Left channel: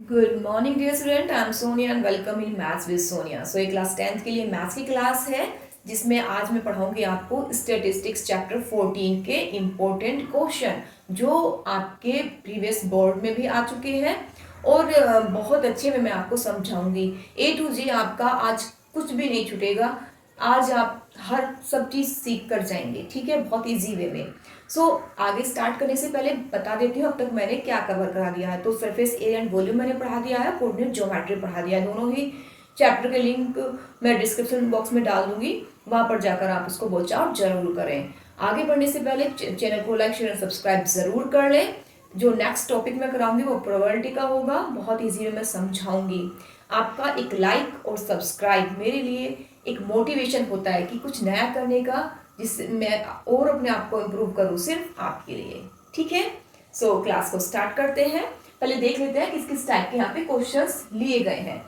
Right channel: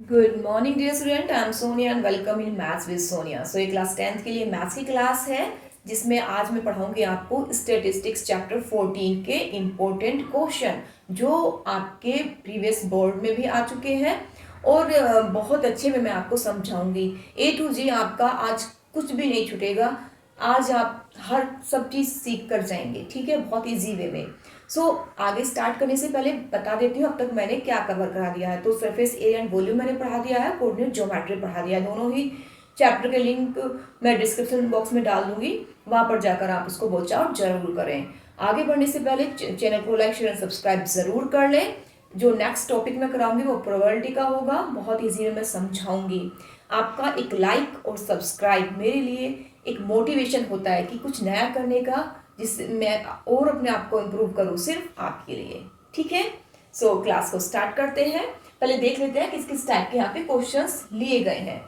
Good morning dear student, I am Sonia and welcome in maths with Sonia. So ये class 10th के लिए maths की class है जिसमें आज मैं पढ़ाऊंगी आपको स्टैटिस्टिक्स चैप्टर 14 के इम्पोर्टेंट क्वेश्चन जो आपके प्रीवियस बोर्ड में भी आ चुके हैं और बहुत अच्छे में मैं आपको समझाऊंगी। A to Z आपका आज कुछ भी नहीं छूटेगा। आज आप हर सब चीज़ सीख कर जाएंगे, ठीक है, बहुत ईजी वे में। आगे स्टार्ट करने से पहले बता देती हूँ अब तक मैंने क्या कवर करा दिया है। तो सरफेस एरिया एंड वॉल्यूम मैंने पढ़ा दिया है, कोऑर्डिनेट ज्योमेट्री पढ़ा दिया है। दोनों ही चैप्टर के लिंक मैं डिस्क्रिप्शन बॉक्स में डाल दूंगी, वहां पर जाकर आप उसको वॉच आउट जरूर करें। आगे बढ़ने से पहले चैनल को लाइक शेयर सब्सक्राइब जरूर कर लें। जो नेक्स्ट टॉपिक मैं कराऊंगी वो प्रोबेबिलिटी का होगा, बहुत ईजी में मैं समझाऊंगी। आपका एक लाइक और सब्सक्राइब मेरे लिए एक मोटिवेशन होता है कि कुछ नया करने का, जिससे मैं और अपने आप को इम्प्रूव करूँ सिर्फ आपके लिए, ठीक है। क्लास को स्टार्ट करते हैं। पहले देख लेते हैं किस किस टाइप के यहाँ पे क्वेश्चंस लिए गए हैं।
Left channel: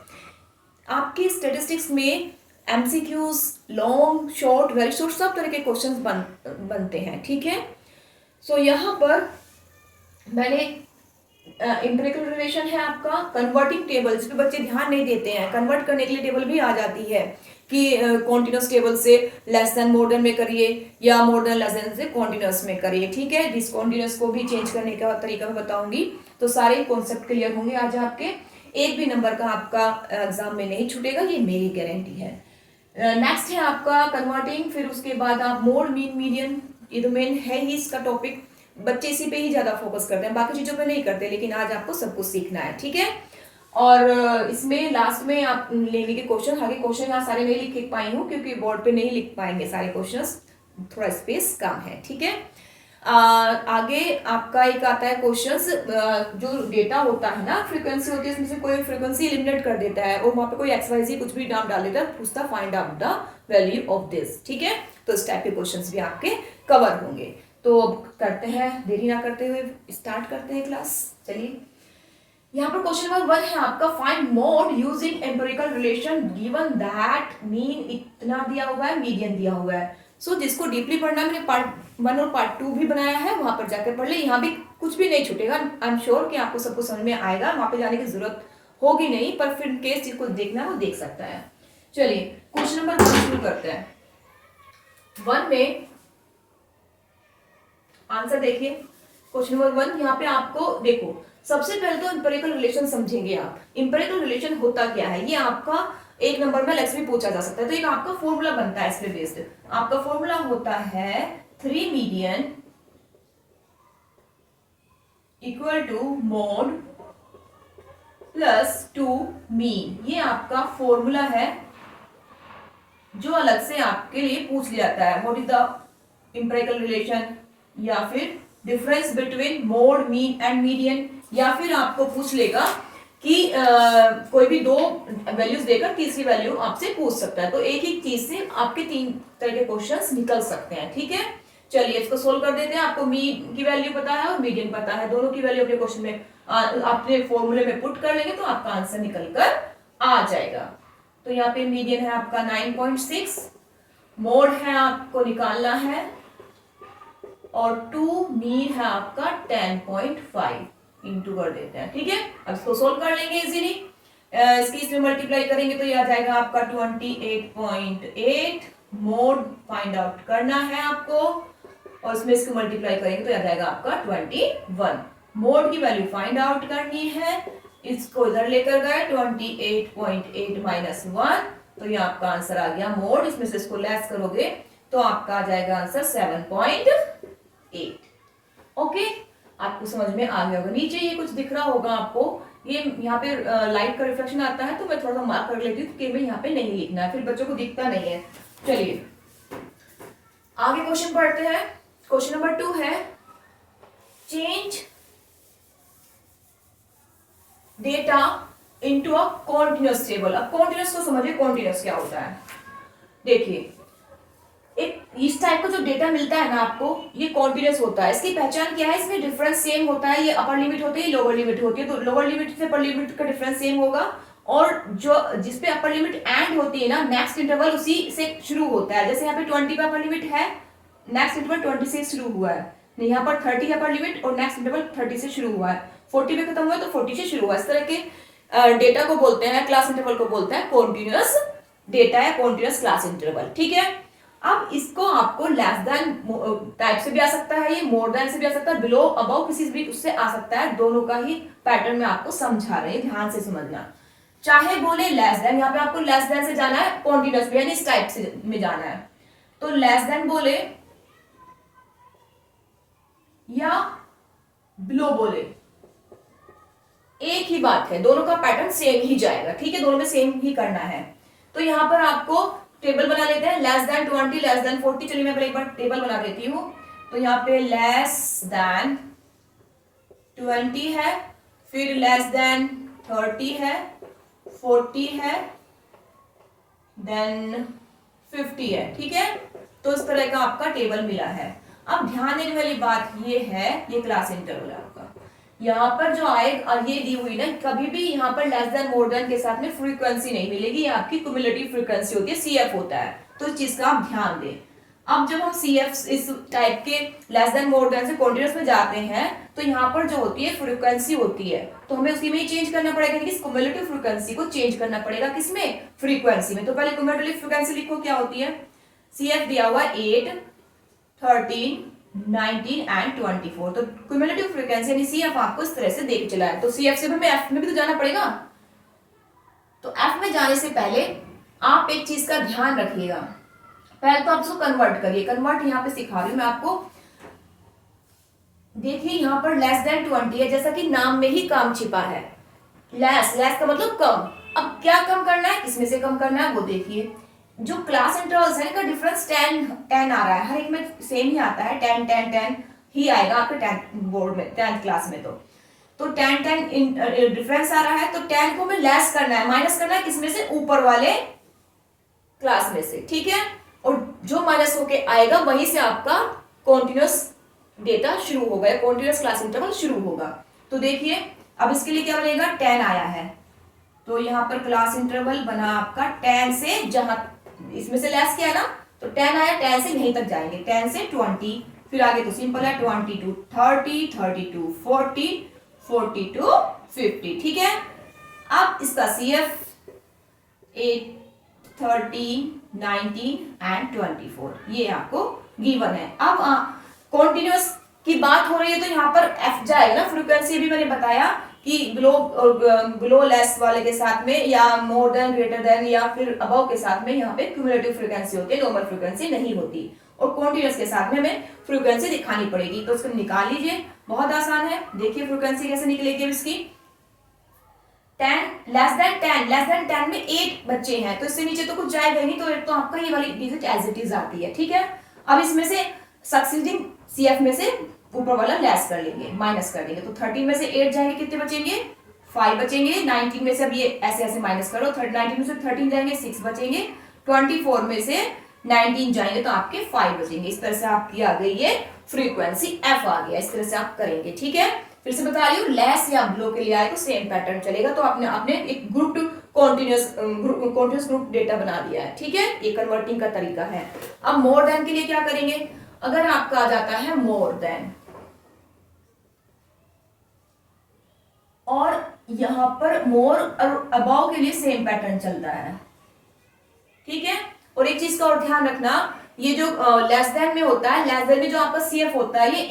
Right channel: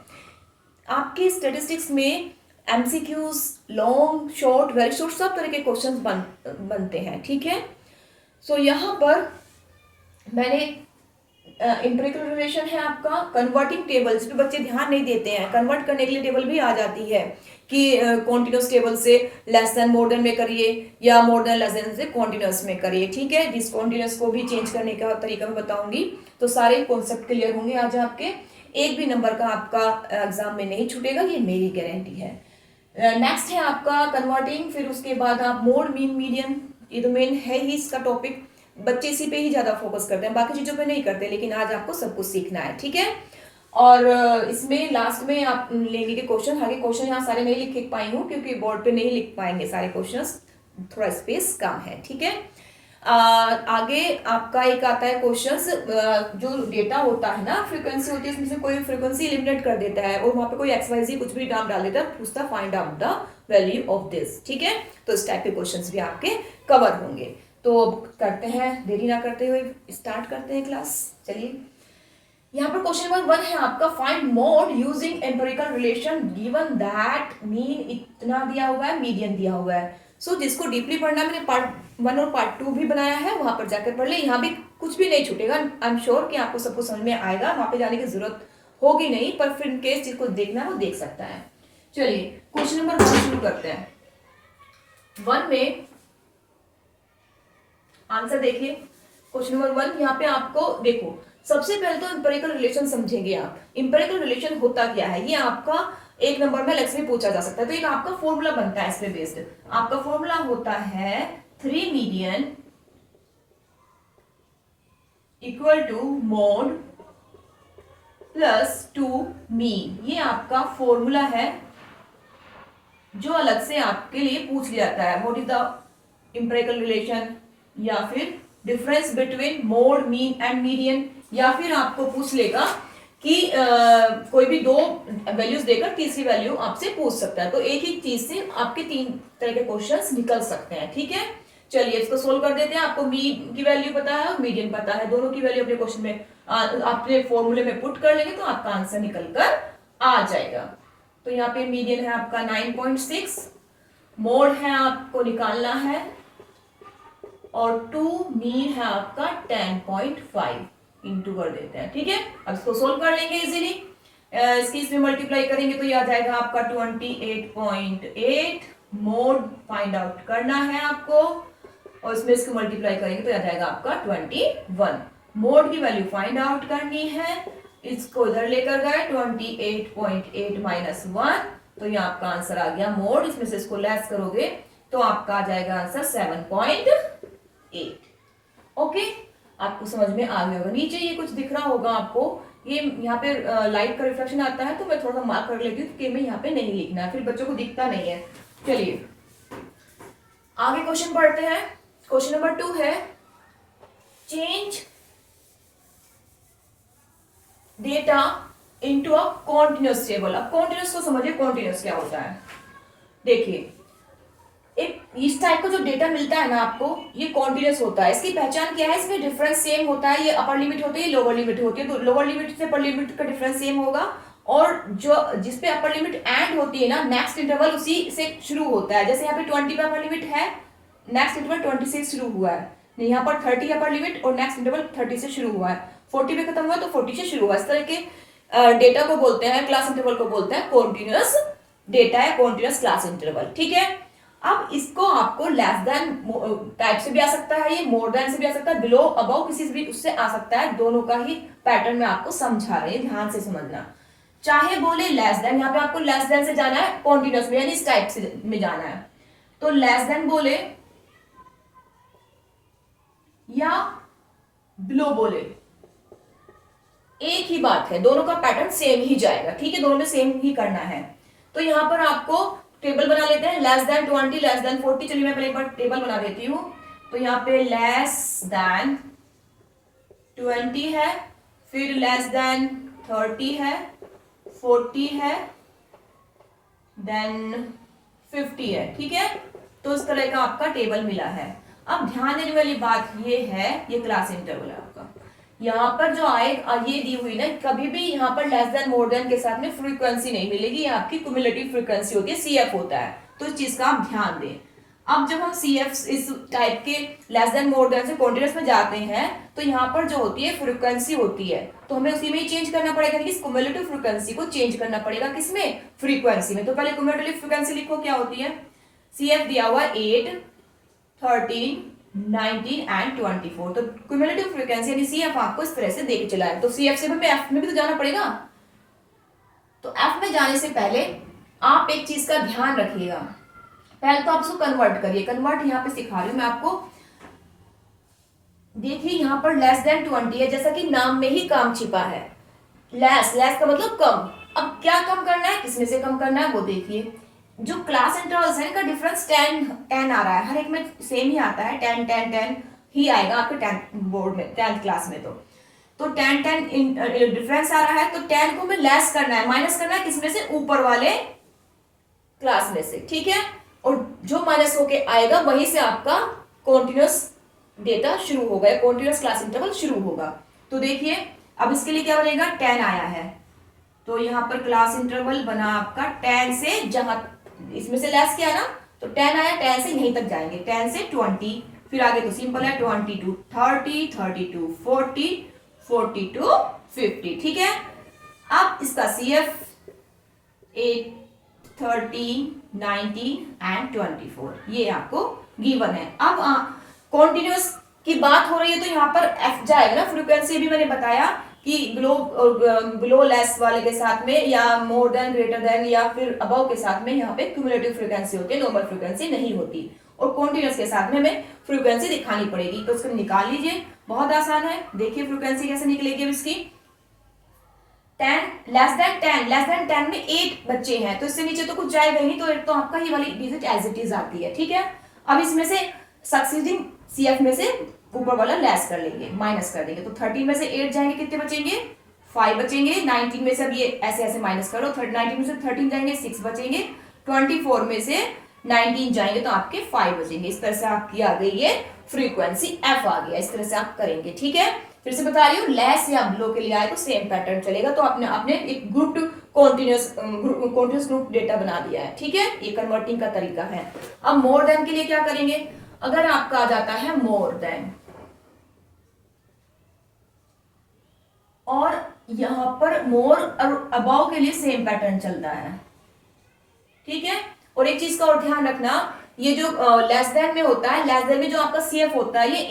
आपके स्टैटिस्टिक्स में MCQs, long, short, very short, सब तरह के क्वेश्चंस बनते हैं, ठीक है। यहाँ पर मैंने एम्पिरिकल रिलेशन है आपका, कन्वर्टिंग टेबल, जिस पे बच्चे ध्यान नहीं देते हैं। कन्वर्ट करने के लिए टेबल भी आ जाती है कि कॉन्टिन्यूस टेबल से लेस देन मोर देन में करिए या मोर देन लेस देन से कॉन्टिन्यूस में करिए, ठीक है। डिसकॉन्टिन्यूस को भी चेंज करने का तरीका मैं बताऊंगी। तो सारे कॉन्सेप्ट क्लियर होंगे आज आपके। एक भी नंबर का आपका एग्जाम में नहीं छूटेगा, ये मेरी गारंटी है। नेक्स्ट है आपका कन्वर्टिंग, फिर उसके बाद आप मोड, मीन, मीडियन, ये तो मेन है ही इसका टॉपिक। बच्चे इसी पे ही ज्यादा फोकस करते हैं, बाकी चीजों पे नहीं करते, लेकिन आज आपको सब कुछ सीखना है, ठीक है। और इसमें लास्ट में आप लेंगे के क्वेश्चन, आगे क्वेश्चन यहाँ सारे नहीं लिख पाई हूँ क्योंकि बोर्ड पे नहीं लिख पाएंगे सारे क्वेश्चंस, थोड़ा स्पेस कम है, ठीक है। आगे आपका एक आता है क्वेश्चंस, जो डेटा होता है ना, फ्रीक्वेंसी होती है, इसमें से कोई फ्रीक्वेंसी एलिमिनेट कर देता है और वहां पे कोई XYZ कुछ भी नाम डाल देता है, पूछता find out the value of this, ठीक है। तो इस टाइप के क्वेश्चंस भी आपके कवर होंगे। तो अब करते हैं, देरी ना करते हुए स्टार्ट करते हैं क्लास। चलिए, यहाँ पर क्वेश्चन नंबर 1 है आपका, find mode using empirical relation given that mean इतना दिया हुआ है, मीडियन दिया हुआ है। जिसको डीपली पढ़ना, मैंने पार्ट 1 और पार्ट 2 भी बनाया है, वहां पर जाकर पढ़ ले। यहाँ भी कुछ भी नहीं छूटेगा, आई एम श्योर कि आपको सब कुछ समझ में आएगा, वहां पे जाने की जरूरत होगी नहीं, पर फिर केस जिसको देखना है वो देख सकता है। चलिए क्वेश्चन नंबर 1 शुरू करते हैं। 1 में आंसर देखिए। क्वेश्चन नंबर 1 यहाँ पे आपको देखो, सबसे पहले तो इंपेरिकल रिलेशन समझेंगे आप। इंपेरिकल रिलेशन होता क्या है, ये आपका एक नंबर में लेक्स में पूछा जा सकता है। तो एक आपका फॉर्मूला बनता है इसमें बेस्ड। आपका फॉर्मूला होता है 3 median equal to mode plus 2 mean. ये आपका फॉर्मूला है जो अलग से आपके लिए पूछ लिया जाता है। What is the empirical relation, या फिर difference between mode, mean and median, या फिर आपको पूछ लेगा कि कोई भी दो वैल्यूज देकर तीसरी वैल्यू आपसे पूछ सकता है। तो एक ही चीज से आपके 3 तरह के क्वेश्चंस निकल सकते हैं, ठीक है। चलिए इसको सोल्व कर देते हैं। आपको मीन की वैल्यू पता है और मीडियन पता है, दोनों की वैल्यू अपने क्वेश्चन में अपने फॉर्मूले में पुट कर लेंगे तो आपका आंसर निकल कर आ जाएगा। तो यहाँ पे मीडियन है आपका 9.6, मोड है आपको निकालना है, और 2 मीन है आपका 10.5, इंटू कर देते हैं, ठीक है। अब इसको सोल्व कर लेंगे इजीली। इसकी इसमें मल्टीप्लाई करेंगे तो ये आ जाएगा आपका 28.8। मोड फाइंड आउट करना है आपको, और इसमें इसको मल्टीप्लाई करेंगे तो आ जाएगा आपका 21। मोड की वैल्यू फाइंड आउट करनी है, इसको इधर लेकर गए 28.8 माइनस 1, तो ये आपका आंसर आ गया मोड। इसमें से इसको लेस करोगे तो आपका आ जाएगा आंसर 7.8। ओके, आपको समझ में आ गया होगा। नीचे ये कुछ दिख रहा होगा आपको, ये यहाँ पे लाइट का रिफ्लेक्शन आता है, तो मैं थोड़ा सा मार्क कर लेती हूँ कि मैं यहाँ पे नहीं लिखना है, फिर बच्चों को दिखता नहीं है। चलिए आगे क्वेश्चन पढ़ते हैं। क्वेश्चन नंबर 2 है, change data into a continuous table. अब कॉन्टिन्यूअस को समझिए, कॉन्टिन्यूअस क्या होता है। देखिए, एक इस टाइप का जो डेटा मिलता है ना आपको, ये कॉन्टिन्यूअस होता है। इसकी पहचान क्या है, इसमें डिफरेंस सेम होता है। ये अपर लिमिट होती है, लोअर लिमिट होती है, तो लोअर लिमिट से अपर लिमिट का डिफरेंस सेम होगा, और जो जिसपे अपर लिमिट एंड होती है ना, नेक्स्ट इंटरवल उसी से शुरू होता है। जैसे यहाँ पे 20 का अपर लिमिट है, नेक्स्ट इंटरवल 20 से शुरू हुआ है, यहाँ पर 30 अपर लिमिट और नेक्स्ट इंटरवल 30 से शुरू हुआ है। 40 पे खत्म हुआ तो 40 से शुरू हुआ। इस तरह के डेटा को बोलते हैं, क्लास इंटरवल को बोलते हैं कॉन्टिन्यूअस डेटा या कॉन्टिन्यूअस क्लास इंटरवल। ठीक है, अब इसको आपको लेस देन टाइप से भी आ सकता है, ये मोर देन से भी आ सकता है, बिलो अबव किसी भी उससे आ सकता है। दोनों का ही पैटर्न में आपको समझा रहे हैं, ध्यान से समझना। चाहे बोले लेस देन, यहाँ पे आपको लेस देन से जाना है कॉन्टिन्यूअस में, यानी इस टाइप से में जाना है, तो लेस देन बोले या बिलो बोले एक ही बात है, दोनों का पैटर्न सेम ही जाएगा। ठीक है, दोनों में सेम ही करना है। तो यहां पर आपको टेबल बना लेते हैं, लेस देन 20, लेस देन 40। चलिए मैं पहले एक बार टेबल बना देती हूं। तो यहाँ पे लेस देन 20 है, फिर लेस देन 30 है, 40 है, देन 50 है। ठीक है, तो इस तरह का आपका टेबल मिला है। अब ध्यान देने वाली बात ये है, ये क्लास इंटरवल है आपका। यहाँ पर जो आए ये दी हुई ना, कभी भी यहाँ पर लेस देन मोर देन के साथ में फ्रीक्वेंसी नहीं मिलेगी, ये आपकी क्यूमुलेटिव फ्रीक्वेंसी होती है, सीएफ होता है। तो इस चीज का आप ध्यान दें। अब जब हम सीएफ इस टाइप के लेस देन मोर देन से कॉन्टिन्यूअस में जाते हैं, तो यहाँ पर जो होती है फ्रीक्वेंसी होती है, तो हमें उसी में ही चेंज करना पड़ेगा, कि क्यूमुलेटिव फ्रीक्वेंसी को चेंज करना पड़ेगा किसमें, फ्रीक्वेंसी में। तो पहले क्यूमुलेटिव फ्रीक्वेंसी लिखो, क्या होती है। सीएफ दिया हुआ 8, 13, 19 एंड 24। तो क्यूमुलेटिव फ्रीक्वेंसी यानी सीएफ आपको इस तरह से दे के चला है। तो सीएफ से हमें एफ में भी तो जाना पड़ेगा। तो एफ में जाने से पहले आप एक चीज का ध्यान रखिएगा, पहले तो आप उसको कन्वर्ट करिए। कन्वर्ट यहाँ पे सिखा रही हूँ मैं आपको। देखिए यहाँ पर लेस देन 20 है, जैसा कि नाम में ही काम छिपा है। लेस का मतलब कम। अब क्या कम करना है, किसमें से कम करना है वो देखिए। जो क्लास इंटरवल्स है इनका डिफरेंस 10 आ रहा है, हर एक में सेम ही आता है, 10 ही आएगा आपके 10th बोर्ड में, 10th क्लास में। तो 10 डिफरेंस आ रहा है, तो 10 को हमें लेस करना है, माइनस करना है किसमें से, ऊपर वाले क्लास में से। ठीक है, और जो माइनस होके आएगा वहीं से आपका कॉन्टिन्यूअस डेटा शुरू होगा, कॉन्टिन्यूअस क्लास इंटरवल शुरू होगा। तो देखिए अब इसके लिए क्या बनेगा, 10 आया है, तो यहाँ पर क्लास इंटरवल बना आपका 10 से, जहां इसमें से लेस किया ना, तो 10 आया, 10 से यहीं तक जाएंगे, 10 से 20, फिर आगे तो सिंपल है, 22 30, 32 40, 42 50। ठीक है, अब इसका सीएफ 8, 13, 19 एंड 24 ये आपको गिवन है। अब कॉन्टिन्यूअस की बात हो रही है, तो यहाँ पर एफ जाएगा ना, फ्रीक्वेंसी भी मैंने बताया कि बिलो लेस वाले के साथ में, या मोर देन, ग्रेटर देन, या फिर अबव के साथ में यहाँ पे क्यूमुलेटिव फ्रीक्वेंसी होती है, नॉर्मल फ्रीक्वेंसी नहीं होती। और कॉन्टिन्यूअस के साथ में हमें फ्रीक्वेंसी दिखानी पड़ेगी। तो उसको निकाल लीजिए, बहुत आसान है। देखिए फ्रीक्वेंसी कैसे निकलेगी अब इसकी। 10 लेस देन 10 में 8 बच्चे हैं, तो इससे नीचे तो कुछ जाएगा ही नहीं, तो आपका ये वाली डिजिट एज इट इज आती है। ठीक है, अब इसमें से सक्सीडिंग सीएफ में से ऊपर वाला लेस कर लेंगे, माइनस कर देंगे। तो 13 में से 8 जाएंगे, कितने बचेंगे, 5 बचेंगे। 19 में से अब ये ऐसे ऐसे माइनस करो, 19 में से 13 जाएंगे, 6 बचेंगे। 24 में से 19 जाएंगे तो आपके 5 बचेंगे। इस तरह से आपकी आ गई ये फ्रीक्वेंसी एफ आ गया। इस तरह से आप करेंगे। ठीक है, फिर से बता रही हूँ, लेस या बिलो के लिए आए तो सेम पैटर्न चलेगा। तो आपने एक ग्रुप कॉन्टिन्यूअस ग्रुप डेटा बना दिया है। ठीक है, ये कन्वर्टिंग का तरीका है। अब मोर देन के लिए क्या करेंगे, अगर आपका आ जाता है मोर देन, और यहां पर मोर और अबाव के लिए सेम पैटर्न चलता है। ठीक है, और एक चीज का और ध्यान रखना, ये जो लेस देन में होता है, लेस देन में जो आपका सीएफ होता है, ये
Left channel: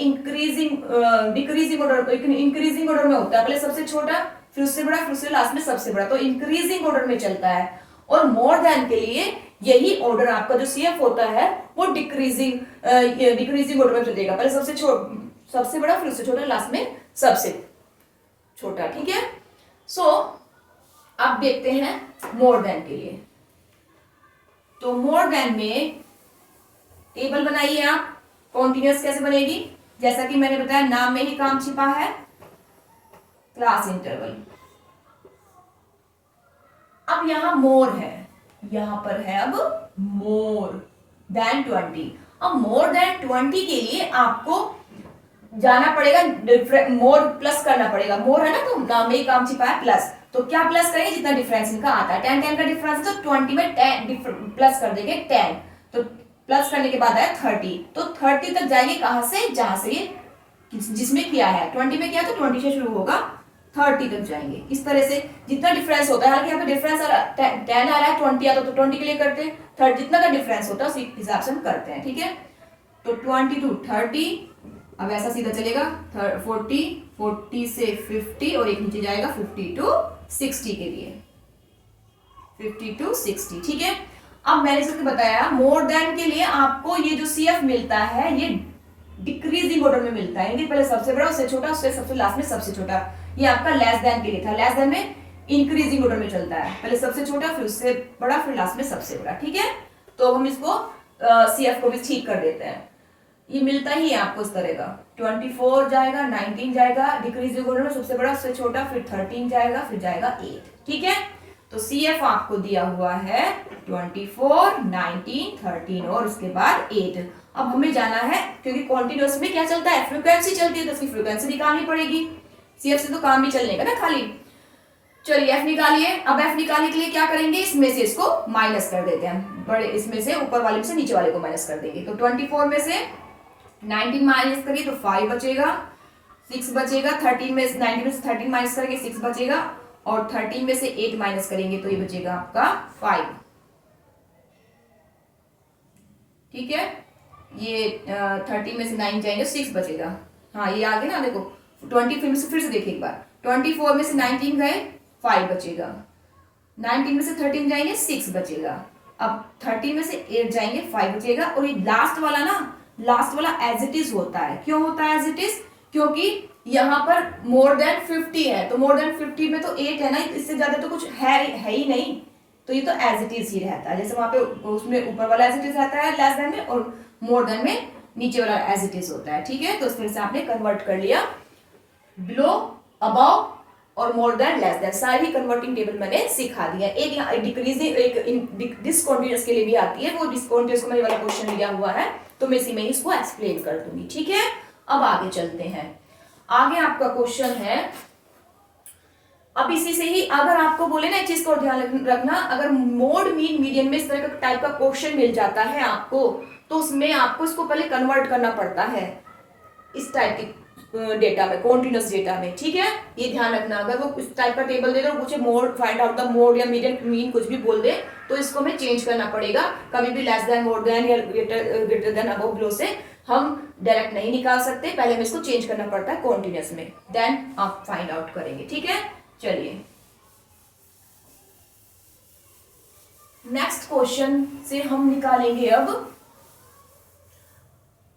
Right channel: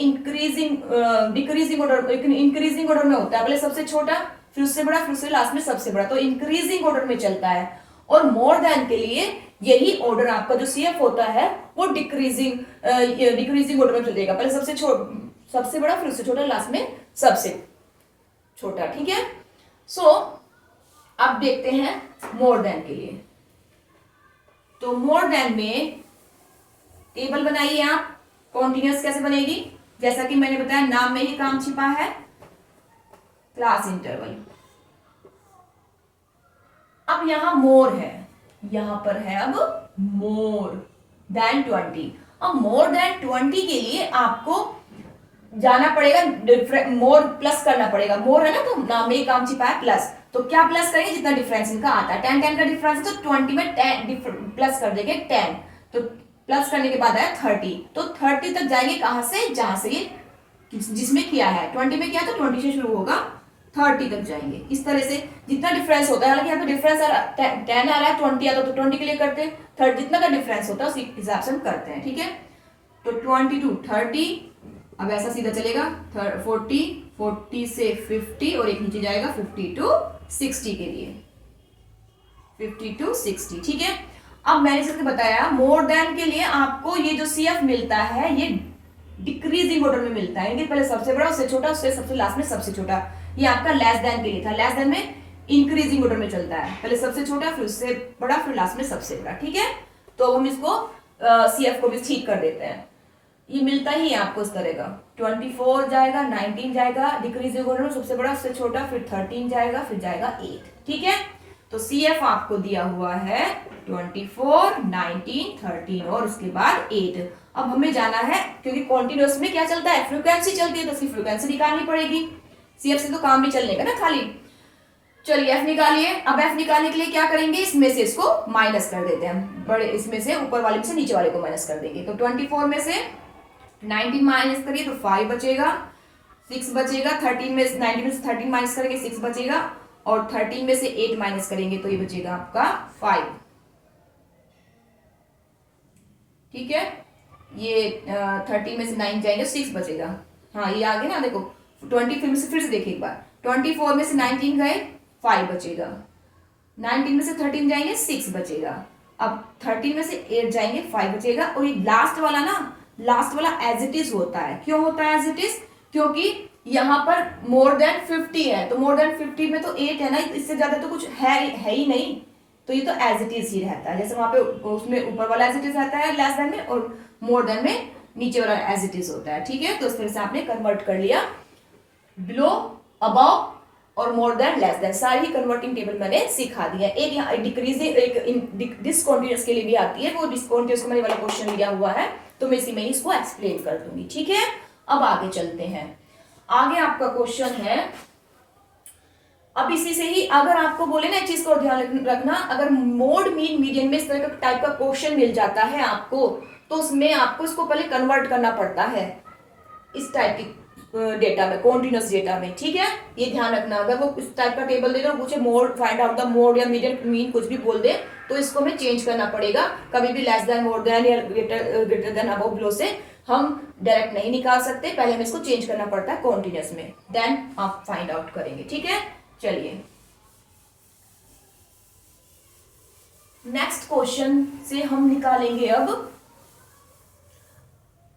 डिक्रीजिंग ऑर्डर में होता है। पहले सबसे छोटा, फिर उससे बड़ा, फिर उससे लास्ट में सबसे बड़ा, तो इंक्रीजिंग ऑर्डर में चलता है। और मोर देन के लिए यही ऑर्डर आपका जो सीएफ होता है वो डिक्रीजिंग ऑर्डर में चलेगा। पहले सबसे बड़ा, फिर उससे छोटा, लास्ट में सबसे छोटा। ठीक है, सो अब देखते हैं मोर देन के लिए। तो मोर देन में टेबल बनाइए आप, कॉन्टिन्यूअस कैसे बनेगी, जैसा कि मैंने बताया नाम में ही काम छिपा है, क्लास इंटरवल। अब यहां मोर है, यहां पर है अब मोर देन 20। अब मोर देन 20 के लिए आपको जाना पड़ेगा, मोर प्लस करना पड़ेगा। मोर है ना, तो नाम में ही काम छिपा है प्लस, तो क्या प्लस करेंगे, जितना डिफरेंस इनका आता है। 10 का डिफरेंस है, तो 20 में 10 प्लस कर देंगे 10, तो प्लस करने के बाद आया 30, तो 30 तक जाएंगे कहां से, जहां से ये जिसमें किया है। 20 में किया तो 20 से शुरू होगा, 30 तक जाएंगे। इस तरह से जितना डिफरेंस होता है, हालांकि यहाँ पे डिफरेंस 10 आ रहा है, 20 आता तो 20 के लिए करते हैं, 30 जितना का डिफरेंस होता है उस हिसाब से हम करते हैं, ठीक है। तो 20 to 30, अब ऐसा सीधा चलेगा 40, 40 से 50 और एक नीचे जाएगा 50 to 60 के लिए, 50 to 60, ठीक है। अब मैंने इसको बताया मोर देन के लिए आपको ये जो CF मिलता है ये डिक्रीजिंग ऑर्डर में मिलता है, यानी पहले सबसे बड़ा, उससे छोटा, उससे सबसे लास्ट में सबसे छोटा। ये आपका लेस देन के लिए था, लेस देन में इंक्रीजिंग ऑर्डर में चलता है, पहले सबसे छोटा, फिर उससे बड़ा, फिर लास्ट में सबसे बड़ा, ठीक है। तो हम इसको CF को भी ठीक कर देते हैं। ये मिलता ही है आपको इस तरह का, 24 जाएगा, 19 जाएगा, डिक्रीजिंग ऑर्डर में सबसे बड़ा, उससे छोटा, फिर 13 जाएगा, फिर जाएगा 8, ठीक है। तो CF आपको दिया हुआ है 24, 19, 13 और उसके बाद 8। अब हमें जाना है, क्योंकि कॉन्टिन्यूअस में क्या चलता है, फ्रीक्वेंसी चलती है, तो उसकी फ्रीक्वेंसी निकालनी पड़ेगी। CF से तो काम नहीं चलने का ना खाली। चलिए F निकालिए। अब F निकालने के लिए क्या करेंगे, इसमें से इसको माइनस कर देते हैं, बड़े इसमें से ऊपर वाले में से नीचे वाले को माइनस कर देंगे। तो 24 में से 19 माइनस करिए तो 5 बचेगा, 6 बचेगा, 13 में 19 में से 13 माइनस करेंगे 6 बचेगा, और 13 में से 8 माइनस करेंगे तो ये बचेगा आपका 5, ठीक है। ये 30 में से 9 जाएंगे 6 बचेगा, हाँ ये आ गया ना, देखो 20 फिर से देखिए एक बार, 24 में से 19 गए 5 बचेगा, 19 में से 13 जाएंगे 6 बचेगा, अब 13 में से 8 जाएंगे 5 बचेगा, और ये लास्ट वाला ना, लास्ट वाला एज इट इज होता है। क्यों होता है एज इट इज, क्योंकि यहाँ पर मोर देन 50 है, तो मोर देन 50 में तो 8 है ना, इससे ज्यादा तो कुछ है ही नहीं, तो ये तो एज इट इज ही रहता है। जैसे वहां पे उसमें ऊपर वाला एज इट इज रहता है लेस देन में, और मोर देन में नीचे वाला एज इट इज होता है, ठीक है। तो इस तरह से आपने कन्वर्ट कर लिया, बिलो, अबव और मोर देन, लेस देन, सारी कन्वर्टिंग टेबल मैंने सिखा दिया। एक यहाँ डिक्रीजिंग, एक डिसकंटीन्यूअस के लिए भी आती है, वो डिसकंटीन्यूअस को मैंने वाला क्वेश्चन लिया हुआ है, तो मैं इसी में इसको एक्सप्लेन कर दूंगी, ठीक है। अब आगे चलते हैं। आगे आपका क्वेश्चन है, अब इसी से ही अगर आपको बोले ना, एक चीज को ध्यान रखना, अगर मोड, मीन, मीडियन में इस तरह का टाइप का क्वेश्चन मिल जाता है आपको, तो उसमें आपको इसको पहले कन्वर्ट करना पड़ता है इस टाइप की डेटा में, कॉन्टिन्यूअस डेटा में, ठीक है। ये ध्यान रखना, अगर वो इस टाइप का टेबल दे दो, पूछे mode, find out the mode या मीडियन, मीन, कुछ भी बोल दे, तो इसको हमें चेंज करना पड़ेगा। कभी भी लेस देन, मोर देन या ग्रेटर देन, अबव, बिलो से हम डायरेक्ट नहीं निकाल सकते, पहले हमें इसको चेंज करना पड़ता है कॉन्टिन्यूअस में, देन आप फाइंड आउट करेंगे, ठीक है। चलिए नेक्स्ट क्वेश्चन से हम निकालेंगे, अब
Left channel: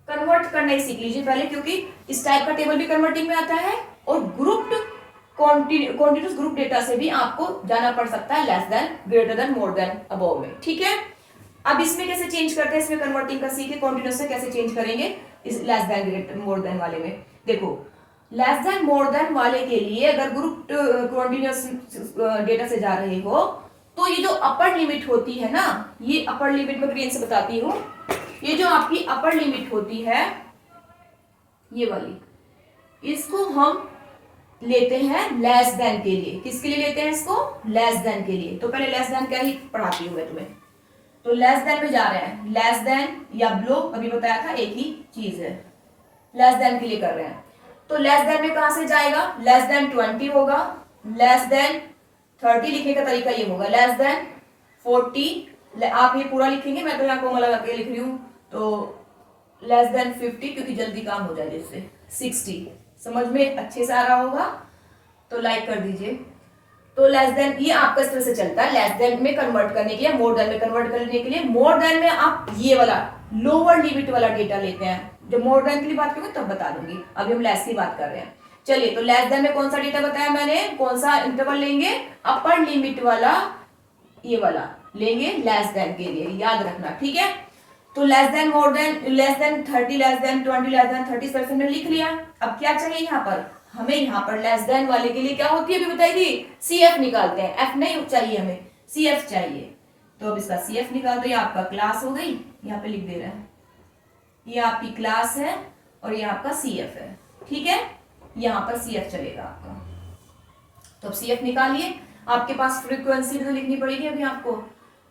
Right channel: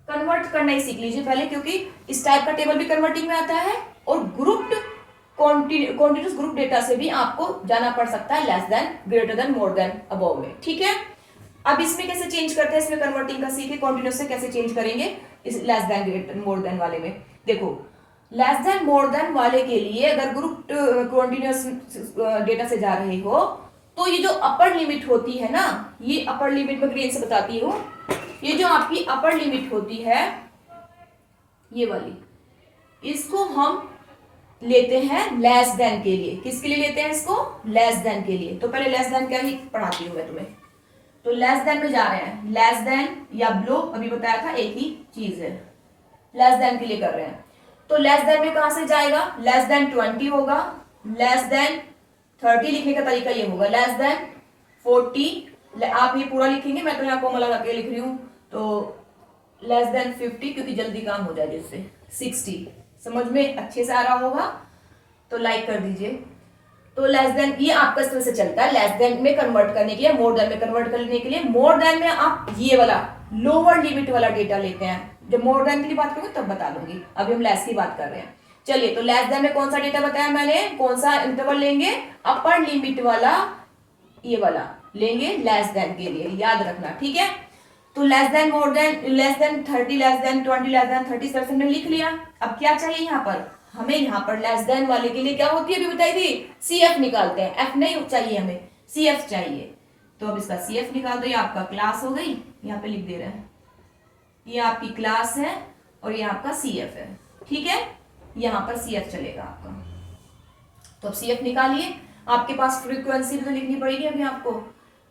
कन्वर्ट करना ही सीख लीजिए पहले, क्योंकि इस टाइप का टेबल भी कन्वर्टिंग में आता है, और ग्रुप्ड कॉन्टिन्यूअस ग्रुप डेटा से भी आपको जाना पड़ सकता है less than, greater than, more than, above में, ठीक है। अब इसमें कैसे चेंज करते हैं, इसमें कन्वर्टिंग का सीखे, कॉन्टिन्यूअस से कैसे चेंज करेंगे इस less than, greater, more than वाले में। देखो लेस देन, मोर देन वाले के लिए अगर ग्रुप कॉन्टिन्यूअस डेटा से जा रहे हो, तो ये जो अपर लिमिट होती है ना, ये अपर लिमिट में ग्रीन से बताती हूँ, ये जो आपकी अपर लिमिट होती है ये वाली, इसको हम लेते हैं लेस देन के लिए। किसके लिए लेते हैं इसको, लेस देन के लिए। तो पहले लेस देन का ही पढ़ाती हूँ मैं तुम्हें। तो लेस देन में जा रहे हैं, लेस देन या बिलो, अभी बताया था एक ही चीज है, लेस देन के लिए कर रहे हैं। तो लेस देन में कहां से जाएगा, लेस देन 20 होगा, लेस देन 30 लिखने का तरीका ये होगा, लेस देन 40, आप ये पूरा लिखेंगे, मैं तो यहाँ कोमला करके लिख रही हूँ, तो लेस देन 50, क्योंकि जल्दी काम हो जाए जिससे, 60, समझ में अच्छे से आ रहा होगा तो लाइक कर दीजिए। तो लेस देन ये आपका इस तरह से चलता है, लेस देन में कन्वर्ट करने के लिए, मोर देन में कन्वर्ट करने के लिए, मोर देन में आप ये वाला लोअर लिमिट वाला डेटा लेते हैं। जब मोर देन की लिए बात करूंगी तब बता दूंगी, अभी हम लेस की बात कर रहे हैं। चलिए, तो लेस देन में कौन सा डेटा बताया मैंने, कौन सा इंटरवल लेंगे, अपर लिमिट वाला, ये वाला लेंगे लेस देन के लिए, याद रखना, ठीक है। तो less than, more than, less than 30, less than 20, less than 30% में लिख लिया। अब क्या चाहिए यहाँ पर, हमें यहाँ पर लेस देन वाले के लिए क्या होती है, अभी बताई थी, CF निकालते हैं, F नहीं चाहिए हमें, CF चाहिए। तो अब इसका CF निकाल दो, ये आपका क्लास हो गई, यहाँ पे लिख दे रहे हैं, ये आपकी क्लास है और ये आपका CF है, ठीक है। यहाँ पर CF चलेगा आपका। तो अब CF निकालिए, आपके पास फ्रीक्वेंसी भी तो लिखनी पड़ेगी अभी आपको।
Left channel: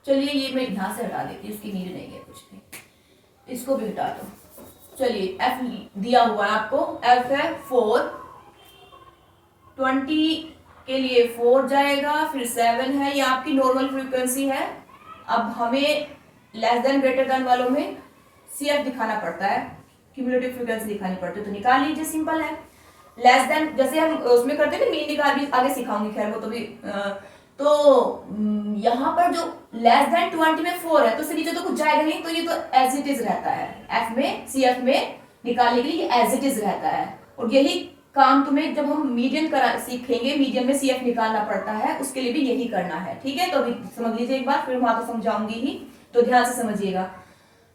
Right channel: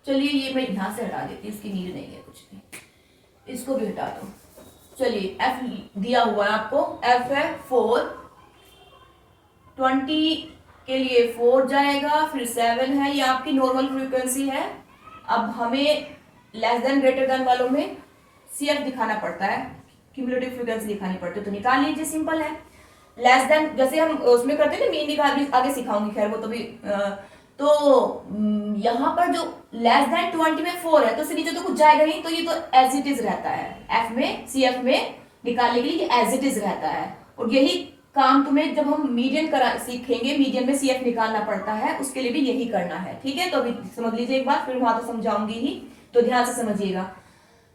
चलिए, ये मैं यहाँ से हटा देती हूँ, इसकी नीड नहीं है कुछ भी, इसको भी हटा दो। चलिए, F दिया हुआ है आपको, F है 4, 20 के लिए 4 जाएगा, फिर 7 है, ये आपकी नॉर्मल फ्रीक्वेंसी है। अब हमें लेस देन ग्रेटर देन वालों में CF दिखाना पड़ता है, क्यूमुलेटिव फ्रीक्वेंसी दिखानी पड़ती है, तो निकाल लीजिए, सिंपल है। लेस देन जैसे हम उसमें करते हैं ना, मीन निकाल भी आगे सिखाऊंगी, खैर वो तो भी तो यहाँ पर जो लेस देन 20 में 4 है तो इससे नीचे तो कुछ जाएगा नहीं, तो ये तो एज इट इज रहता है। एफ में CF में निकालने के लिए एज इट इज रहता है। और यही काम तुम्हें जब हम मीडियन करा सीखेंगे, मीडियन में CF निकालना पड़ता है, उसके लिए भी यही करना है, ठीक है। तो अभी समझ लीजिए एक बार, फिर वहां तो समझाऊंगी ही, तो ध्यान से समझिएगा।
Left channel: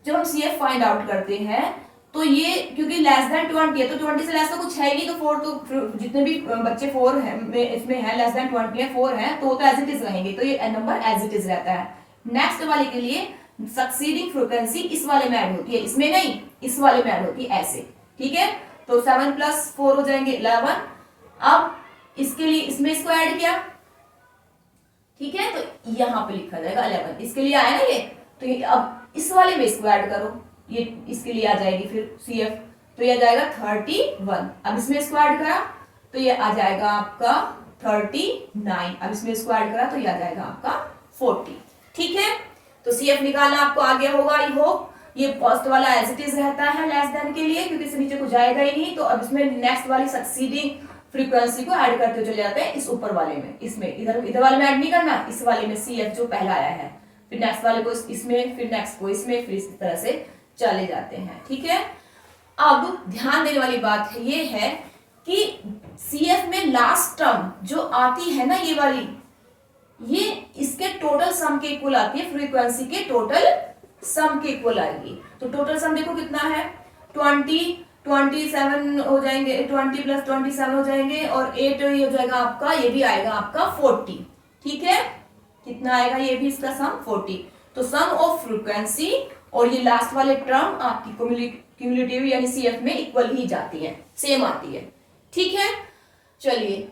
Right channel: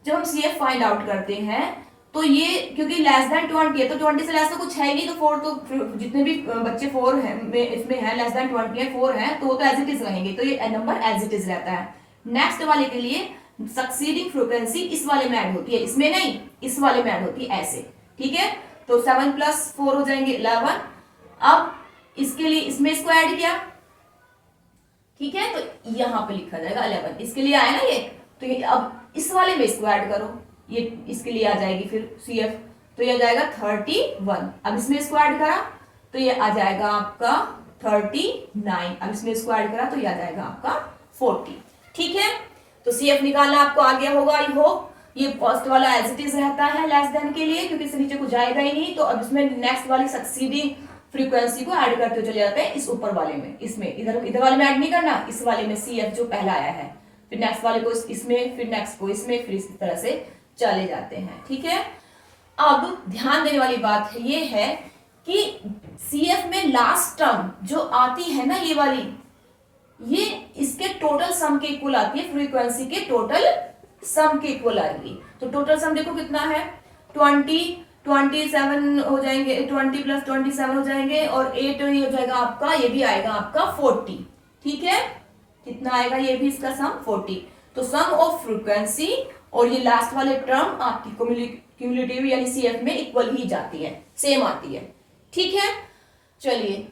जब हम CF फाइंड आउट करते हैं तो ये क्योंकि लेस देन 20 है तो 20 से लेस तो कुछ है ही नहीं, तो 4 तो जितने भी बच्चे 4 है इसमें है, लेस देन 20 है, 4 है, तो वो तो एज इट इज रहेंगे, तो ये नंबर एज इट इज रहता है। नेक्स्ट वाले के लिए सक्सीडिंग फ्रीक्वेंसी इस वाले में ऐड होती है, इसमें नहीं, इस वाले में ऐड होती है, ऐसे, ठीक है। तो 7 + 4 हो जाएंगे 11। अब इसके लिए इसमें इसको ऐड किया, ठीक है, तो यहां पे लिखा जाएगा 11, इसके लिए आया ना ये, तो ये अब इस वाले में इसको ऐड करो, ये इसके लिए आ जाएगी फिर CF, तो ये आ जाएगा 31। अब इसमें इसको ऐड करा तो ये आ जाएगा आपका 39। अब इसमें इसको ऐड करा तो ये आ जाएगा आपका 40, ठीक है। तो CF निकालना आपको आ गया होगा, आई होप। ये फर्स्ट वाला एज इट इज रहता है लेस देन के लिए, क्योंकि इससे नीचे कुछ जाएगा ही नहीं, तो अब इसमें नेक्स्ट वाली सक्सीडिंग फ्रीक्वेंसी को ऐड करते चले जाते हैं इस ऊपर वाले में, इसमें इधर वाले में ऐड नहीं करना, इस वाले में CF जो पहला आया है, फिर नेक्स्ट वाले को इसमें, फिर नेक्स्ट को इसमें, फिर इस तरह से चले जाते हैं, ठीक है। अब ध्यान देने वाली बात है ये है कि CF में लास्ट टर्म जो आती है ना, ये वाली, ये इसके टोटल सम के इक्वल आती है, फ्रीक्वेंसी के टोटल सम के इक्वल आएगी। तो टोटल सम देखो कितना है, 27 हो जाएंगे, 20 + 27 हो जाएंगे, और 8 ये हो जाएगा आपका, ये भी आएगा आपका 40, ठीक है। कितना आएगा ये भी इसका सम 40। तो सम ऑफ फ्रीक्वेंसी और ये लास्ट वाले टर्म आपकी क्यूमुलेटिव यानी CF में इक्वल ही जाती है, सेम आती है, ठीक है। चलिए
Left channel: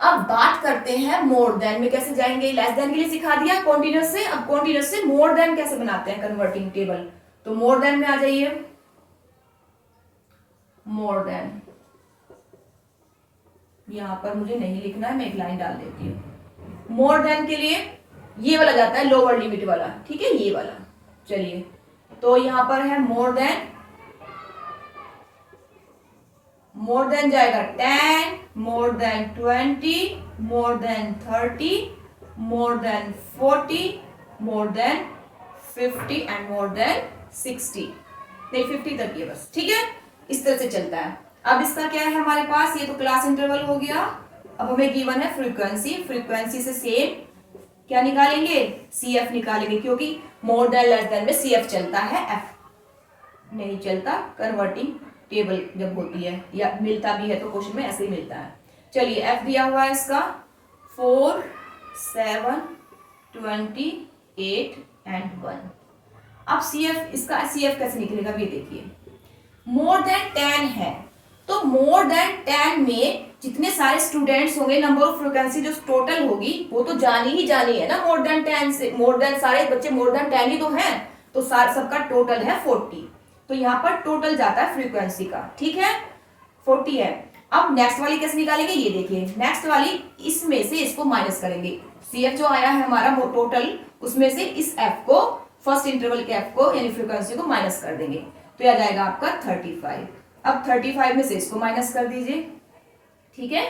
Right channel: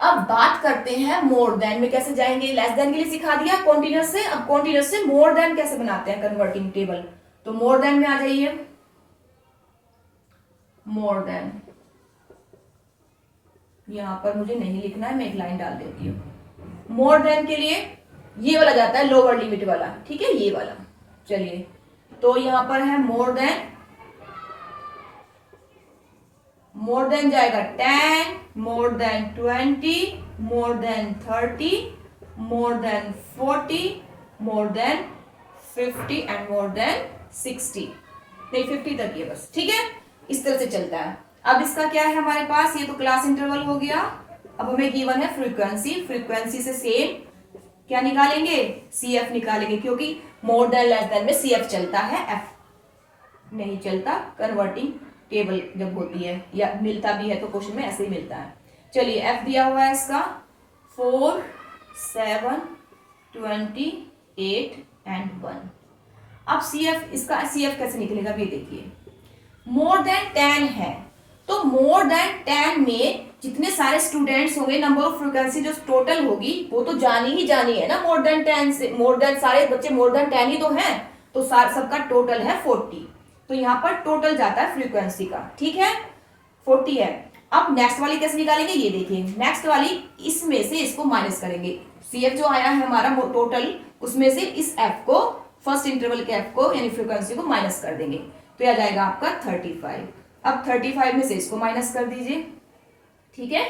अब बात करते हैं मोर देन में कैसे जाएंगे। लेस देन के लिए सिखा दिया कॉन्टिन्यूस से, अब कॉन्टिन्यूस से मोर देन कैसे बनाते हैं कन्वर्टिंग टेबल। तो मोर देन में आ जाइए, मोर देन, यहां पर मुझे नहीं लिखना है, मैं एक लाइन डाल देती हूं। मोर देन के लिए ये वाला जाता है लोअर लिमिट वाला, ठीक है, ये वाला। चलिए तो यहां पर है मोर देन जाएगा 10, more than 20, more than 30, more than 40, more than 50 and more than 60। नहीं 50 तक ये बस, ठीक है, इस तरह से चलता है। अब इसका क्या है हमारे पास, ये तो क्लास इंटरवल हो गया। अब हमें गिवन है फ्रीक्वेंसी से सेम क्या निकालेंगे, CF निकालेंगे, क्योंकि मोर देन लेस देन में CF चलता है, F नहीं चलता। कन्वर्टिंग टेबल जब होती है या मिलता भी है तो क्वेश्चन में ऐसे ही मिलता है। चलिए F दिया हुआ है इसका 4, 7, 28 एंड 1। अब CF, इसका CF कैसे निकलेगा ये देखिए। मोर देन 10 है तो मोर देन 10 में जितने सारे स्टूडेंट्स होंगे, नंबर ऑफ फ्रीक्वेंसी जो टोटल होगी वो तो जानी ही जानी है ना, मोर देन 10 से, मोर देन सारे बच्चे मोर देन 10 ही तो हैं, तो सबका टोटल है 40। तो यहाँ पर टोटल जाता है फ्रीक्वेंसी का, ठीक है, 40 है। अब नेक्स्ट वाली कैसे निकालेंगे ये देखिए। नेक्स्ट वाली इसमें से इसको माइनस करेंगे, CF जो आया है हमारा टोटल, उसमें से इस F को, फर्स्ट इंटरवल के F को यानी फ्रीक्वेंसी को माइनस कर देंगे, तो यह जाएगा आपका 35। अब 35 में से इसको माइनस कर दीजिए, ठीक है।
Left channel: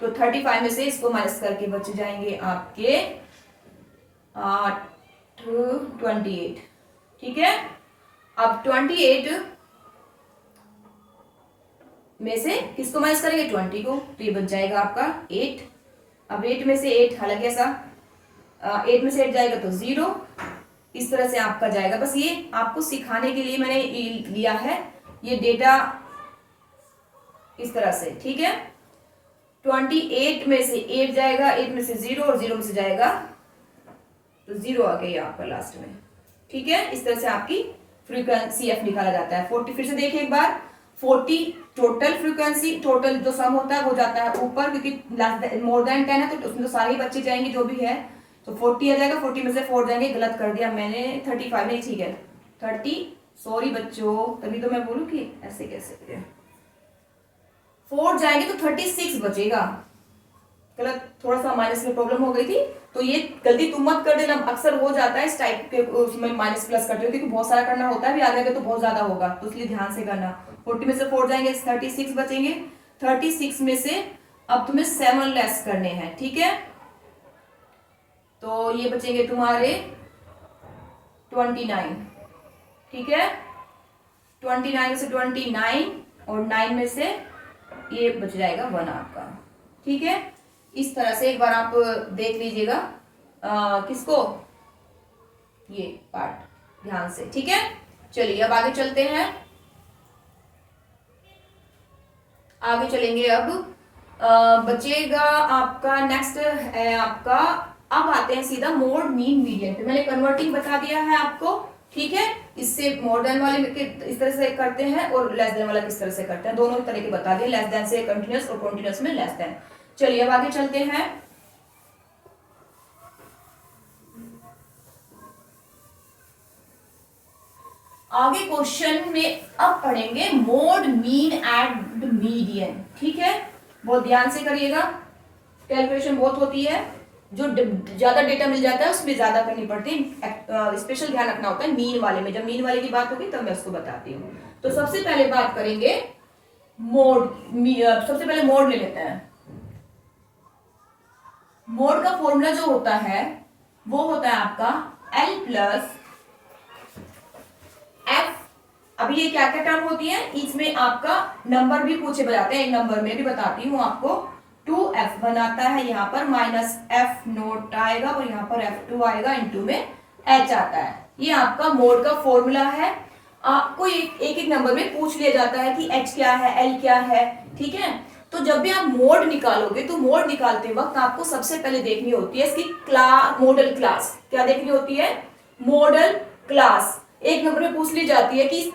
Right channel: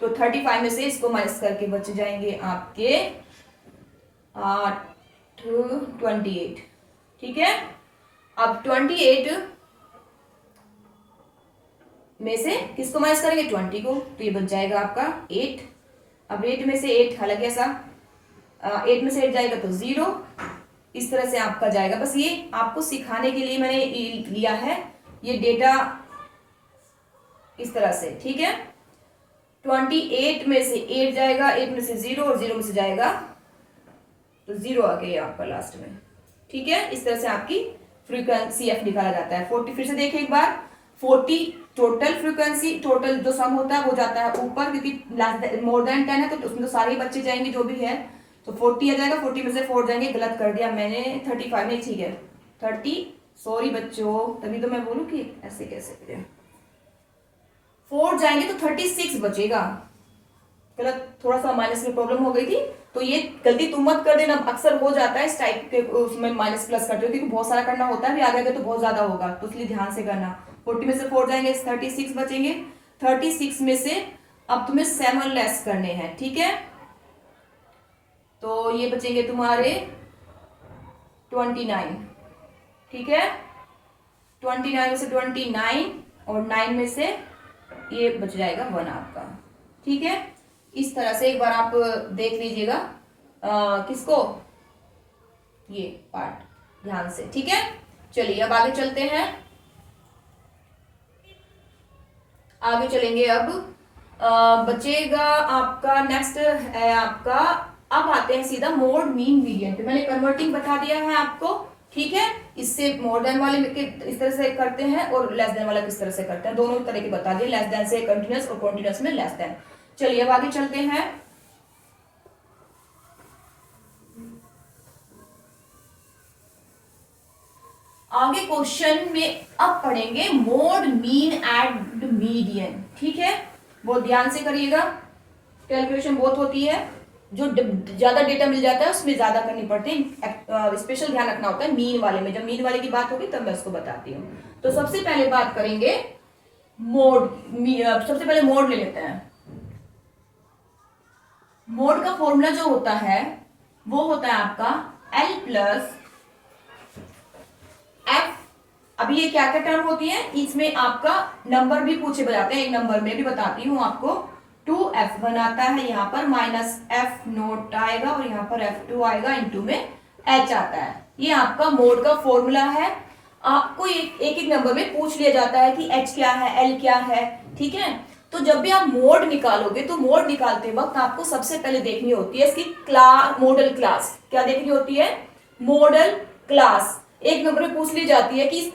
तो 35 में से इसको माइनस करके बच जाएंगे आपके 28, ठीक है। अब 28 में से किसको माइनस करेंगे, 20 को, तो ये बच जाएगा आपका 8। अब 8 में से 8 हालांकि ऐसा 8 में से 8 जाएगा तो 0, इस तरह से आपका जाएगा। बस ये आपको सिखाने के लिए मैंने लिया है ये डेटा इस तरह से, ठीक है। 28 में से 8 जाएगा, 8 में से 0 और 0 में से जाएगा तो 0 आ गया आपका लास्ट में, ठीक है। इस तरह से आपकी फ्रीक्वेंसी CF निकाला जाता है। 40 फिर से देखिए एक बार, 40 टोटल फ्रीक्वेंसी, टोटल जो सम होता है वो जाता है ऊपर, क्योंकि मोर देन 10 है तो उसमें तो सारे ही बच्चे जाएंगे जो भी है, तो 40 आ जाएगा। 40 में से 4 जाएंगे, गलत कर दिया मैंने, 35 में, ठीक है 30, सॉरी बच्चों, तभी तो मैं बोलूं कि ऐसे कैसे 4 जाएंगे तो 36 बचेगा, चलो थोड़ा सा माइनस में प्रॉब्लम हो गई थी, तो ये गलती तुम मत कर देना, अक्सर हो जाता है इस टाइप के उसमें माइनस प्लस करते हो, क्योंकि बहुत सारा करना होता है, भी आगे आगे तो बहुत ज्यादा होगा, तो इसलिए ध्यान से करना। 40 में से 4 जाएंगे 36 बचेंगे। 36 में से अब तुम्हें 7 लेस करने हैं, ठीक है, तो ये बचेंगे तुम्हारे 29, ठीक है, 29 में से 29 और 9 में से ये बच जाएगा 1 आपका, ठीक है। इस तरह से एक बार आप देख लीजिएगा किसको, ये पार्ट ध्यान से, ठीक है। चलिए अब आगे चलते हैं, आगे चलेंगे। अब बचेगा आपका नेक्स्ट है आपका, अब आते हैं सीधा मोड मीन मीडियन पे। मैंने कन्वर्टिंग बता दिया है आपको, ठीक है। इससे मोर देन वाले इस तरह से करते हैं और लेस देन वाला किस तरह से करते हैं, दोनों तरह की बता दिया, लेस देन से कंटिन्यूअस और कॉन्टिन्यूअस में लेस देन। चलिए अब आगे चलते हैं। आगे क्वेश्चन में अब पढ़ेंगे मोड मीन एंड मीडियन, ठीक है, बहुत ध्यान से करिएगा, कैलकुलेशन बहुत होती है, जो ज्यादा डेटा मिल जाता है उसमें ज्यादा करनी पड़ती है, स्पेशल ध्यान रखना होता है मीन वाले में। जब मीन वाले की बात होगी तब मैं उसको बताती हूँ। तो सबसे पहले बात करेंगे मोड, सबसे पहले मोड ले लेते हैं। मोड का फॉर्मूला जो होता है वो होता है आपका L प्लस F। अभी ये क्या क्या टर्म होती है, इसमें आपका नंबर भी पूछे जाते हैं, एक नंबर में भी बताती हूँ आपको, 2F बनाता है, यहाँ पर माइनस F नोट आएगा और यहाँ पर F2 आएगा, इनटू में H आता है। ये आपका मोड का फॉर्मूला है। आपको एक एक नंबर में पूछ लिया जाता है कि H क्या है, L क्या है, ठीक है। तो जब भी आप मोड निकालोगे तो मोड निकालते वक्त आपको सबसे पहले देखनी होती है इसकी क्लास, मॉडल क्लास। क्या देखनी होती है, मॉडल क्लास। एक नंबर में पूछ ली जाती है कि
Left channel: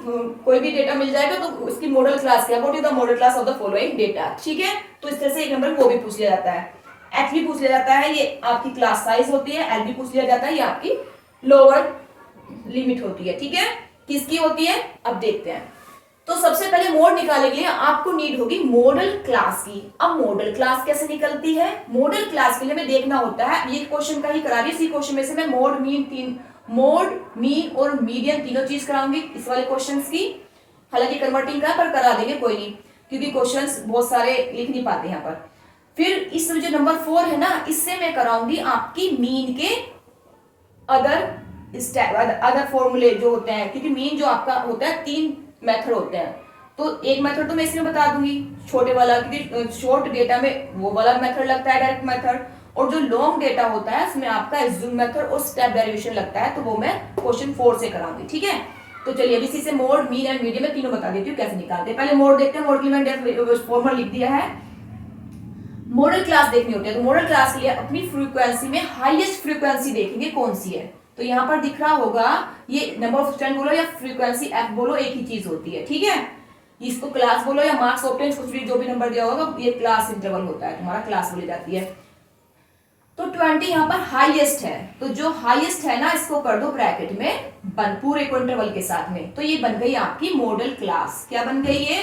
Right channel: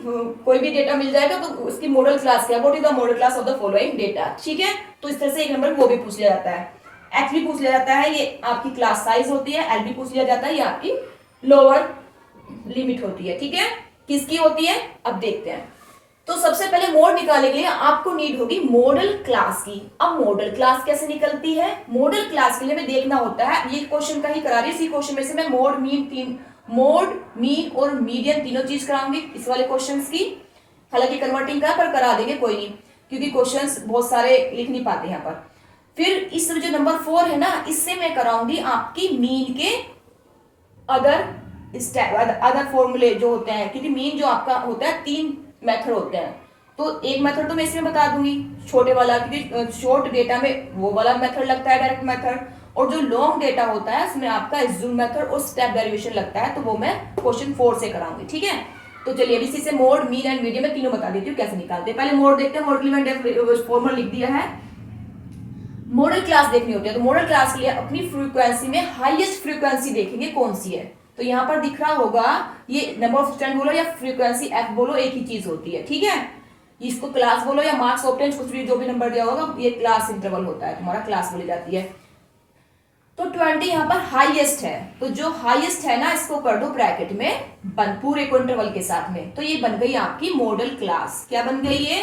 कोई भी डेटा मिल जाएगा तो उसकी मॉडल क्लास क्या, what is the model class of the following data, ठीक है। तो इस तरह से एक नंबर वो भी पूछ लिया जाता है। H भी पूछ लिया जाता है, ये आपकी क्लास साइज होती है। L भी पूछ लिया जाता है, ये आपकी लोअर लिमिट होती है, ठीक है। किसकी होती है अब देखते हैं। तो सबसे पहले मोड निकालने के लिए आपको नीड होगी मॉडल क्लास की। अब मॉडल क्लास कैसे निकलती है, मॉडल क्लास के लिए हमें देखना होता है, ये क्वेश्चन का ही करा रही है, इसी क्वेश्चन में से मैं मोड मीन और मीडियन तीनों चीज कराऊंगी इस वाले क्वेश्चंस की। हालांकि कन्वर्टिंग का पर करा देंगे, कोई नहीं, क्योंकि क्वेश्चंस बहुत सारे लिख नहीं पाते यहाँ पर। फिर इस जो नंबर 4 है ना, इससे मैं कराऊंगी आपकी मीन के अदर फॉर्मूले जो होते हैं, क्योंकि मीन जो आपका होता है 3 मेथड होते हैं। तो एक मेथड तो मैं इसमें बता दूंगी छोटे वाला, क्योंकि शॉर्ट डेटा में वो वाला मेथड लगता है, डायरेक्ट मेथड, और जो लॉन्ग डेटा होता है उसमें आपका ज़ूम मेथड और स्टेप डेरिवेशन लगता है, तो वो मैं क्वेश्चन 4 से कराऊंगी, ठीक है। तो चलिए अभी इसी से मोड, मीन एंड मीडियन में तीनों बता देती हूँ कैसे निकालते हैं। पहले मोड देखते हैं, मोड के लिए मैंने फॉर्मूला लिख दिया है। मॉडल क्लास देखनी होती है, तो मॉडल क्लास के लिए अपनी फ्रीक्वेंसी में हाईएस्ट फ्रीक्वेंसी देखेंगे कौन सी है। तो यहाँ पर दिख रहा होगा, ये नंबर ऑफ स्टैंड बोलो या फ्रीक्वेंसी F बोलो, एक ही चीज होती है, ठीक है। इसको क्लास बोलो या मार्क्स ऑब्टेन, कुछ भी जो भी नंबर दिया होगा, ये क्लास इंटरवल होता है, तुम्हारा क्लास बोली जाती है। तो 20 यहाँ पर हाईएस्ट है, तो जो हाईएस्ट है ना इसको कर दो ब्रैकेट में पूरे को इंटरवल के साथ में, तो ये बन गई आपकी मॉडल क्लास। क्या बन गई ये,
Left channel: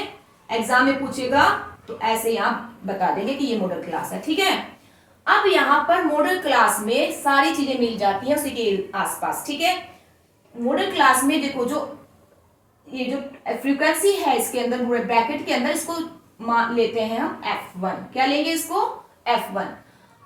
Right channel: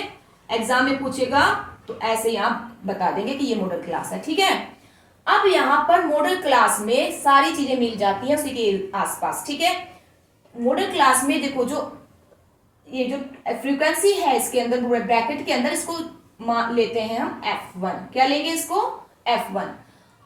एग्जाम में पूछेगा तो ऐसे ही आप बता देंगे कि ये मॉडल क्लास है, ठीक है। अब यहाँ पर मॉडल क्लास में सारी चीजें मिल जाती हैं उसी के आसपास, ठीक है। मॉडल क्लास में देखो, जो ये जो फ्रीक्वेंसी है इसके अंदर पूरे ब्रैकेट के अंदर, इसको लेते हैं हम F1। क्या लेंगे इसको, F1।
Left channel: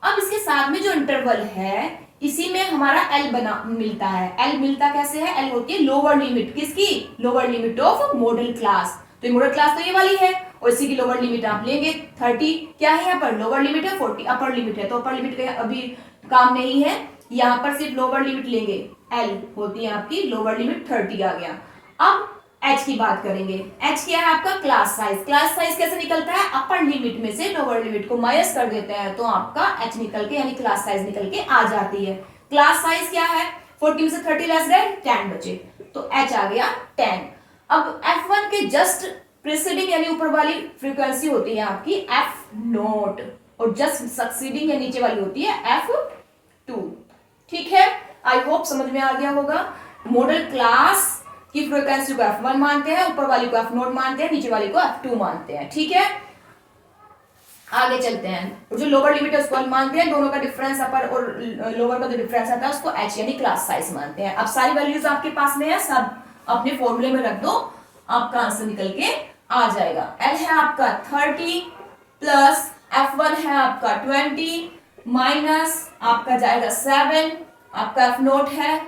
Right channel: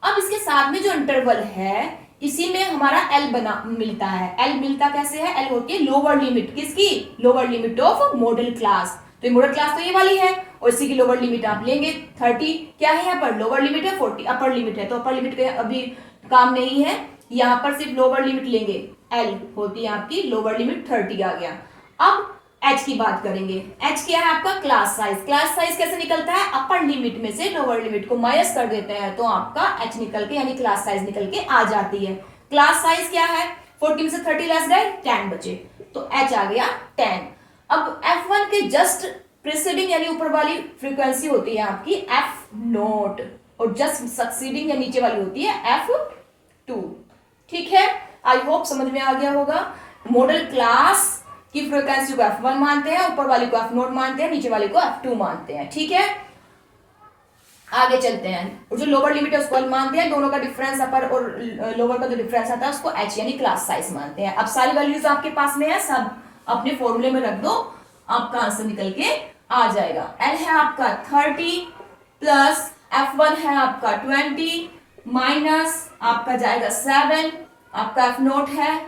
अब इसके साथ में जो इंटरवल है इसी में हमारा L बना मिलता है। L मिलता कैसे है, L होती है लोअर लिमिट, किसकी, lower limit of model class. तो मॉडल क्लास तो ये वाली है और इसी की लोअर लिमिट आप लेंगे 30। क्या है यहाँ पर, लोअर लिमिट है, 40 अपर लिमिट है, तो अपर लिमिट का अभी काम नहीं है, यहाँ पर सिर्फ लोअर लिमिट लेंगे। L होती है आपकी लोअर लिमिट 30 आ गया। अब H की बात करेंगे। H क्या है आपका, क्लास साइज। क्लास साइज कैसे निकलता है, अपर लिमिट में से लोअर लिमिट को माइनस कर देते हैं तो आपका H निकल के, यानी क्लास साइज निकल के आ जाती है। क्लास साइज क्या है, 40 में से 30 लेस देन 10 बचे, तो H आ गया 10। अब F1 के जस्ट प्रीसीडिंग यानी ऊपर वाली फ्रीक्वेंसी होती है आपकी F0 और जस्ट सक्सीडिंग या नीचे वाली होती है F2, ठीक है। आई होप समझ में आ गया होगा। मॉडल क्लास की फ्रीक्वेंसी को F1 मानते हैं, ऊपर वाली को F0 मानते हैं, नीचे वाली को F2 मानते हैं, ठीक है। आगे चलते हैं, और जो लोअर लिमिट है उसको L मानते हैं, दोनों का डिफरेंस अपर और लोअर का जो डिफरेंस आता है उसको H यानी क्लास साइज मानते हैं। अब सारी वैल्यूज आपके पास में है, सब अपने फॉर्मूले में रख दो, आपका आंसर निकल के आ जाएगा। L है आपका 30 प्लस F1 है आपका 20 माइनस आपका जाएगा 7, आपका F0 है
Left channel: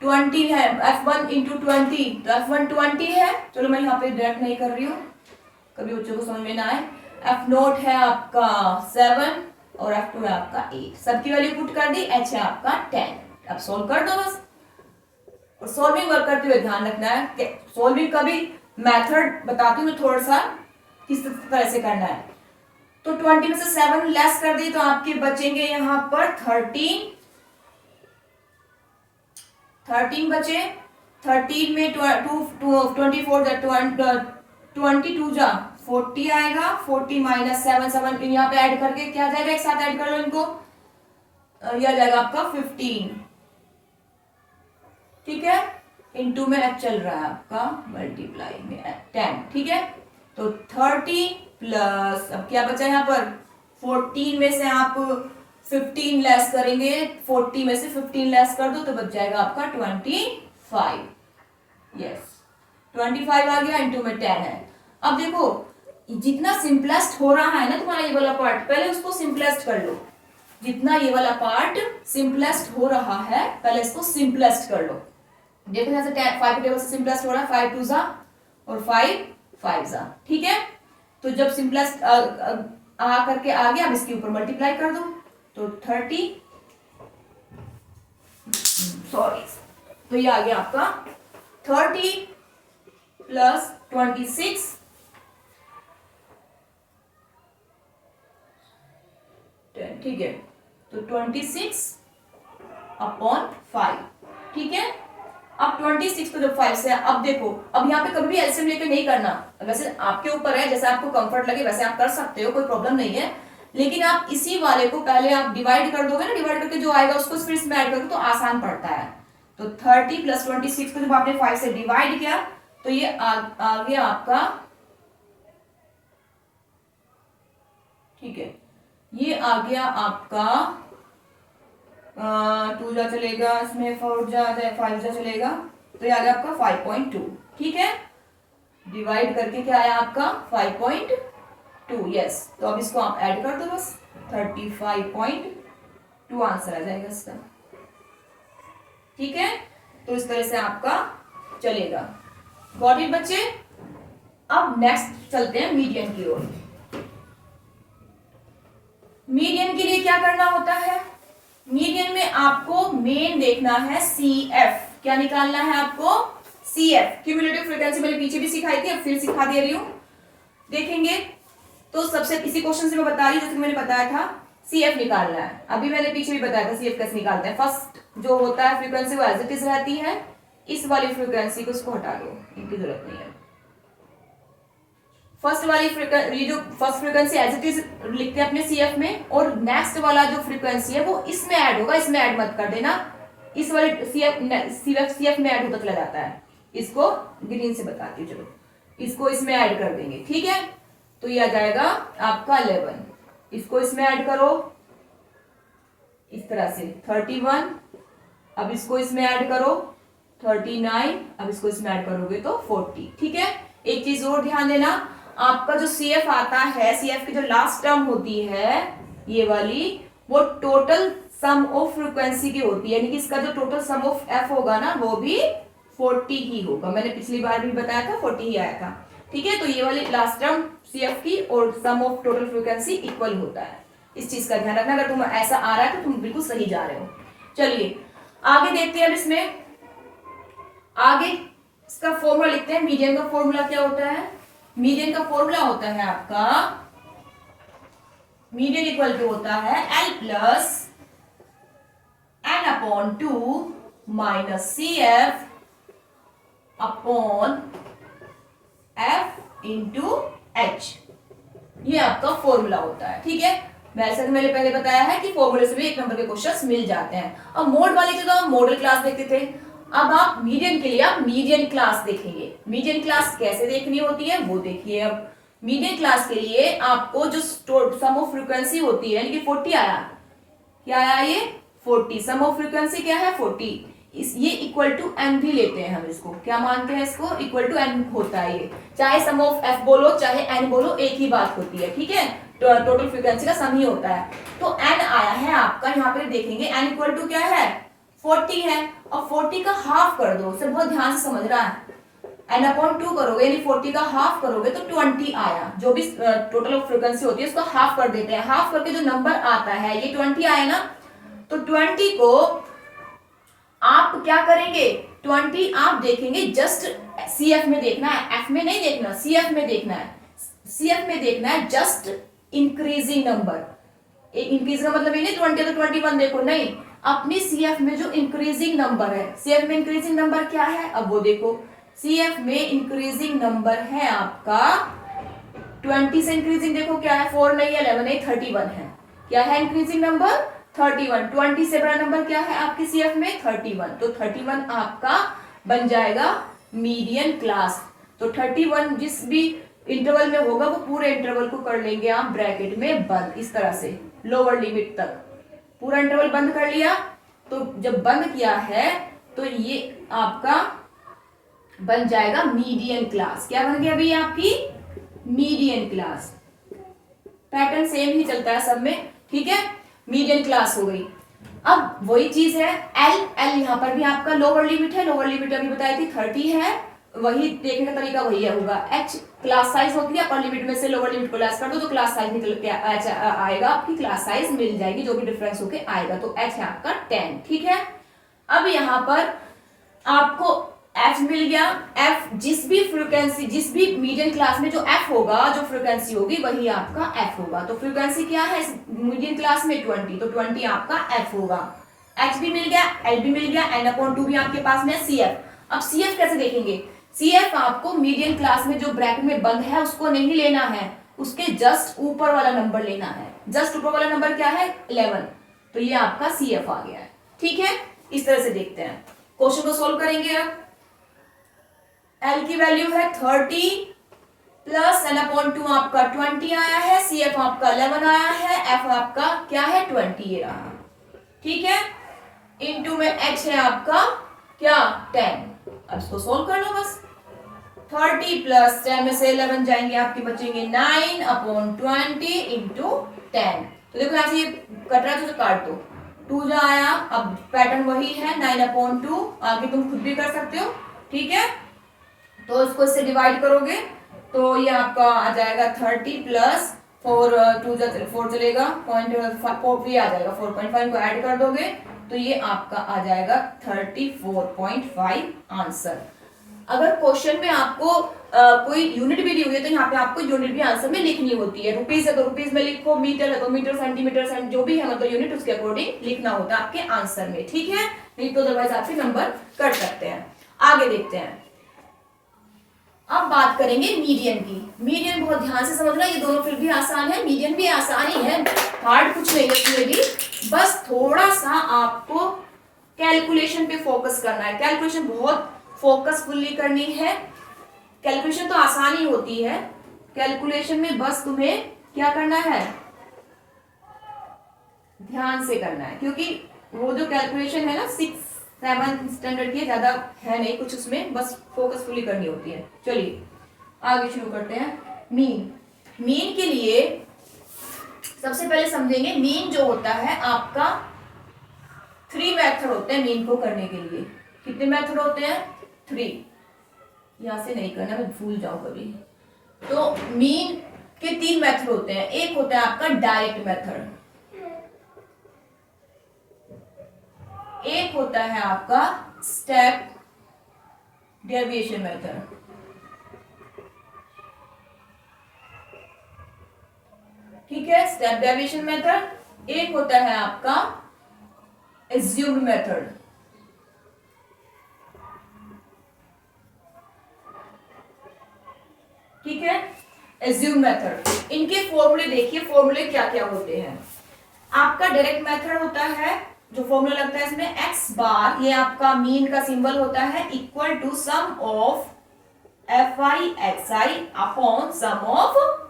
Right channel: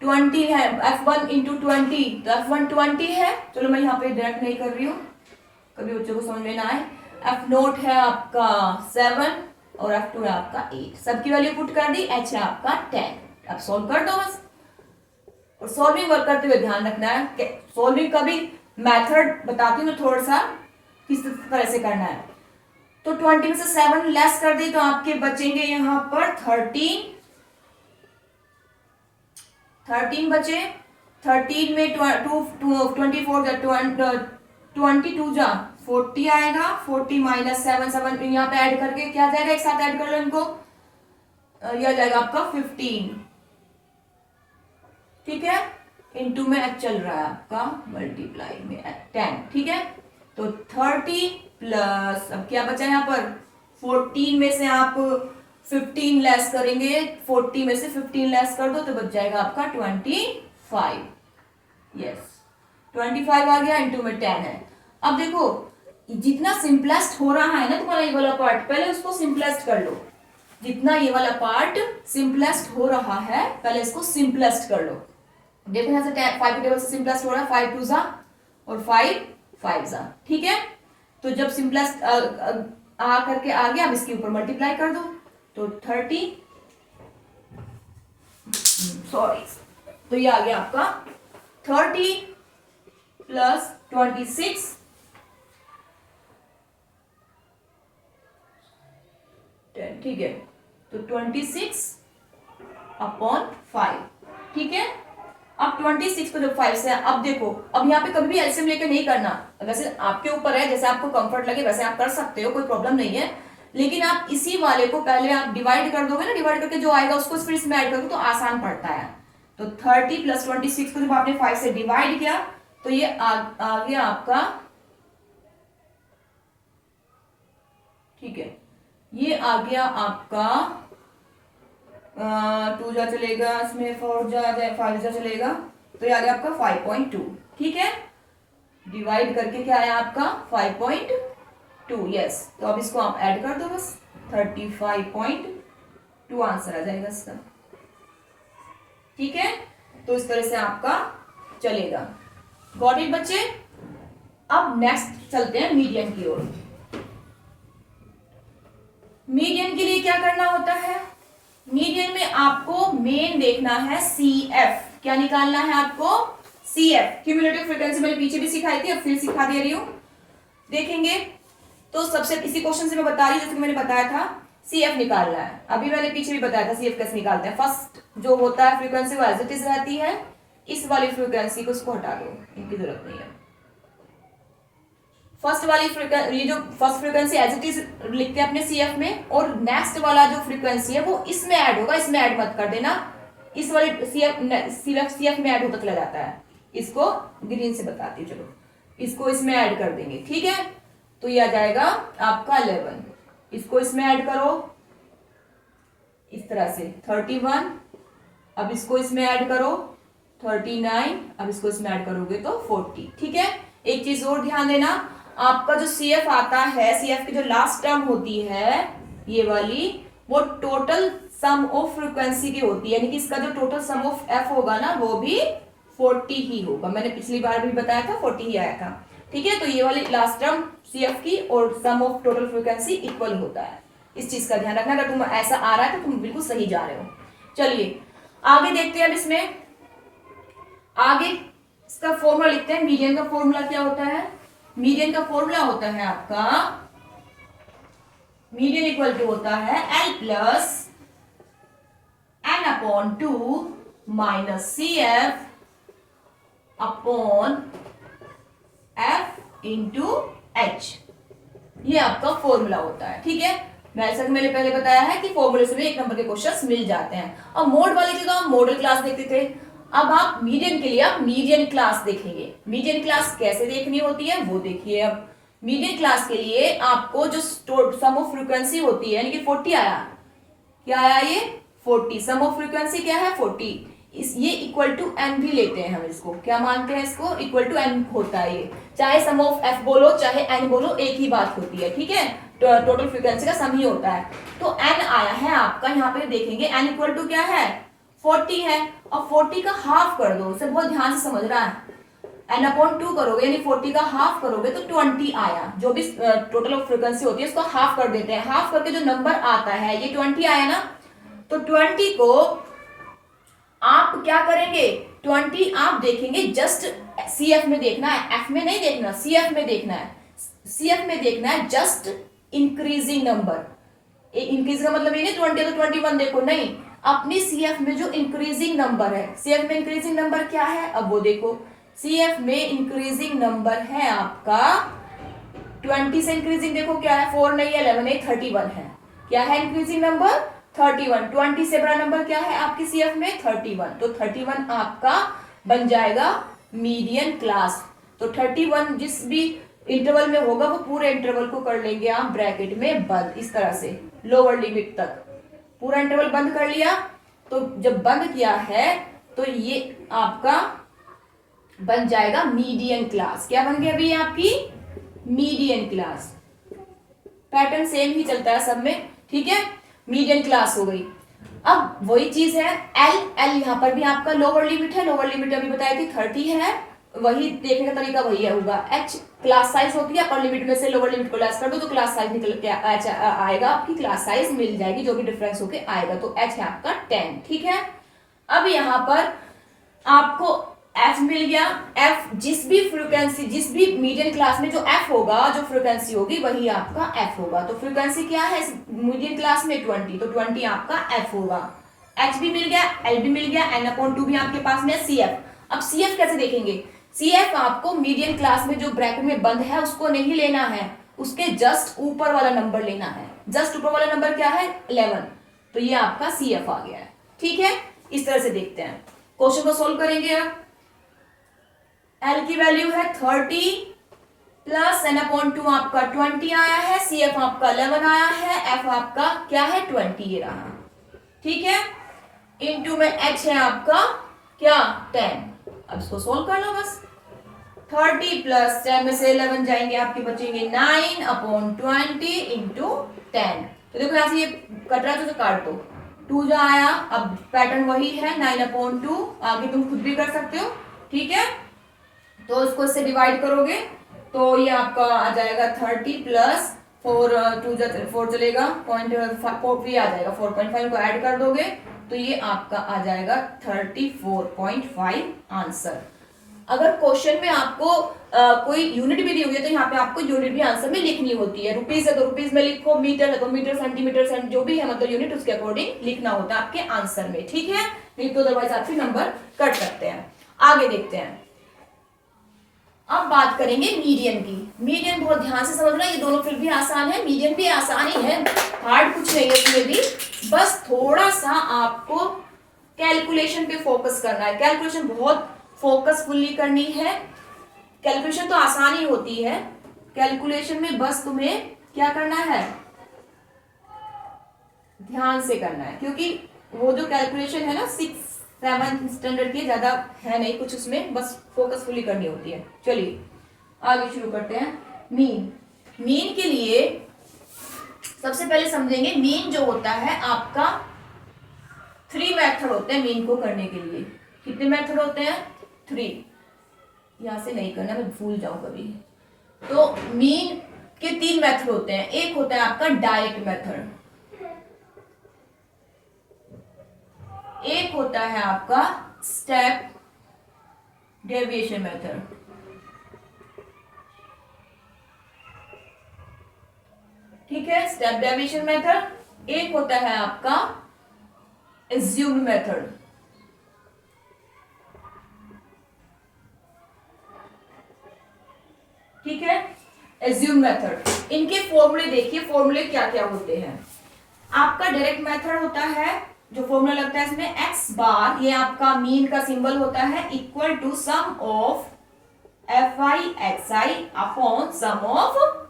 20 है, F1 इंटू 20 तो F1 20 है, चलो मैं यहाँ पे डायरेक्ट नहीं कर रही हूँ, कभी बच्चों को समझ में ना आए। F0 है आपका 7 और F2 है आपका 8, सबकी वैल्यू पुट कर दी, H है आपका 10। अब सोल्व कर दो बस, और सॉल्विंग वर्क करते हुए ध्यान रखना है कि सॉल्विंग का भी मेथड बताती हूँ मैं थोड़ा सा किस तरह से करना है। तो 20 में से 7 लेस कर दी तो आपके बचेंगे यहाँ पर 13 बचे, 13 में 22 जा 40 आएगा, 40 माइनस 7 यहाँ पे ऐड करके क्या जाएगा, एक साथ ऐड कर लो इनको, यह जाएगा आपका 15, ठीक है, इनटू में H चल रहा है आपका मल्टीप्लाई में 10, ठीक है। तो 30 प्लस अब क्या बचा यहाँ पर, 14 में से आप 15 लेस करेंगे, 40 में से 15 लेस कर दो तो बच जाएगा आपका 25, यस 25 आ गया, इंटू में 10 है। अब देखो जितना सिंपलेस्ट हो रहा है ना तुम्हारा ये वाला पार्ट, पहले उसको सिंपलेस्ट कर लो, जितना ये वाला पार्ट सिंपलेस्ट हो रहा है पहले इसको सिंपलेस्ट कर लो। देखो यहाँ से 5 के टेबल से सिंपलेस्ट हो रहा है, 5 2 जा और 5 5 जा, ठीक है। तो जब सिंपलेस्ट आ करके आ गया, अब इसके ऊपर मल्टीप्लाई कर दो तो 30 सॉरी, तो ये आ गया आपका 30 प्लस 26 ठीक है, तो 26 अपॉन 5, ठीक है। अब 26 को जब 5 से, अब देखो अब यहाँ पे कभी भी एलसीएम लेके नहीं करना, वैसे आपके ऊपर है, जैसे आपको कंफर्ट लगे वैसे आप कर सकते हो, कोई प्रॉब्लम नहीं है, लेकिन आप इसी वाले को पहले आप डिवाइड कर दोगे ना, डिवाइड करके जो आएगा उसको फिर इसमें ऐड करोगे तो आसान पड़ता है। तो 30 प्लस 26 को जब आपने 5 से डिवाइड किया तो ये आ गया आपका, ठीक है, ये आ गया आपका 2 जा चलेगा, इसमें 4 जा 5 जा चलेगा, तो ये आ गया आपका 5.2, ठीक है। डिवाइड करके क्या आया आपका 5.2, यस। तो अब इसको आप ऐड कर दो बस, 35.2 आंसर आ जाएगा इसका, ठीक है। तो इस तरह से आपका चलेगा। गॉट इट बच्चे। अब नेक्स्ट चलते हैं मीडियन की ओर। मीडियन के लिए क्या करना होता है, मीडियन में आपको मेन देखना है CF, क्या निकालना है आपको CF, क्यूमुलेटिव फ्रीक्वेंसी, मैंने पीछे भी सिखाई थी, अब फिर सिखा दे रही हूं, देखेंगे। तो सबसे इसी क्वेश्चन से मैं बता रही हूँ, जैसे कि मैंने बताया था CF निकालना है, अभी मैंने पीछे भी बताया था CF कैसे निकालते हैं। फर्स्ट जो होता है फ्रीक्वेंसी वो एज इट इज रहती है, इस वाली फ्रीक्वेंसी को इसको हटा दो, इनकी जरूरत नहीं है। फर्स्ट वाली फ्रीक्वेंसी, ये जो first frequency as it is लिखते हैं अपने CF में, और नेक्स्ट वाला जो फ्रीक्वेंसी है वो इसमें ऐड होगा, इसमें ऐड मत कर देना, इस वाले CF में ऐड होता चला जाता है, इसको ग्रीन से बताती हूँ, चलो इसको इसमें ऐड कर देंगे, ठीक है। तो ये आ जाएगा आपका 11, इसको इसमें ऐड करो इस तरह से 31, अब इसको इसमें ऐड करो 39, अब इसको इसमें ऐड करोगे तो 40, ठीक है। एक चीज और ध्यान देना, आपका जो CF आता है, CF की जो लास्ट टर्म होती है ये वाली, वो टोटल सम ऑफ फ्रीक्वेंसी की होती है, यानी कि इसका जो टोटल सम ऑफ F होगा ना वो भी 40 ही होगा, मैंने पिछली बार भी बताया था 40 ही आया था, ठीक है। तो ये वाली लास्ट टर्म CF की और सम ऑफ टोटल फ्रीक्वेंसी इक्वल होता है, इस चीज का ध्यान रखना, अगर तुम ऐसा आ रहा है तो तुम बिल्कुल सही जा रहे हो। चलिए आगे देखते हैं, अब इसमें आगे इसका फॉर्मूला लिखते हैं। मीडियन का फॉर्मूला क्या होता है, मीडियन का फॉर्मूला होता है आपका, मीडियन इक्वल टू होता है L plus n/2 minus CF upon F into H, ये आपका फॉर्मूला होता है, ठीक है। वैसे मैंने पहले बताया है कि फॉर्मूले से भी 1 नंबर के क्वेश्चंस मिल जाते हैं। अब मोड वाले के तो हम मॉडल क्लास देखते थे, अब आप मीडियन के लिए आप मीडियन क्लास देखेंगे। मीडियन क्लास कैसे देखनी होती है वो देखिए। अब मीडियन क्लास के लिए आपको जो सम ऑफ फ्रीक्वेंसी होती है, लेकिन 40 आया, क्या आया ये 40, सम ऑफ फ्रीक्वेंसी क्या है 40, ये इक्वल टू एन भी लेते हैं हम इसको, क्या मानते हैं इसको, इक्वल टू एन होता है ये, चाहे सम ऑफ एफ बोलो चाहे एन बोलो एक ही बात होती है, ठीक है, टोटल फ्रीक्वेंसी का सम ही होता है। तो एन आया है आपका, यहाँ पे देखेंगे एन इक्वल टू क्या है 40 है, और 40 का हाफ कर दो, इसे बहुत ध्यान से समझना है, एन अपॉन 2 करोगे यानी 40 का हाफ करोगे तो 20 आया, जो भी टोटल ऑफ फ्रीक्वेंसी होती है उसको हाफ कर देते हैं, हाफ करके जो नंबर आता है ये 20 आया ना, तो 20 को आप क्या करेंगे, 20 आप देखेंगे जस्ट सीएफ में देखना है, एफ में नहीं देखना, सीएफ में देखना है, सीएफ में देखना है, जस्ट इंक्रीजिंग नंबर, इंक्रीज का मतलब ये नहीं 20 तो 21 देखो, नहीं, अपनी सीएफ में जो इंक्रीजिंग नंबर है, सीएफ में इंक्रीजिंग नंबर क्या है, अब वो देखो, सीएफ में इंक्रीजिंग नंबर है आपका 20 से इंक्रीजिंग देखो क्या है, 4 नहीं है 11 नहीं 31 है, क्या है इंक्रीजिंग नंबर 31, 20 से बड़ा नंबर क्या है आपकी सीएफ में 31, तो 31 आपका बन जाएगा मीडियन क्लास। तो 31 जिस भी इंटरवल में होगा वो पूरे इंटरवल को कर लेंगे आप ब्रैकेट में बंद, इस तरह से लोअर लिमिट तक पूरा इंटरवल बंद कर लिया, तो जब बंद किया है तो ये आपका बन जाएगा मीडियन क्लास, क्या बन गया अभी आपकी मीडियन क्लास, पैटर्न सेम ही चलता है सब में, ठीक है, मीडियन क्लास हो गई। अब वही चीज है एल, एल यहाँ पर भी आपका लोअर लिमिट है, लोअर लिमिट अभी बताई थी 30 है, वही देखने का तरीका वही होगा, एच क्लास साइज होती है, अपर लिमिट में से लोअर लिमिट को लेस कर दो तो क्लास साइज निकल के आएगा, आपकी क्लास साइज मिल जाएगी जो भी डिफरेंस होके आएगा, तो एच है आपका 10, ठीक है। अब यहाँ पर आपको एफ मिल गया, एफ जिस भी फ्रीक्वेंसी जिस भी मीडियन क्लास में जो एफ होगा, जो फ्रीक्वेंसी होगी वही आपका एफ होगा, तो फ्रीक्वेंसी क्या है इस मीडियन क्लास में 20, तो 20 आपका एफ होगा, एच भी मिल गया, एल भी मिल गया, एन अपॉन 2 भी आपके पास में सी एफ। अब सी एफ कैसे देखेंगे, सी एफ आपको मीडियन क्लास में जो ब्रैकेट में बंद है उसको नहीं लेना है, उसके जस्ट ऊपर वाला नंबर लेना है, जस्ट ऊपर वाला नंबर क्या है 11, तो ये आपका सी एफ आ गया है, ठीक है। इस तरह से देखते हैं, क्वेश्चन को सोल्व करेंगे। अब एल की वैल्यू है 30 प्लस एन अपॉन 2 आपका 20 आया है, सी एफ आपका 11 आया है, एफ आपका क्या है 20 ये रहा, ठीक है, इनटू में एच है आपका क्या 10, अब इसको सोल्व कर लो बस, 30 प्लस 10 में से 11 जाएंगे आपके बचेंगे 9 अपॉन 20 इंटू 10, तो देखो यहाँ से ये कट रहा है तो काट दो, 2 जो आया, अब पैटर्न वही है 9 अपॉन 2, आगे तुम खुद भी कर सकते हो, ठीक है, तो इसको इससे डिवाइड करोगे तो ये आपका आ जाएगा 30 प्लस 4 2 4 चलेगा, पॉइंट 4 भी आ जाएगा, 4.5 को ऐड कर दोगे तो ये आपका आ जाएगा 34.5 आंसर। अगर क्वेश्चन में आपको कोई यूनिट भी दी हुई है तो यहाँ पे आपको यूनिट भी आंसर में लिखनी होती है, रुपीज है तो रुपीज में लिखो, मीटर है तो मीटर, सेंटीमीटर जो भी है मतलब यूनिट उसके अकॉर्डिंग लिखना होता है आपके आंसर में, ठीक है, नहीं तो अदरवाइज आपके नंबर कट सकते हैं। आगे देखते हैं, अब बात करेंगे मीडियन की। मीडियन बहुत ध्यान से समझना, ये दोनों फिर भी आसान है, मीडियन भी आसान ही है, हार्ड कुछ नहीं है इसमें भी, बस थोड़ा सा आपको कैलकुलेशन पे फोकस करना है, कैलकुलेशन बहुत फोकसफुली करनी है, कैलकुलेशन तो आसान ही होती है, कैलकुलेशन में बस तुम्हें क्या करना है ध्यान से करना है, क्योंकि वो जो कैलकुलेशन है ना 6 7 स्टैंडर्ड की ज्यादा है नहीं कुछ उसमें, बस फोकसफुली करनी होती है। चलिए आगे शुरू करते हैं। मीन के लिए सबसे पहले समझेंगे, मीन जो होता है आपका 3 मेथड होते हैं मीन को करने के लिए। कितने मेथड होते हैं 3, यहां से नहीं करना मैं भूल जाऊं कभी, तो मीन के 3 मेथड होते हैं, एक होता है आपका डायरेक्ट मेथड, एक होता है आपका स्टेप डेविएशन मेथड, ठीक है, स्टेप डेविएशन मेथड, एक होता है आपका एज्यूम्ड मेथड, ठीक है, एज्यूम्ड मेथड। इनके फॉर्मूले देखिए, फॉर्मूले क्या क्या होते हैं। आपका डायरेक्ट मेथड होता है, जो फॉर्मूला लगता है इसमें एक्स बार, ये आपका मीन का सिंबल होता है, equal to sum of F I X I upon sum of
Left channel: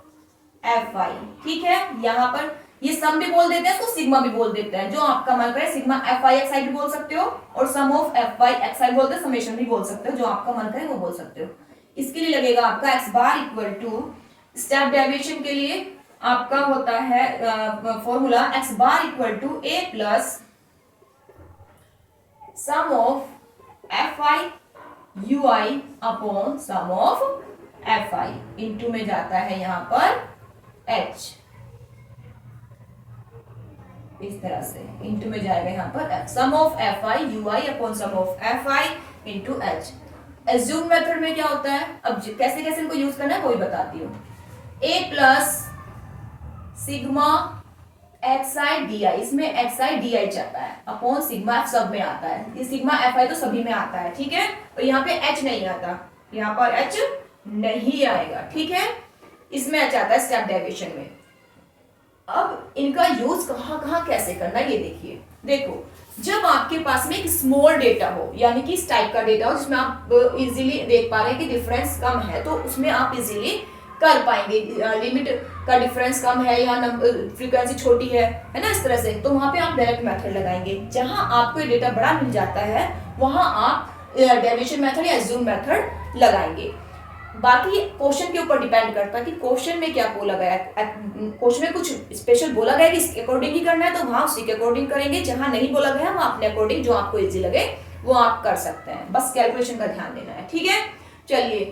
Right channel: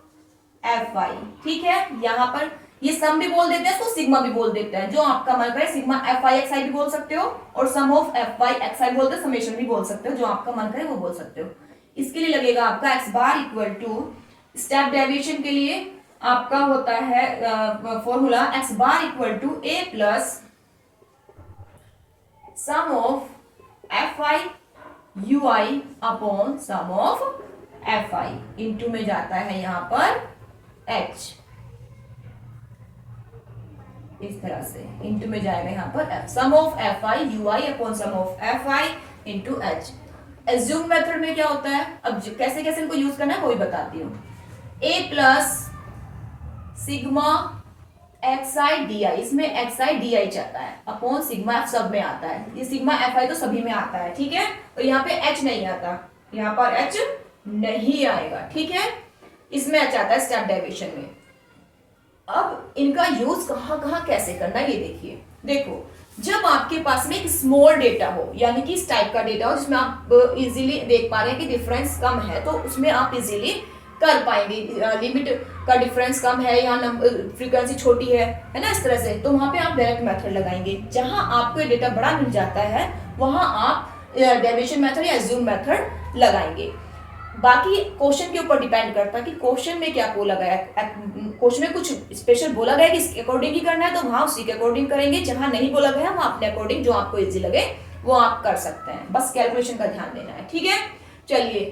F I. ठीक है, यहाँ पर ये सम भी बोल देते हैं, इसको सिग्मा भी बोल देते हैं, जो आपका मन करे। सिग्मा एफ आई एक्स आई भी बोल सकते हो, और सम ऑफ एफ आई एक्स आई बोलते हैं, समेशन भी बोल सकते हो, जो आपका मन करे वो बोल सकते हो। इसके लिए लगेगा आपका X bar equal to, step deviation के लिए आपका होता है formula X bar equal to A plus sum of F I U I upon sum of F I, into में जाता है यहाँ पर एच, इस तरह से इंटू में जाएगा यहाँ पर sum of F I U I upon sum of F I into H. Assume method में क्या होता है, अब कैसे कैसे इनको यूज करना है वही बताती हूँ। A plus sigma X I D I, इसमें एक्स आई डी आई चाहता है, अपॉन सिग्मा एफ सब में आता है, ये सिग्मा एफ आई तो सभी में आता है। ठीक है, और यहाँ पे एच नहीं आता, यहाँ पर एच नहीं आएगा। ठीक है, इसमें एच आता है स्टेप डेविएशन में। अब इनका यूज कहाँ कहाँ कैसे करना ये देखिए। देखो, जब आपके पास में एक स्मॉल डेटा हो, यानी कि इस टाइप का डेटा हो जिसमें आप इजीली देख पा रहे हैं कि डिफरेंस कम है, तो उसमें आप इजीली कर पाएंगे। लिमिट का डिफरेंस कम है या फ्रीक्वेंसी छोटी है ना, इस तरह से, तो वहां पे आप डायरेक्ट मेथड लगाएंगे। जहां आपको डेटा बड़ा मिल जाता है वहां आप डेविएशन मेथड या एज्यूम मेथड लगाएंगे। बाकी क्वेश्चन के ऊपर डिपेंड करता है कि क्वेश्चन में क्या बोला गया है। क्वेश्चन में कुछ स्पेशल बोला गया है कि इसके अकॉर्डिंग ही करना है, तो वहां उसी के अकॉर्डिंग करेंगे। जहां नहीं बोला गया वहां अपने अकॉर्डिंग जो आपको इजी लगे वो आप कर सकते हैं, बस कैलकुलेशन का ध्यान देना है। ठीक है, चलिए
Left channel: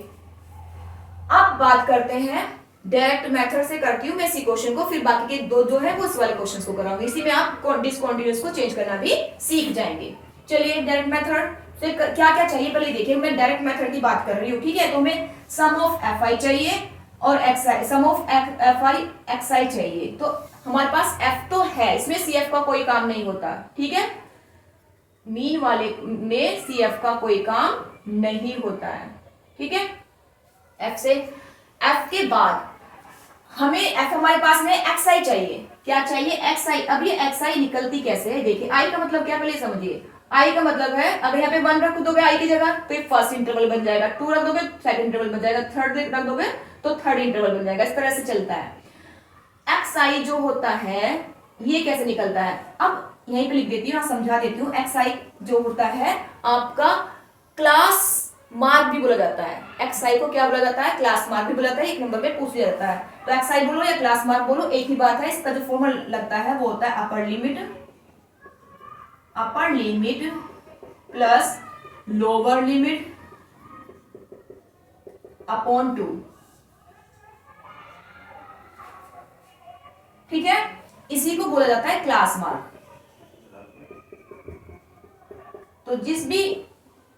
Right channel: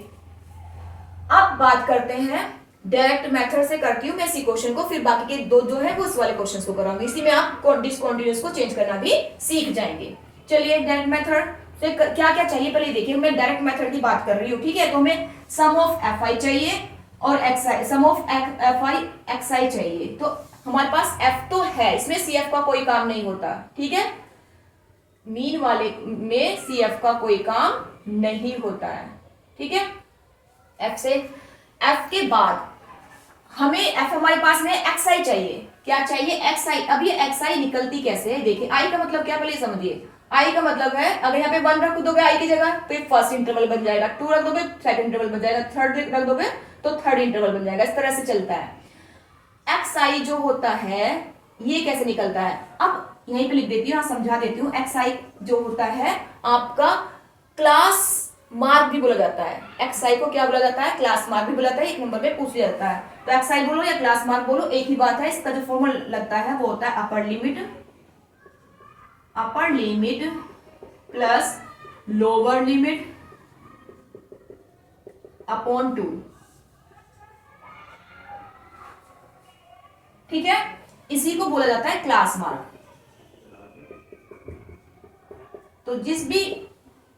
अब बात करते हैं डायरेक्ट मेथड से करती हूँ मैं इसी क्वेश्चन को, फिर बाकी के दो जो है वो इस वाले क्वेश्चन को कराऊंगी। इसी में आप डिसकंटीन्यूअस को चेंज करना भी सीख जाएंगे। चलिए डायरेक्ट मेथड से क्या क्या चाहिए पहले देखिए। मैं डायरेक्ट मेथड की बात कर रही हूँ। ठीक है, तो हमें सम ऑफ एफ आई चाहिए और X I, sum of F I X I चाहिए। तो हमारे पास एफ तो है, इसमें सी एफ का कोई काम नहीं होता। ठीक है, मीन वाले में सी एफ का कोई काम नहीं होता है। ठीक है, एफ से एफ के बाद हमें एफ हमारे पास में एक्स आई चाहिए। क्या चाहिए? एक्स आई। अब ये एक्स आई निकलती कैसे है देखिए। आई का मतलब क्या पहले समझिए। आई का मतलब है अगर यहाँ पे 1 रख दोगे आई की जगह तो फर्स्ट इंटरवल बन जाएगा, 2 रख दोगे सेकंड इंटरवल बन जाएगा, 3 रख दोगे तो थर्ड इंटरवल बन जाएगा। इस तरह से चलता है। एक्स आई जो होता है ये कैसे निकलता है, अब यहीं पे लिख देती हूँ, समझा देती हूँ। एक्स आई जो होता है आपका क्लास मार्क भी बोला जाता है। एक्स आई को क्या बोला जाता है? क्लास मार्क भी बोला जाता है। एक नंबर में पूछ लिया जाता है तो एक्स आई बोलो या क्लास मार्क बोलो एक ही बात है। इसका जो फॉर्मूला लगता है वो होता है upper limit plus lower limit upon 2। ठीक है, इसी को बोला जाता है क्लास मार्क। तो जिस भी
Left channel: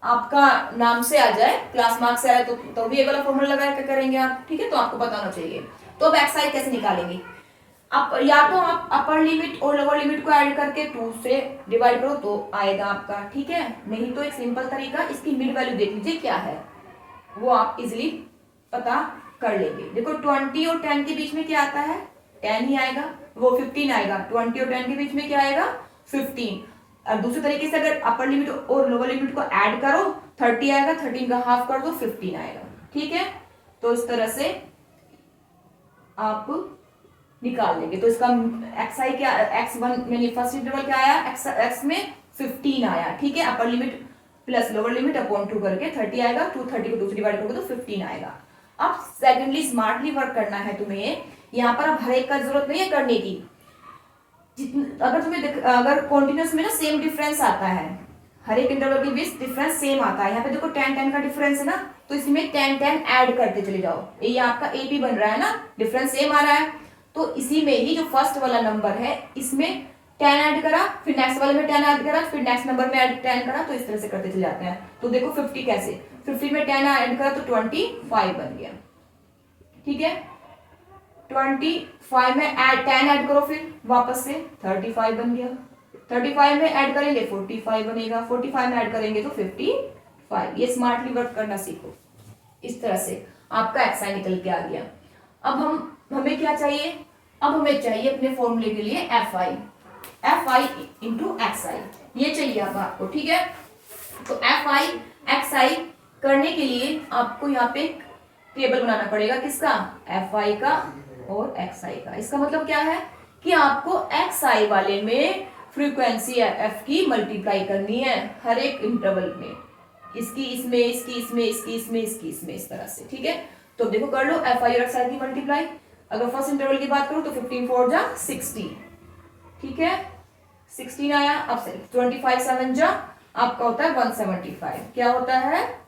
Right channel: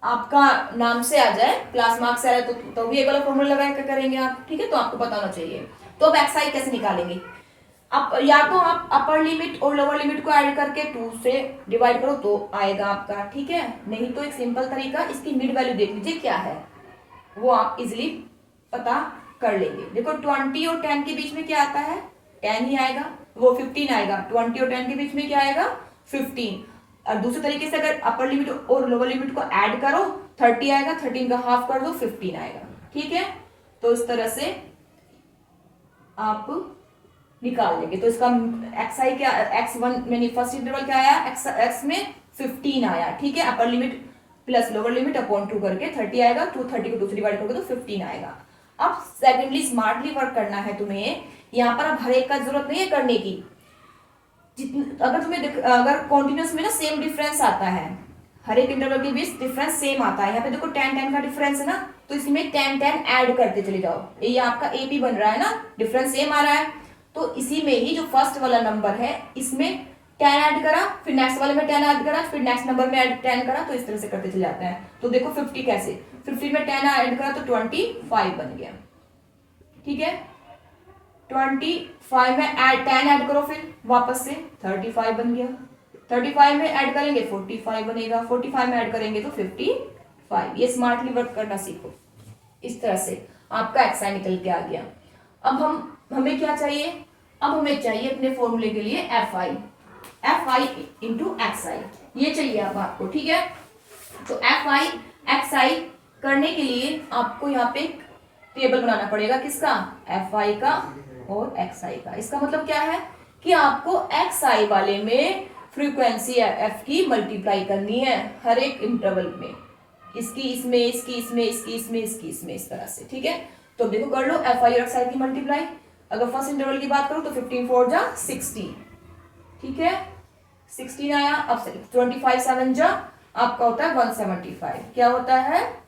आपका नाम से आ जाए, क्लास मार्क से आ जाए तो भी एक वाला फॉर्मूला लगा के करेंगे आप। ठीक है, तो आपको पता होना चाहिए। तो अब एक्स आई कैसे निकालेंगे? आप या तो आप अपर लिमिट और लोअर लिमिट को ऐड करके 2 से डिवाइड करो तो आएगा आपका। ठीक है, नहीं तो एक सिंपल तरीका, इसकी मिड वैल्यू देख लीजिए क्या है, वो आप इजिली पता कर लेंगे। देखो 20 और 10 के बीच में क्या आता है? 10 ही आएगा, वो 15 आएगा। 20 और 10 के बीच में क्या आएगा? 15। और दूसरे तरीके से अगर अपर लिमिट और लोअर लिमिट को ऐड करो 30 आएगा, 13 का हाफ कर दो 15 आएगा। ठीक है, तो इस तरह से आप निकाल लेंगे। तो इसका एक्स आई क्या, x1 में फर्स्ट इंटरवल क्या आया? एक्स में 15 आया। ठीक है, upper limit plus lower limit upon 2 करके 30 आएगा। 230 को 2 से डिवाइड करोगे तो 15 आएगा। अब सेकेंडली स्मार्टली वर्क करना है तुम्हें। यहाँ पर अब हर एक का जरूरत नहीं है करने की। अगर तुम्हें अगर कॉन्टिन्यूस में ना सेम डिफरेंस आता है, हर एक इंटरवल के बीच डिफरेंस सेम आता है। यहाँ पे देखो 10 का डिफरेंस है ना, तो इसमें 10 ऐड करते चले जाओ। ये आपका एपी बन रहा है ना, डिफरेंस सेम आ रहा है। तो इसी में ही जो फर्स्ट वाला नंबर है इसमें 10 ऐड करा, फिर नेक्स्ट वाले में 10 ऐड करा, फिर नेक्स्ट नंबर में 10 करा, तो इस तरह से करते चले जाते हैं। तो देखो 50 कैसे, 50 में 10 ऐड करा तो 25 बन गया। ठीक है, 25 में 10 ऐड करो फिर वापस से 35 बन गया। 35 में ऐड करेंगे 45 बनेगा, 45 में ऐड करेंगे तो 55। ये स्मार्टली वर्क करना सीखो। इस तरह से आपका एक्स आई निकल के आ गया। अब हमें क्या चाहिए? अब हमें चाहिए अपने फॉर्मूले के लिए एफ आई इंटू एक्स आई, ये चाहिए अब आपको। ठीक है, तो एफ आई एक्स आई करने के लिए आपको यहाँ पे टेबल बनाना पड़ेगा। किसका? एफ आई का और एक्स आई का। इसका मतलब क्या है कि आपको एक्स आई वाले में फ्रीक्वेंसी एफ की मल्टीप्लाई करनी है हर एक इंटरवल में, इसकी इसमें, इसकी इसमें, इसकी इसमें, इसकी इसमें, इस तरह से। ठीक है, तो देखो कर लो एफ आई और एक्स आई की मल्टीप्लाई। अगर फर्स्ट इंटरवल की बात करूं तो 15 4 जा 60, ठीक है 16 आया। अब 25 7 जा आपका होता है 175, क्या होता है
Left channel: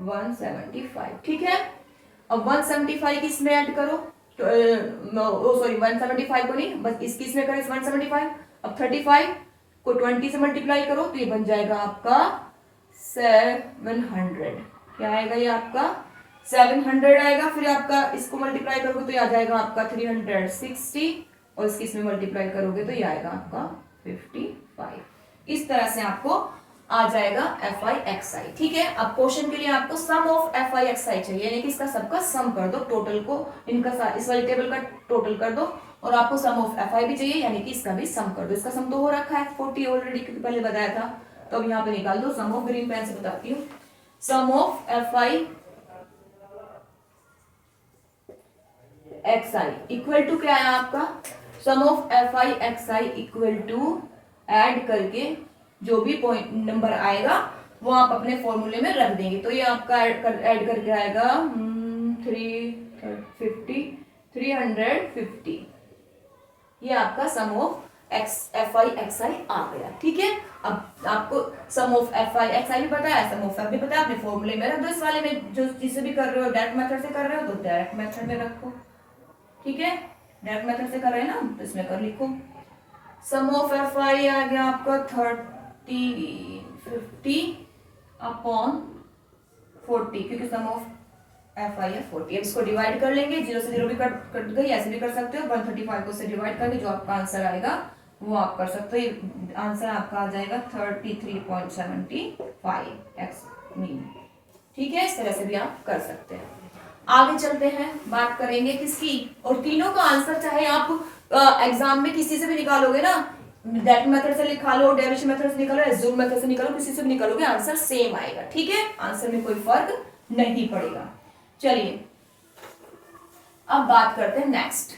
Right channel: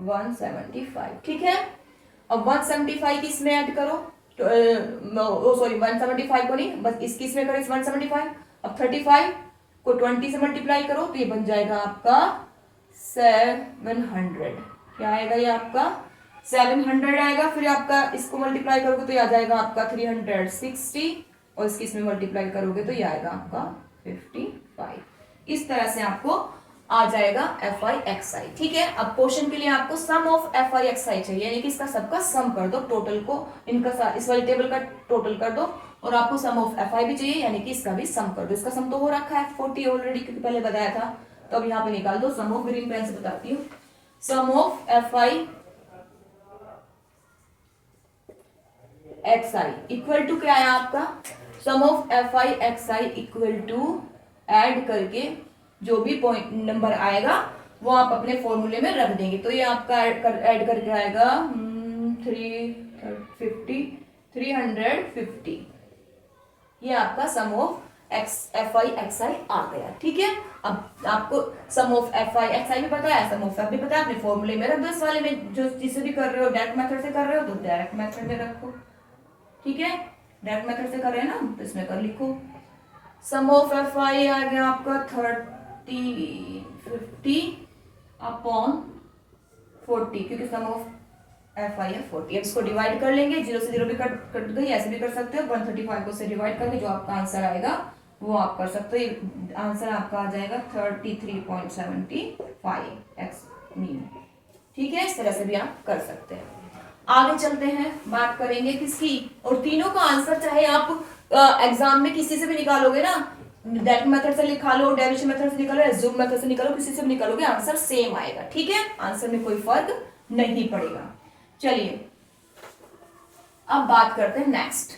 175, ठीक है। अब 175 किसमें ऐड करो, तो सॉरी 175 को नहीं, बस इसकी इसमें करें 175। अब 35 को 20 से मल्टीप्लाई करो तो ये बन जाएगा आपका 700, क्या आएगा ये आपका 700 आएगा। फिर आपका इसको मल्टीप्लाई करोगे तो ये आ जाएगा आपका 360, और इसकी इसमें मल्टीप्लाई करोगे तो ये आएगा आपका 55। इस तरह से आपको आ जाएगा एफ आई एक्स आई, ठीक है। अब क्वेश्चन के लिए आपको sum of F I X I चाहिए, यानी कि इसका सबका सम कर दो, टोटल को इनका इस वाले टेबल का टोटल कर दो, और आपको सम ऑफ एफ आई भी चाहिए, यानी कि इसका भी सम कर दो। इसका सम तो हो रखा है 40 ऑलरेडी, क्योंकि पहले बताया था, तो अब यहाँ पे निकाल दो सम ऑफ, ग्रीन पेन से बताती हूँ। Sum of F I X I equal to क्या है आपका, sum of F I X I equal to add करके जो भी पॉइंट नंबर आएगा वो आप अपने फॉर्मूले में रख देंगे। तो ये आपका ऐड करके आएगा 350, ये आपका sum of F I X आई आ गया, ठीक है। अब आपको sum of F I X आई भी पता है, सम ऑफ एफ भी पता है, अपने फॉर्मूले में रख दो। इस वाले में जो जिसे भी कर रहे हो डायरेक्ट मेथड से कर रहे हो तो डायरेक्ट मेथड में रखो, ठीक है। डायरेक्ट मेथड से कर रहे हैं ना, तो इसमें कर लिखो सम ऑफ एफ आई आ गया आपका 50 अपॉन 40, क्योंकि सम ऑफ एफ आई है 40। अब इसको डिवाइड कर लेंगे, 0 से 0 भी कट गई, ऐसे भी कर सकते हो। 135 को से डिवाइड करके जो आपका आंसर आएगा वो आप कर सकते हो। आंसर आपका आ जाएगा 33.75 एक्स मीन, ठीक है। इस तरह से भी आप कर सकते हैं। आगे चलते हैं, बात करेंगे किसकी, और तीनों का आंसर चाहे आप एग्जाम में किसी से भी निकालोगे ना, डायरेक्ट मेथड से निकालो, डेरिवेशन मेथड से निकालो, एज्यूम मेथड से निकालो, किसी से भी निकालोगे आंसर सेम आएगा, ठीक है। आंसर में कोई फर्क नहीं पड़ेगा। चलिए अब बात करते हैं next,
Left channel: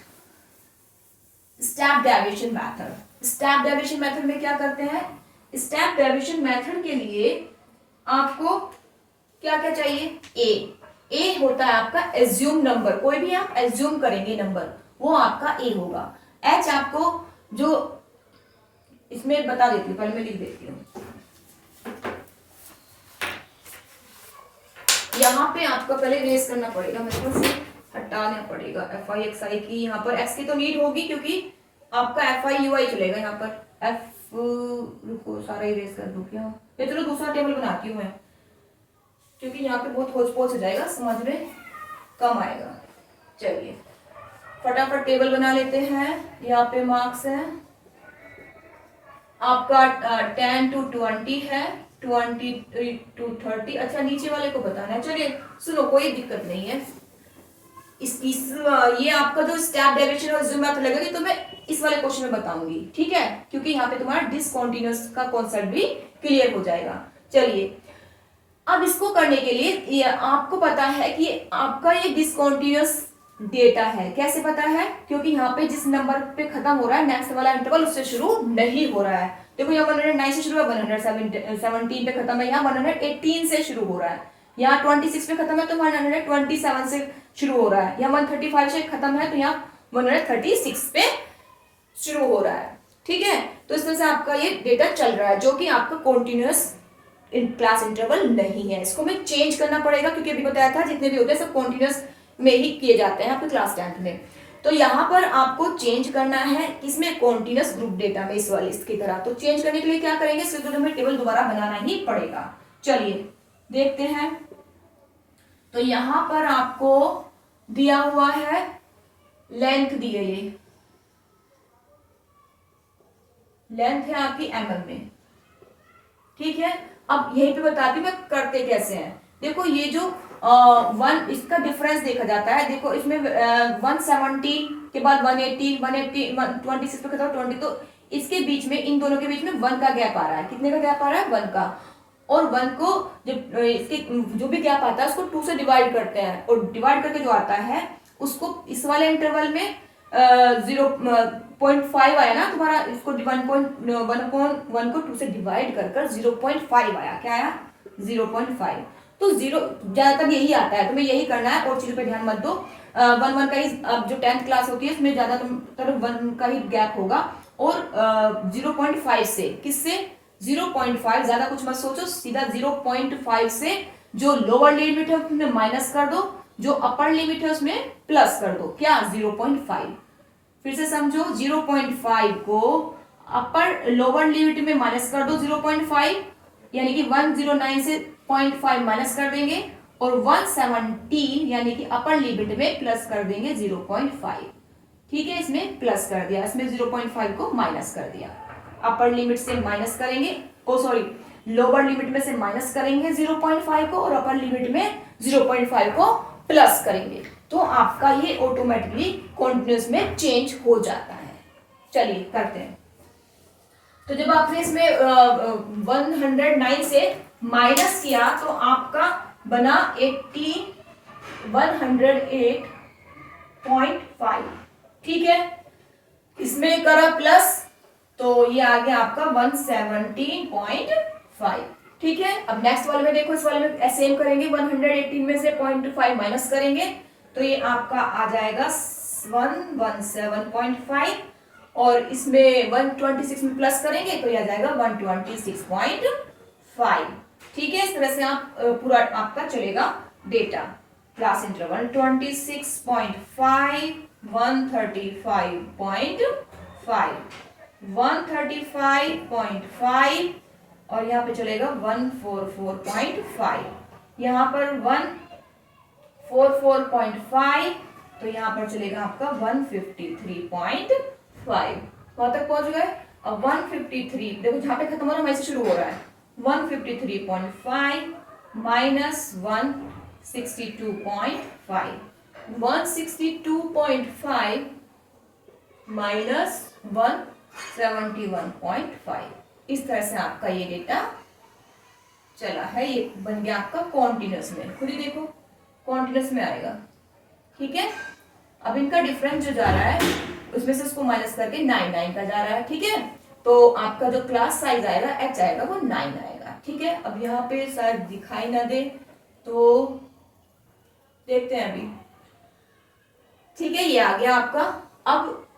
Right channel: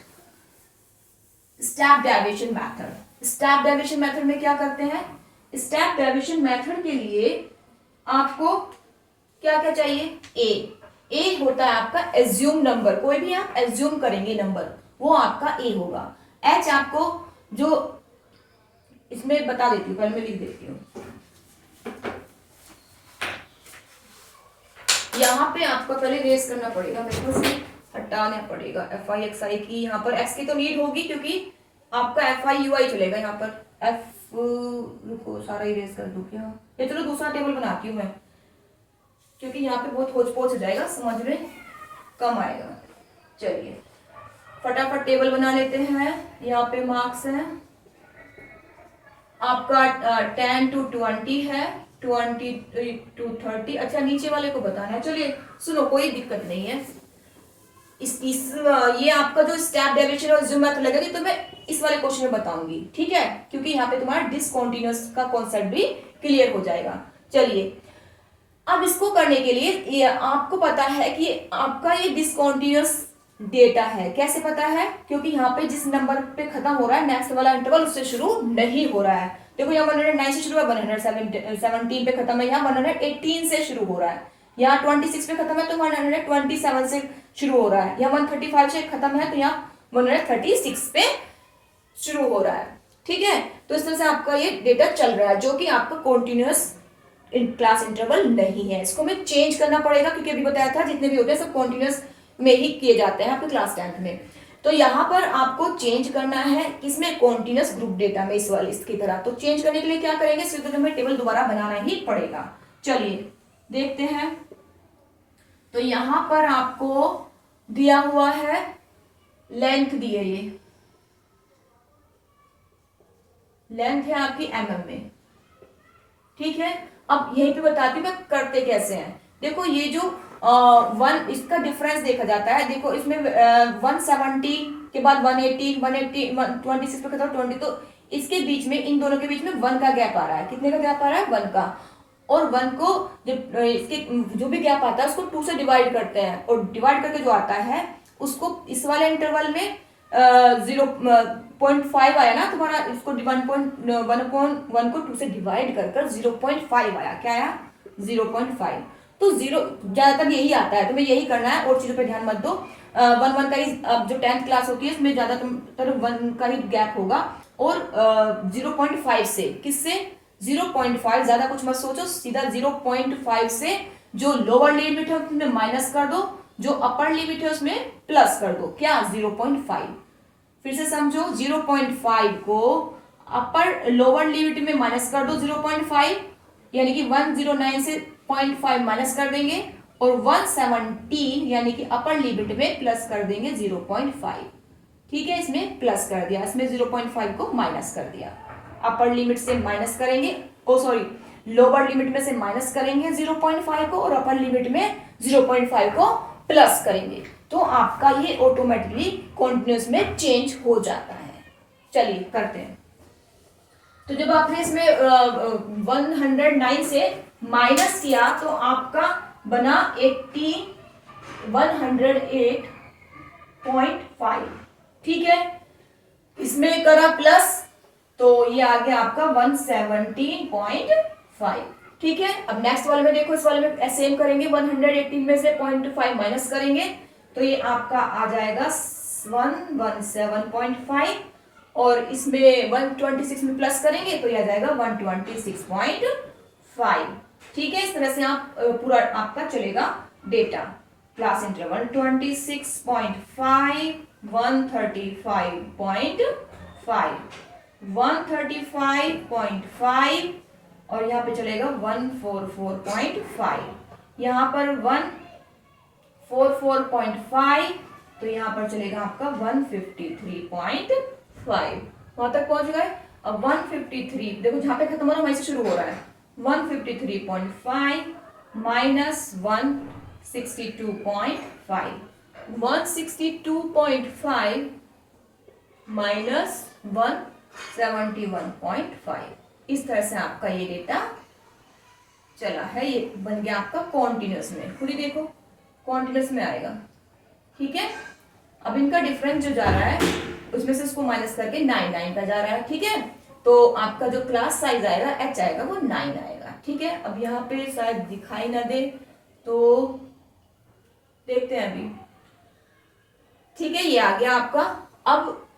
step derivation method. Step derivation method में क्या करते हैं, स्टेप डेरिवेशन मेथड के लिए आपको क्या क्या चाहिए, ए होता है आपका एज्यूम नंबर, कोई भी आप एज्यूम करेंगे नंबर वो आपका ए होगा। एच आपको जो इसमें बता देती हूँ, पहले मैं लिख देती हूँ, यहाँ पे आपको पहले रेस करना पड़ेगा, मेरे को से हटाना पड़ेगा एफ आई एक्स आई की। यहाँ पर एक्स की तो नीड होगी क्योंकि आपका एफ आई यू आई चलेगा यहाँ पर। एफ रुको सारा इरेज कर दूँ क्या, ये चलो दूसरा टेबल बनाती हूँ मैं, क्योंकि यहाँ पे बहुत होच पोच हो जाएगा, समझ में कम आएगा। चलिए फटाफट टेबल बना लेते हैं। यहाँ पे मार्क्स हैं आपका 10 to 20 है, 20 to 30। अच्छा नीचे वाले को बताना है, चलिए सुनो कोई दिक्कत नहीं है। ये आपका जो स्टेप डेरिवेशन और एज्यूम मेथड लगेगी तो मैं इस वाले क्वेश्चन में बताऊंगी, ठीक है, क्योंकि यहाँ पे तुम्हारा डिसकंटीन्यूअस का कॉन्सेप्ट भी क्लियर हो जाएगा। चलिए अब इसको करने के लिए ये आपको पता है कि आपका ये डिसकंटीन्यूअस डेटा है। कैसे पता है, क्योंकि यहाँ पे जिस नंबर पे खत्म हो रहा है नेक्स्ट वाला इंटरवल उससे शुरू नहीं हो रहा है। देखो यहाँ 109 से शुरू है, 117 पे खत्म है, यहाँ 118 से शुरू हो रहा है, यहाँ 26 पे खत्म है तो 127 से शुरू हो रहा है, यहाँ 135 से खत्म है तो यहाँ 136 पे शुरू हो रहा है, ठीक है। तो इस तरह से आपका ये डेटा चल रहा है जो कि आपका कॉन्टिन्यूअस क्लास इंटरवल नहीं है। इसको हमें चेंज करना पड़ेगा, क्योंकि अभी बताया था जितने भी होते हैं सब कॉन्टिन्यूअस में ही किए जाते हैं आपके क्लास 10th में। तो यहाँ पर आपको चेंज करना है किसमें, कॉन्टिन्यूअस ग्रुप डेटा में, इस वाले इसकी तरह। तो चेंज करने के लिए क्या करेंगे, सिर्फ हमें टेबल दोबारा बनाना ही पड़ेगा। चलिए देखते हैं। तो यहाँ पर आपको दिया हुआ है लेंथ, दी है ये लेंथ है आपकी mm में, ठीक है। अब यहीं पे बताती हूँ मैं करते कैसे हैं। देखो ये जो वन इसका डिफरेंस देखा जाता है, देखो इसमें 170 के बाद 180 26 पे खत्म 20, तो इसके बीच में इन दोनों के बीच में 1 का गैप आ रहा है। कितने का गैप आ रहा है, 1 का। और 1 को जो इसके जो भी गैप आता है उसको 2 से डिवाइड करते हैं, और डिवाइड करके जो आता है उसको इस वाले इंटरवल में 0.5 आया ना तुम्हारा, इसको 1.1 को 2 से डिवाइड कर 0.5 आया, क्या आया 0.5। तो जीरो ज्यादातर यही आता है, तुम्हें यही करना है और चीजों पे ध्यान मत दो। 1 का ही अब जो 10th क्लास होती है उसमें ज्यादातर 1 का ही गैप होगा। और 0.5 से, किससे 0.5, ज्यादा कुछ मत सोचो, सीधा 0.5 से जो लोअर लिमिट है उसमें माइनस कर दो, जो अपर लिमिट है उसमें प्लस कर दो, क्या 0.5। फिर से समझो, 0.5 को अपर लोअर लिमिट में माइनस कर दो 0.5, यानी कि 109 से 0.5 माइनस कर देंगे और 117 यानी कि अपर लिमिट में प्लस कर देंगे 0.5। ठीक है, इसमें प्लस कर दिया, इसमें 0.5 को माइनस कर दिया। अपर लिमिट से माइनस करेंगे, लोअर लिमिट में से माइनस करेंगे 0.5 को और अपर लिमिट में 0.5 को प्लस करेंगे, तो आपका ये ऑटोमेटिकली कॉन्टिन्यूस में चेंज हो जाता है। चलिए करते हैं। तो जब आपने इसमें 109 से माइनस किया तो आपका बना 108.5। ठीक है, इसमें करा प्लस तो ये आ गया आपका 117.5। ठीक है, अब नेक्स्ट वाले में देखो, इस वाले में सेम करेंगे, 118 में से 0.5 माइनस करेंगे तो ये आपका आ जाएगा 117.5 और इसमें 126 में प्लस करेंगे तो ये आ जाएगा 126.5। ठीक है, इस तरह से आप पूरा आपका चलेगा डेटा। क्लास इंटरवल 26.5, 135.5, 135.5 और यहाँ पे चलेगा 144.5, यहाँ पर 144.5 तो यहाँ पर चलेगा आपका 153.5। वहां तक पहुंच गए। अब 153 देखो, जहां पे खत्म हो रहा है वहीं से शुरू हो रहा है। 153.5 माइनस 162.5, 162.5 माइनस 171.5। इस तरह से आपका ये डेटा चला है, ये बन गया आपका कॉन्टिन्यूस में। खुद ही देखो कॉन्टिन्यूस में आएगा। ठीक है, अब इनका डिफरेंस जो जा रहा है उसमें से उसको माइनस करके 9 का जा रहा है। ठीक है, तो आपका जो क्लास साइज आएगा h आएगा वो 9 आएगा। ठीक है, अब यहाँ पे शायद दिखाई ना दे तो देखते हैं अभी। ठीक है, ये आ गया आपका। अब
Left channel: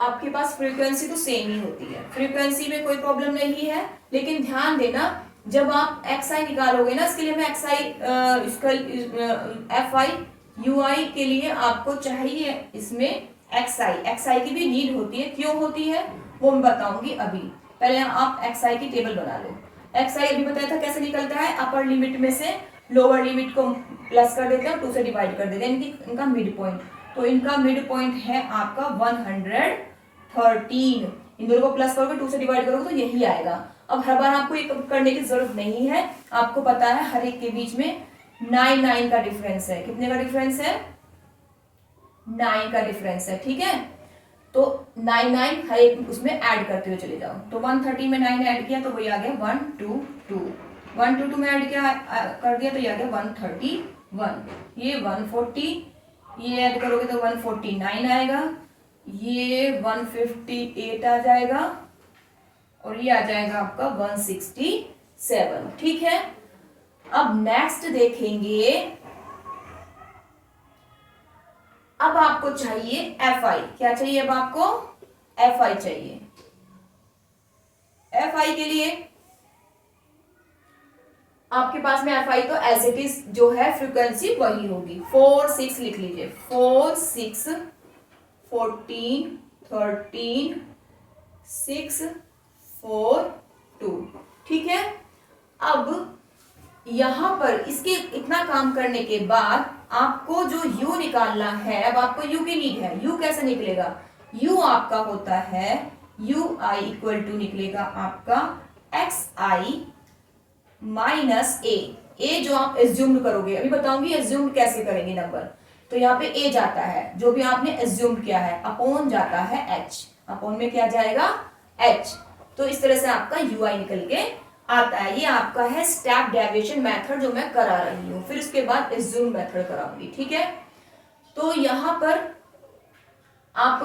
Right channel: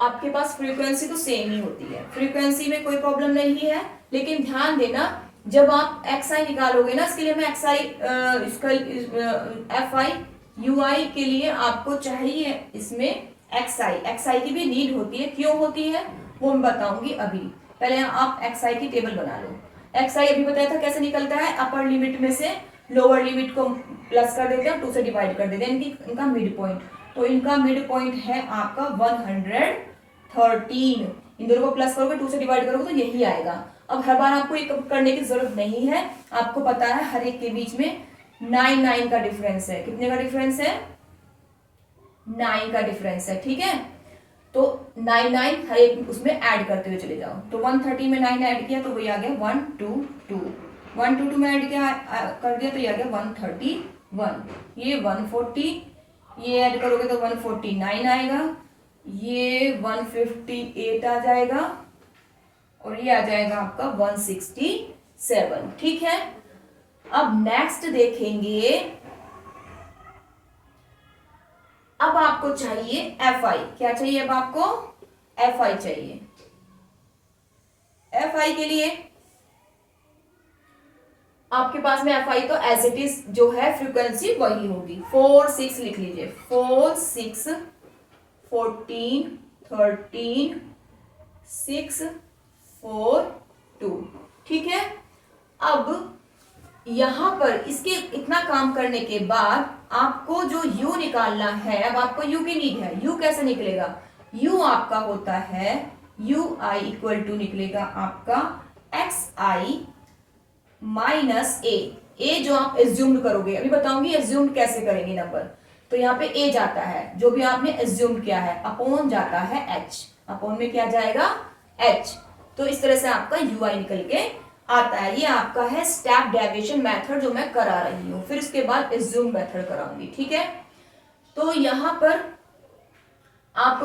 आपके पास फ्रीक्वेंसी तो सेम ही होती है, फ्रीक्वेंसी में कोई प्रॉब्लम नहीं है, लेकिन ध्यान देना जब आप xi निकालोगे ना, इसके लिए मैं xi इसका fi ui के लिए आपको चाहिए इसमें xi की भी नीड होती है। क्यों होती है वो मैं बताऊंगी अभी, पहले आप xi की टेबल बना लो। xi अभी बताया था कैसे निकलता है, अपर लिमिट में से लोअर लिमिट को प्लस कर देते हैं, 2 से डिवाइड कर देते हैं इनका मिड पॉइंट। तो इनका मिड पॉइंट है आपका 113। इन दोनों को प्लस करोगे 2 से डिवाइड करोगे तो यही आएगा। अब हर बार आपको ये करने की जरूरत नहीं है, आपको पता है हर एक के बीच में 9 का डिफरेंस है। कितने का डिफरेंस है? 9 का डिफरेंस है। ठीक है, तो 9 हर एक उसमें ऐड करते हुए चले जाओ। तो 130 में 9 ऐड किया तो वही आ गया 122, 122 में ऐड किया कर दिया तो ये आ गया 131, ये 140, ये ऐड करोगे तो 149 आएगा, ये 158 आ जाएगा और ये आ जाएगा आपका 167। ठीक है, अब नेक्स्ट देखेंगे। अब आपको चाहिए fi। क्या चाहिए? अब आपको fi चाहिए। fi के लिए आपके पास में fi तो एज इट इज जो है फ्रीक्वेंसी वही होगी। 4 6 लिख लीजिए, 4 6 14 13 6 4 2। ठीक है, अब यहां पर इसके इतना काम करने के बाद आपको जो u निकालना है, अब आपको u की नीड है। u कैसे निकलेगा? u आपका होता है ui इक्वल टू निकलेगा आपका xi माइनस a जो आप एज्यूम करोगे, अभी बताऊंगी एज्यूम कैसे करेंगे नंबर। तो यहाँ पे a जाता है, जो भी आपने एज्यूम किया है, अपॉन जाता है h, अपॉन में क्या जाएगा? h। तो इस तरह से आपका ui निकल के आता है। ये आपका है स्टेप डेविएशन मेथड जो मैं करा रही हूँ, फिर उसके बाद एज्यूम मेथड कराऊंगी। ठीक है, तो यहाँ पर आप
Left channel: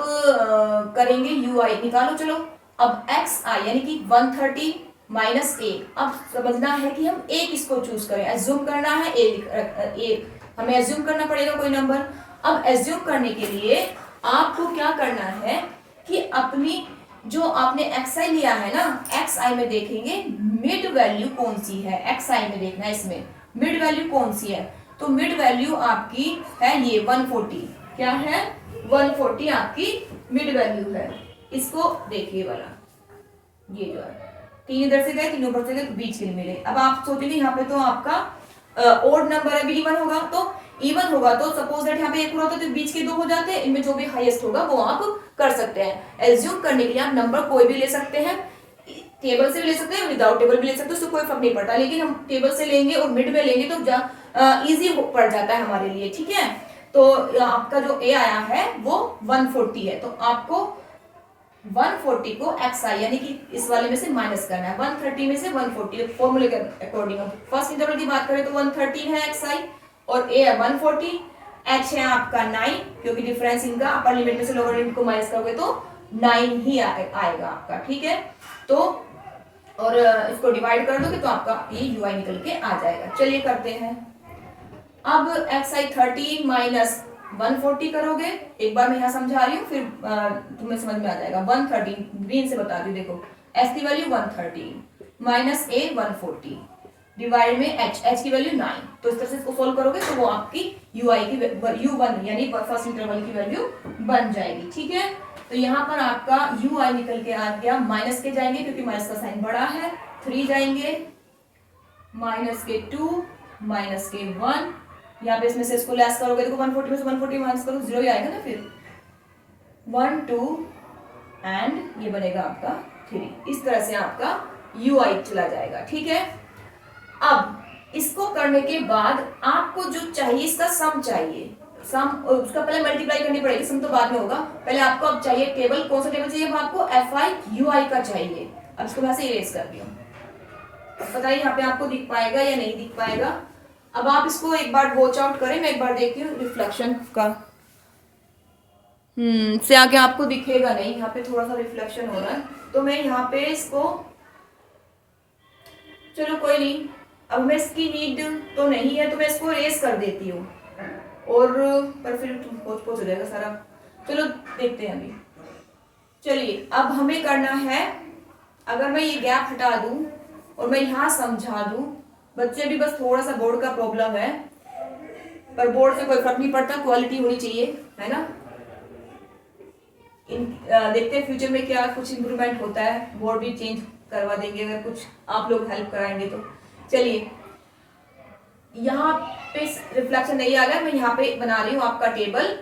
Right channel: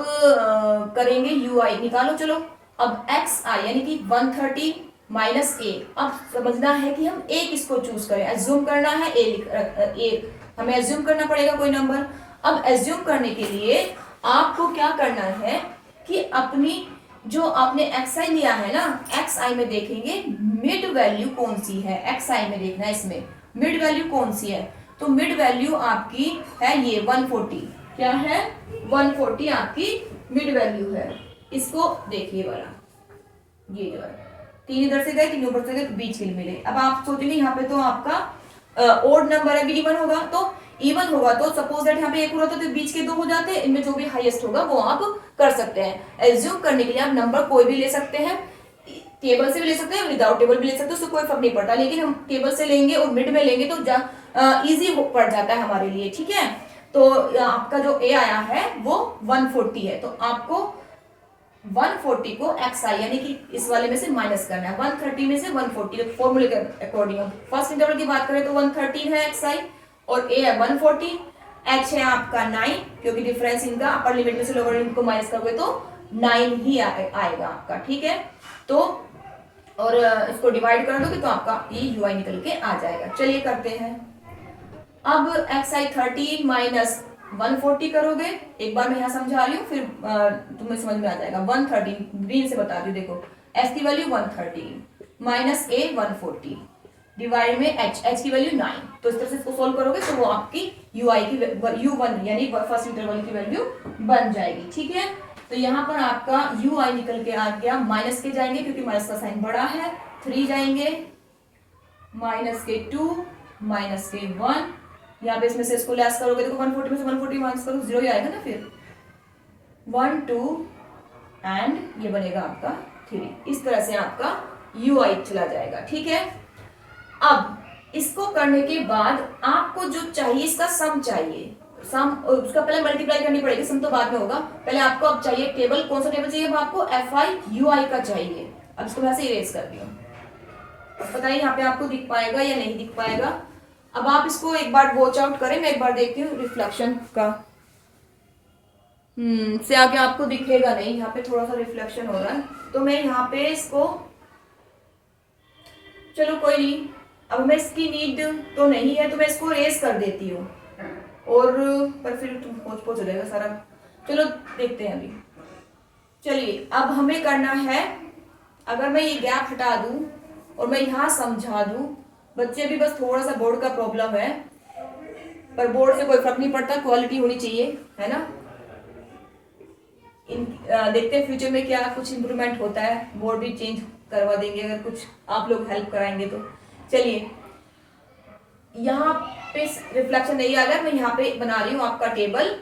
करेंगे यू आई निकालो। चलो अब एक्स आई यानी कि 130 माइनस एक। अब समझना है कि हम एक इसको चूज करें, एज्यूम करना है एक हमें एज्यूम करना पड़ेगा कोई नंबर। अब एज्यूम करने के लिए आपको क्या करना है कि अपनी जो आपने एक्स आई लिया है ना, एक्स आई में देखेंगे मिड वैल्यू कौन सी है। एक्स आई में देखना है इसमें मिड वैल्यू कौन सी है। तो मिड वैल्यू आपकी है ये 140। क्या है? 140 आपकी मिड वैल्यू है। इसको देखिए वाला, ये जो है तीन इधर से गए, तीन ऊपर से गए, बीच के लिए मिले। अब आप सोचेंगे यहाँ पे तो आपका ओड नंबर है, इवन होगा। तो इवन होगा तो सपोज दैट यहाँ पे एक होता तो बीच के दो हो जाते हैं। इनमें जो भी हाईएस्ट होगा वो आप कर सकते हैं। एज्यूम करने के लिए आप नंबर कोई भी ले सकते हैं, टेबल से भी ले सकते हैं, विदाउट टेबल भी ले सकते हैं, उससे कोई फर्क नहीं पड़ता। लेकिन हम टेबल से लेंगे और मिड में लेंगे तो इजी पड़ जाता है हमारे लिए। ठीक है, तो आपका जो ए आया है वो 140 है। तो आपको 140 को एक्स आई यानी कि इस वाले में से माइनस करना है। 130 में से 140 फॉर्मूले के अकॉर्डिंग। फर्स्ट इंटरवल की बात करें तो 130 है एक्स आई और ए है 140। एच है आपका 9 क्योंकि डिफरेंस इनका अपर लिमिट में से लोअर लिमिट को माइनस करोगे तो 9 ही आएगा आपका। ठीक है, तो और इसको डिवाइड कर दोगे तो आपका ये यू आई निकल के आ जाएगा। चलिए करते हैं। अब एक्स आई 30 माइनस 140 करोगे। एक बार मैं यहाँ समझा रही हूँ, फिर तुम्हें समझ में आ जाएगा। 130 ग्रीन से बता दी, देखो एस की वैल्यू 130 माइनस ए 140 डिवाइड में एच की वैल्यू 9। तो इस तरह से इसको सोल्व करोगे तो वो आपकी यू आई की U1 यानी फर्स्ट इंटरवल की वैल्यू बन जाएगी। ठीक है, तो यहाँ पर आपका यू आई निकल के आ गया। माइनस के जाएंगे क्योंकि माइनस का साइन बड़ा है, 3 जाएंगे, माइनस के 2 माइनस के 1। यहाँ पे इसमें से इसको लेस करोगे देखो 140 में से 140 माइनस करो 0 ही आएगा ना। फिर 1 2 एंड ये बनेगा आपका 3। इस तरह से आपका यू आई चला जाएगा। ठीक है, अब इसको करने के बाद आपको जो चाहिए इसका सम चाहिए। सम उसका पहले मल्टीप्लाई करनी पड़ेगी, सम तो बाद में होगा। पहले आपको अब चाहिए टेबल, कौन सा टेबल चाहिए? अब आपको एफ आई यू आई का चाहिए। अब इसको मैं ऐसे इरेज कर दिया, पता नहीं यहाँ पे आपको दिख पाएगा या नहीं दिख पाएगा। अब आप इसको एक बार वॉच आउट करें, मैं एक बार देखती हूँ रिफ्लेक्शन का। से आगे आपको दिखेगा नहीं, यहाँ पे थोड़ा सा रिफ्लेक्शन हो रहा है। तो मैं यहाँ पे इसको, चलो कोई नहीं, अब मैं इसकी नीड तो नहीं है तो मैं इसको रेस कर देती हूँ और पर फिर पोच हो जाएगा सारा। चलो देखते हैं अभी। चलिए अब हमें करना है, अगर मैं ये गैप हटा दूं और मैं यहाँ समझा दूं, बच्चे भी बस थोड़ा सा बोर्ड का प्रॉब्लम है, पर बोर्ड से कोई फर्क नहीं पड़ता, क्वालिटी होनी चाहिए, है ना। देखते हैं फ्यूचर में क्या कुछ इंप्रूवमेंट होता है, बोर्ड भी चेंज करवा देंगे अगर कुछ आप लोग हेल्प कराएंगे तो। चलिए यहाँ पे रिफ्लेक्शन नहीं आ गया, मैं यहाँ पे बना रही हूँ आपका टेबल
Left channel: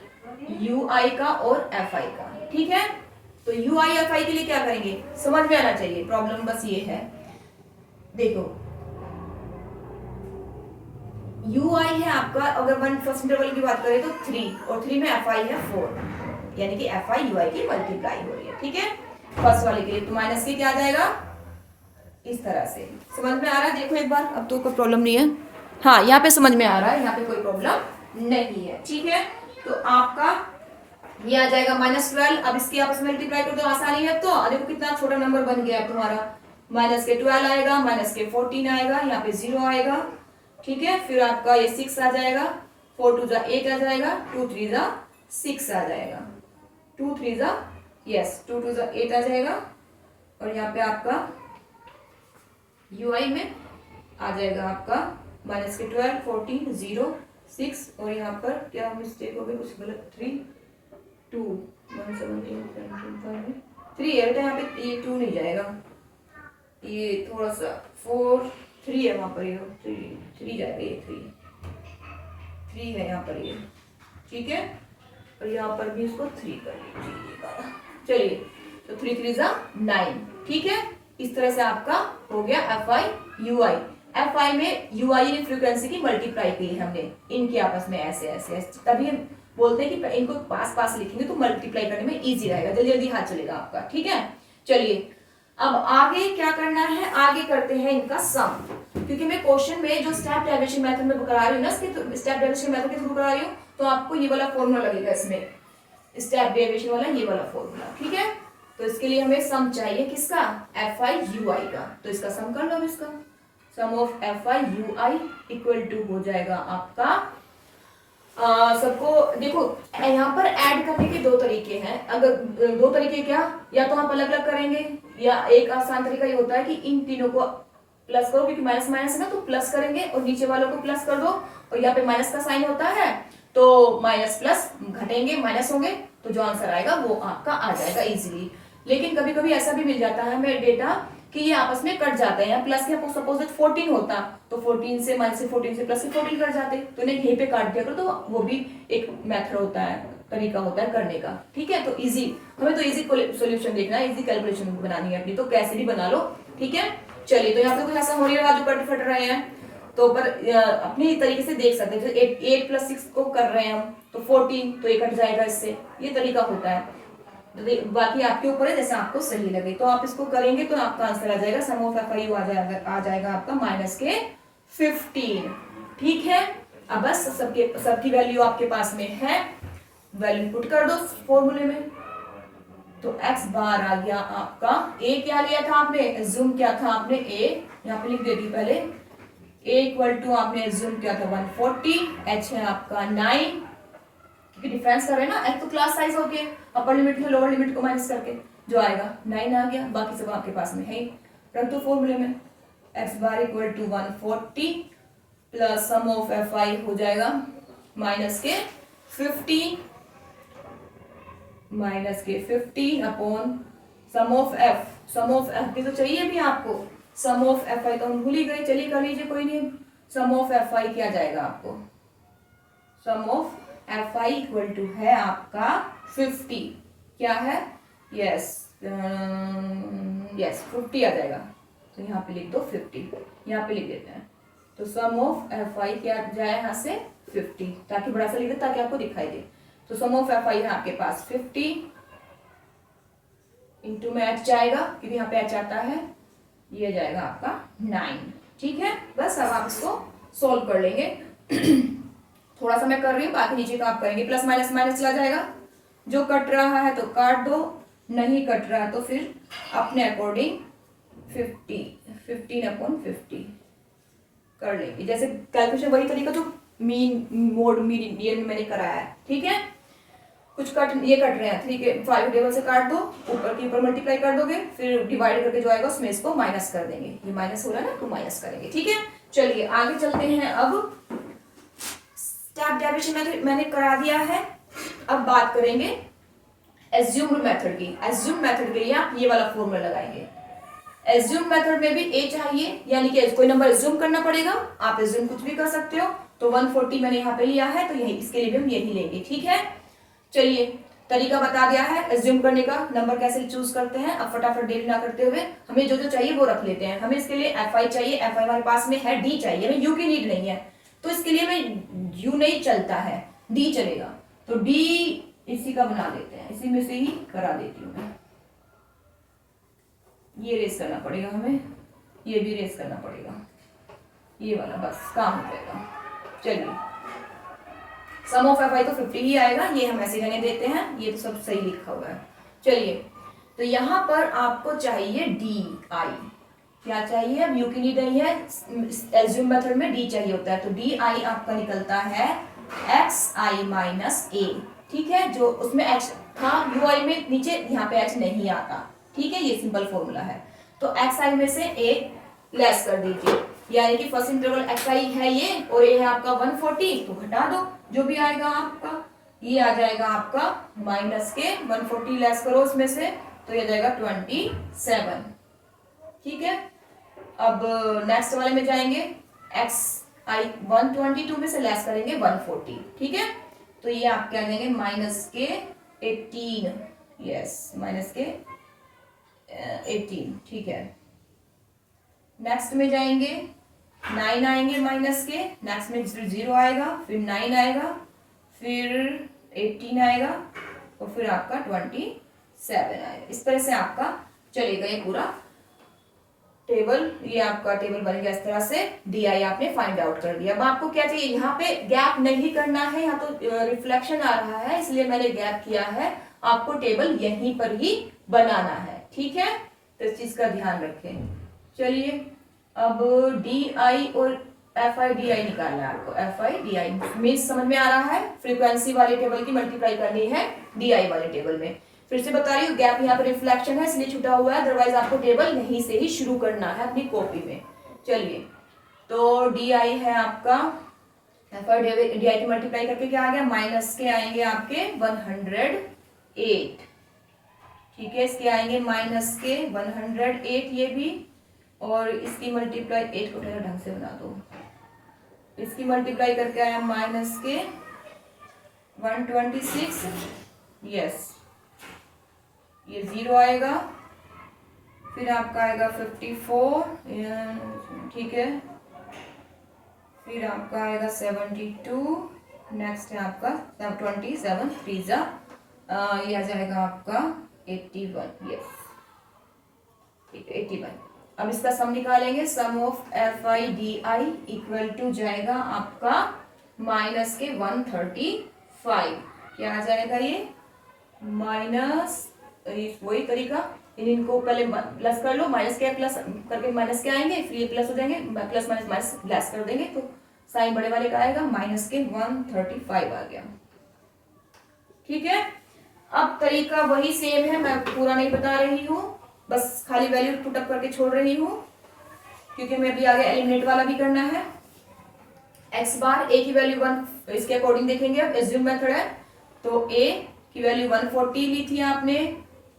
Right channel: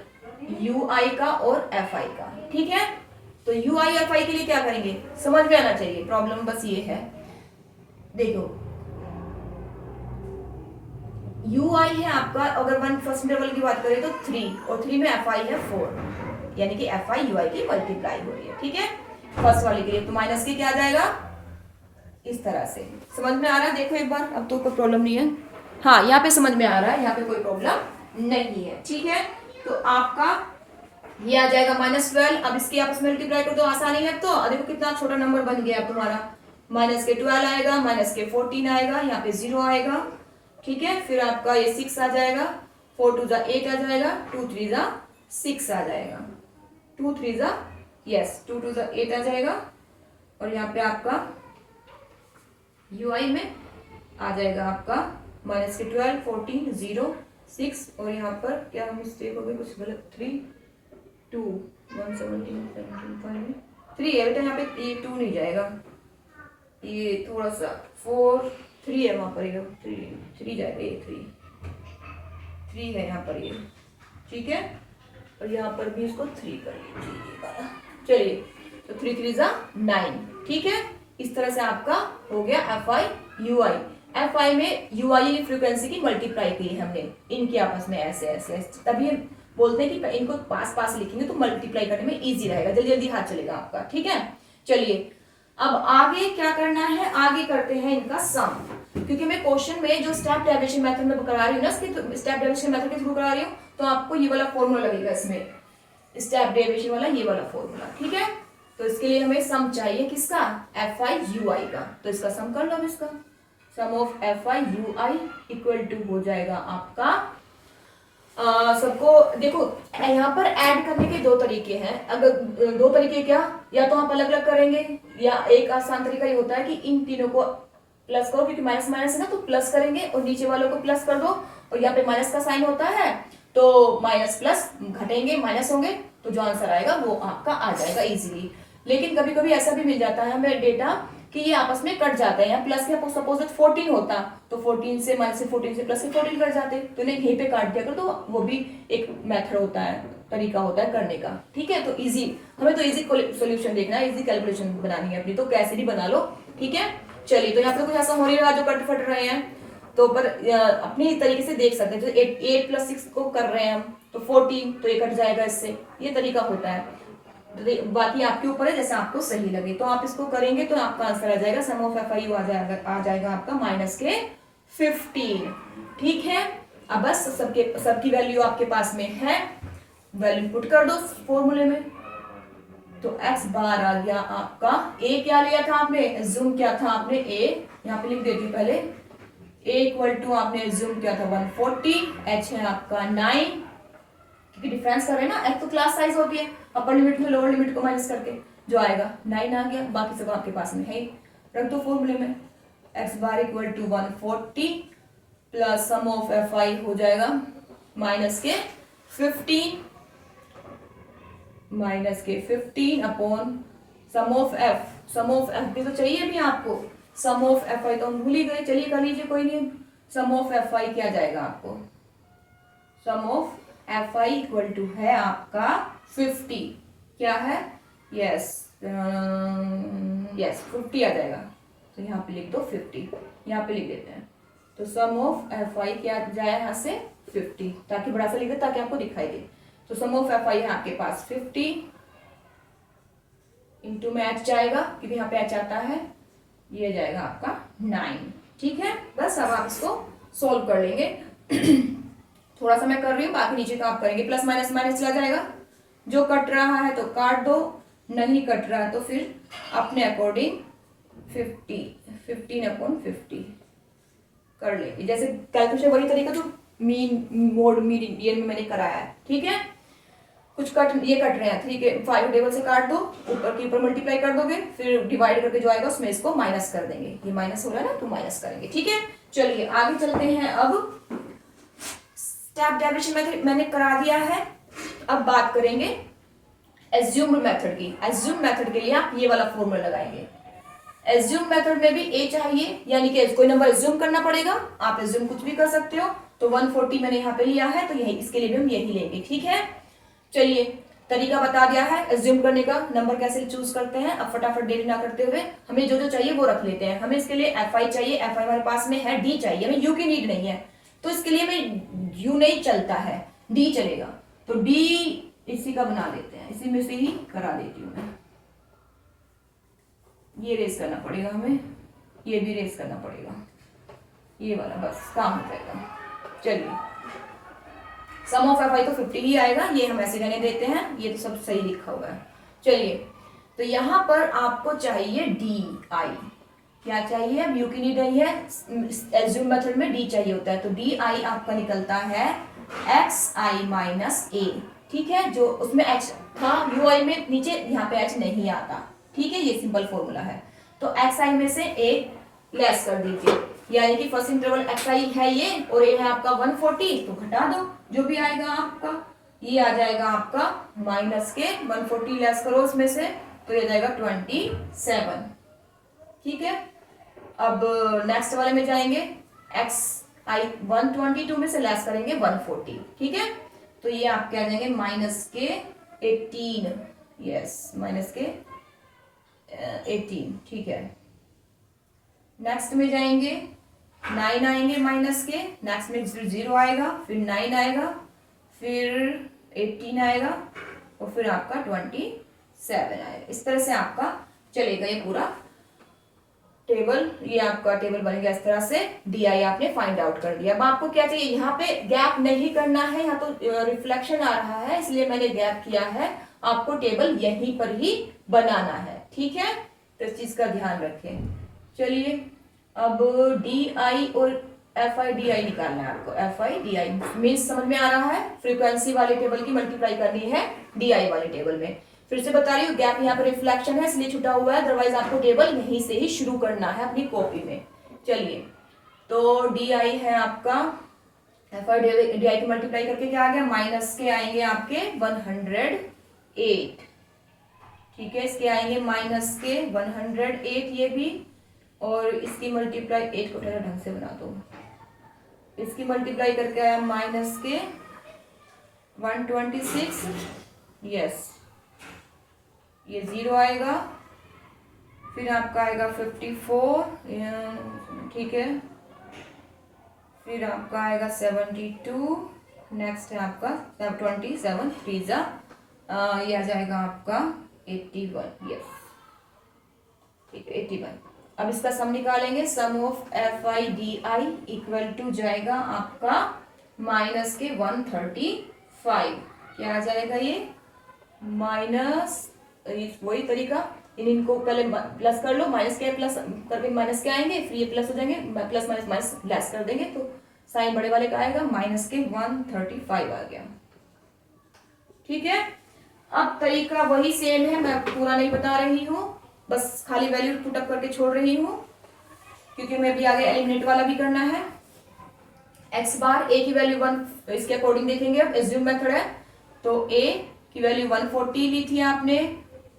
यू आई का और एफ आई का। ठीक है, तो यू आई एफ आई के लिए क्या करेंगे समझ में आना चाहिए। प्रॉब्लम बस ये है, देखो यू आई है आपका, अगर वन फर्स्ट इंटरवल की बात करें तो 3 और 3 में एफ आई है 4, यानी कि एफ आई यू आई की मल्टीप्लाई हो रही है। ठीक है, फर्स्ट वाले के लिए तो माइनस के क्या आ जाएगा, इस तरह से। समझ में आ रहा है? देखो एक बार, अब तो कोई प्रॉब्लम नहीं है। हाँ यहाँ पे समझ में आ रहा है, यहाँ पे कोई प्रॉब्लम नहीं है। ठीक है, तो आपका ये आ जाएगा -12। अब इसकी आपस में मल्टीप्लाई कर दो, आसानी है। तो देखो कितना छोटा नंबर बन गया तुम्हारा, माइनस के 12 आएगा, माइनस के 14 आएगा, यहाँ पे 0 आएगा। ठीक है, फिर आपका ये 6 आ जाएगा, 4 2 जा 8 आ जाएगा, 2 3 जा 6 आ जाएगा, 2 3 जा 2 2 जा 8 आ जाएगा। और यहाँ पे आपका यू आई में आ जाएगा आपका माइनस के 12 14 0 6। और यहाँ पर क्या मिस्टेक हो गई, कुछ गलत, 3 2 1 17 17 3 है बेटा, यहाँ पे ये 2 नहीं जाएगा, ये थोड़ा सा 4 3 है वहाँ पर, ये 3 जाएगा, ये 3 है यहाँ पर ये। ठीक है, और यहाँ पर भी इसको 3 करिए। चलिए तो 3 3 जा 9। ठीक है, इस तरह से आपका हो गया F I U I. F I में यू आई फ्रीक्वेंसी की मल्टीप्लाई की हमने इनके आपस में ऐसे ऐसे, तभी हम बोलते हैं कि इनको पास पास लिखेंगे तो मल्टीप्लाई करने में इजी रहेगा, जल्दी जल्दी हाथ चलेगा आपका। ठीक है, चलिए अब आगे क्या करना है, आगे करते हैं इनका सम। क्योंकि मैं क्वेश्चन में जो स्टेप डेरिवेशन मेथड में करा रही हूँ ना, स्टेप डेरिवेशन मेथड के थ्रू करा रही हूँ, तो आपको ये वाला फॉर्मूला लगेगा इसमें, स्टेप डेरिवेशन वाला ये वाला फॉर्मूला, ठीक है। तो इसके लिए हमें सम चाहिए किसका, एफ आई यू आई का। तो इसका सम कर लो, इसका sum of F I U I equal to हो जाएगा आपका सबको देखो यहाँ पर ऐड करने के दो तरीके हैं। अगर दो तरीके क्या, या तो आप अलग अलग करेंगे, या एक आसान तरीका ये होता है कि इन तीनों को प्लस करो, क्योंकि माइनस माइनस है ना, तो प्लस करेंगे और नीचे वालों को प्लस कर दो, और यहाँ पे माइनस का साइन होता है तो माइनस प्लस घटेंगे, माइनस होंगे, तो जो आंसर आएगा वो आपका आ जाएगा इजीली। लेकिन कभी कभी ऐसा भी मिल जाता है हमें डेटा कि ये आपस में कट जाते हैं, प्लस के सपोज 14 होता तो 14 से माइनस से 14 से प्लस से 14 कट जाते, तो इन्हें यहीं पे काट दिया करो, तो वो भी एक मेथड होता है, तरीका होता है करने का, ठीक है। तो इजी, हमें तो इजी सोल्यूशन देखना है, इजी कैलकुलेशन बनानी है अपनी, तो कैसे भी बना लो, ठीक है। चलिए, तो यहाँ पे कुछ ऐसा हो नहीं रहा जो कट फट रहे हैं, तो पर अपनी तरीके से देख सकते हैं, जैसे 8 + 6 को कर रहे हैं हम, तो 14, तो ये कट जाएगा इससे, ये तरीका होता है। बाकी आपके ऊपर है, जैसे आपको सही लगे। तो आप इसको करेंगे तो आपका आंसर आ जाएगा, सम ऑफ एफ आई यू आ जाएगा आपका -15, ठीक है। अब बस सबकी वैल्यू आपके पास में है, वैल्यू पुट कर दो फॉर्मूले में। तो x बार आ गया आपका, a क्या लिया था आपने, एज्यूम क्या था आपने, a यहाँ पे लिख देती पहले, a इक्वल टू आपने एज्यूम किया था 140, h है आपका 9, क्योंकि डिफरेंस कर रहे हैं ना, x तो क्लास साइज होती है, अपर लिमिट में लोअर लिमिट को माइनस करके जो आएगा 9 आ गया, बाकी सब आपके पास में है, रख दो फॉर्मूले में। x bar equal to 140 plus sum of F I हो जाएगा -15 अपॉन सम ऑफ एफ भी तो चाहिए भी आपको, सम ऑफ एफ आई तो हम भूल ही गए, चलिए कर लीजिए, कोई नहीं। सम ऑफ एफ आई क्या जाएगा आपको, sum of F I equal to है आपका 50, क्या है, यस 50 आ जाएगा, तो यहाँ पे लिख दो 50, यहाँ पे लिख देते हैं। तो सम ऑफ एफ आई क्या जाए यहाँ से 50, ताकि बड़ा सा लिख दे ताकि आपको दिखाई दे। तो सम ऑफ एफ आई है आपके पास 50 इंटू में एच जाएगा, क्योंकि यहाँ पे एच आता है, ये जाएगा आपका 9, ठीक है। बस अब आप इसको सोल्व कर लेंगे। थोड़ा सा मैं कर रही हूँ, बाकी नीचे का आप करेंगे, प्लस माइनस माइनस चला जाएगा, जो कट रहा है तो काट दो, नहीं कट रहा है तो फिर अपने अकॉर्डिंग 15/50 कर लेंगे। जैसे कैलकुलेशन वही तरीका जो मीन मोड मीडियन में मैंने कराया है, ठीक है। कुछ कट ये कट रहे हैं 3 के 5 टेबल से काट दो, ऊपर के ऊपर मल्टीप्लाई कर दोगे, फिर डिवाइड करके जो आएगा उसमें इसको माइनस कर देंगे, ये माइनस हो रहा है ना तो माइनस करेंगे, ठीक है। चलिए आगे चलते हैं। अब स्टेप डेरिवेशन मैंने करा दिया है, अब बात करेंगे एज्यूम्ड मेथड की। एज्यूम्ड मेथड के लिए आप ये वाला फॉर्मूला लगाएंगे। एज्यूम मेथड में भी a चाहिए, यानी कि कोई नंबर एज्यूम करना पड़ेगा, आप एज्यूम कुछ भी कर सकते हो। तो 140 मैंने यहाँ पे लिया है, तो यही इसके लिए भी हम यही लेंगे, ठीक है। चलिए तरीका बता दिया है एज्यूम करने का, नंबर कैसे चूज करते हैं। अब फटाफट देरी ना करते हुए हमें जो जो चाहिए वो रख लेते हैं। हमें इसके लिए एफ आई चाहिए, एफ आई हमारे पास में है, डी चाहिए, हमें यू की नीड नहीं है, तो इसके लिए हमें यू नहीं चलता है, डी चलेगा। तो डी इसी का बना देते हैं, इसी में से ही करा देती हूँ मैं। ये रेस करना पड़ेगा हमें, ये भी रेस करना पड़ेगा, ये वाला बस काम हो जाएगा। चलिए सम ऑफ एफ आई तो 50 ही आएगा, ये हम ऐसे रहने देते हैं, ये तो सब सही लिखा हुआ है। चलिए तो यहाँ पर आपको चाहिए डी आई, क्या चाहिए, अब यू की नीड नहीं है, एज्यूम मेथड में डी चाहिए होता है, तो डी आई आपका निकलता है एक्स आई माइनस ए, ठीक है। जो उसमें एच था यू आई में नीचे, यहाँ पे एच नहीं आता, ठीक है, ये सिंपल फॉर्मूला है। तो एक्स आई में से ए लेस कर दीजिए, यानी कि फर्स्ट इंटरवल एक्स आई है ये, और ये है आपका 140, तो घटा दो, जो भी आएगा आपका ये आ जाएगा आपका माइनस के 140 लेस करो उसमें से, तो ये जाएगा 27, ठीक है। अब नेक्स्ट वाले में जाएंगे, एक्स आई 122 में से लेस करेंगे 140, ठीक है। तो ये आपके आ जाएंगे माइनस के 18, यस माइनस के 18, ठीक है। नेक्स्ट में जाएंगे 9 आएंगे माइनस के, नेक्स्ट में फिर 0 आएगा, फिर 9 आएगा, फिर 18 आएगा, और फिर आपका 27 आएगा। इस तरह से आपका चलेगा ये पूरा टेबल, ये आपका टेबल बन गया इस तरह से। डी आई आपने फाइंड आउट कर दिया। अब आपको क्या चाहिए, यहाँ पे गैप नहीं करना है, यहाँ तो रिफ्लेक्शन आ रहा है इसलिए मैंने गैप किया है। आपको टेबल यहीं पर ही बनाना है, ठीक है, तो इस चीज का ध्यान रखें। चलिए अब डी आई और एफ आई डी आई निकालना है आपको। F I D I means समझ में आ रहा है, फ्रीक्वेंसी वाले टेबल की मल्टीप्लाई करनी है डी आई वाले टेबल में। फिर से बता रही हूँ, गैप यहाँ पर रिफ्लेक्शन है इसलिए छुटा हुआ है, अदरवाइज आपको टेबल यहीं से ही शुरू करना है अपनी कॉपी में। चलिए तो डी आई है आपका, एफ आई डी आई की मल्टीप्लाई करके क्या आ गया, माइनस के आएंगे आपके 108, ठीक है, इसके आएंगे माइनस के 108 ये भी, और इसकी मल्टीप्लाई 8 को थोड़ा ढंग से बना दो, इसकी मल्टीप्लाई करके आया माइनस के 126, यस ये 0 आएगा, फिर आपका आएगा 54, ठीक है, फिर आपका आएगा 72, नेक्स्ट है आपका 27, 3 ये आ जाएगा आपका 81, यस ठीक है 81। अब इसका सम निकालेंगे, sum of F I D I equal to जाएगा आपका माइनस के 135, क्या आ जाएगा ये माइनस, वही तरीका, इनको पहले प्लस कर लो, माइनस के प्लस करके माइनस के आएंगे, फिर ये प्लस हो जाएंगे, प्लस माइनस माइनस लेस कर देंगे तो साइन बड़े वाले का आएगा, माइनस के 135 आ गया, ठीक है। अब तरीका वही सेम है, मैं पूरा नहीं बता रही हूँ, बस खाली वैल्यू पुट अप करके छोड़ रही हूँ, क्योंकि मैं अभी आगे एलिमिनेट वाला भी करना है। एक्स बार ए की वैल्यू 1, इसके अकॉर्डिंग देखेंगे, अब एज्यूम मेथड है, तो ए की वैल्यू 140 ली थी आपने,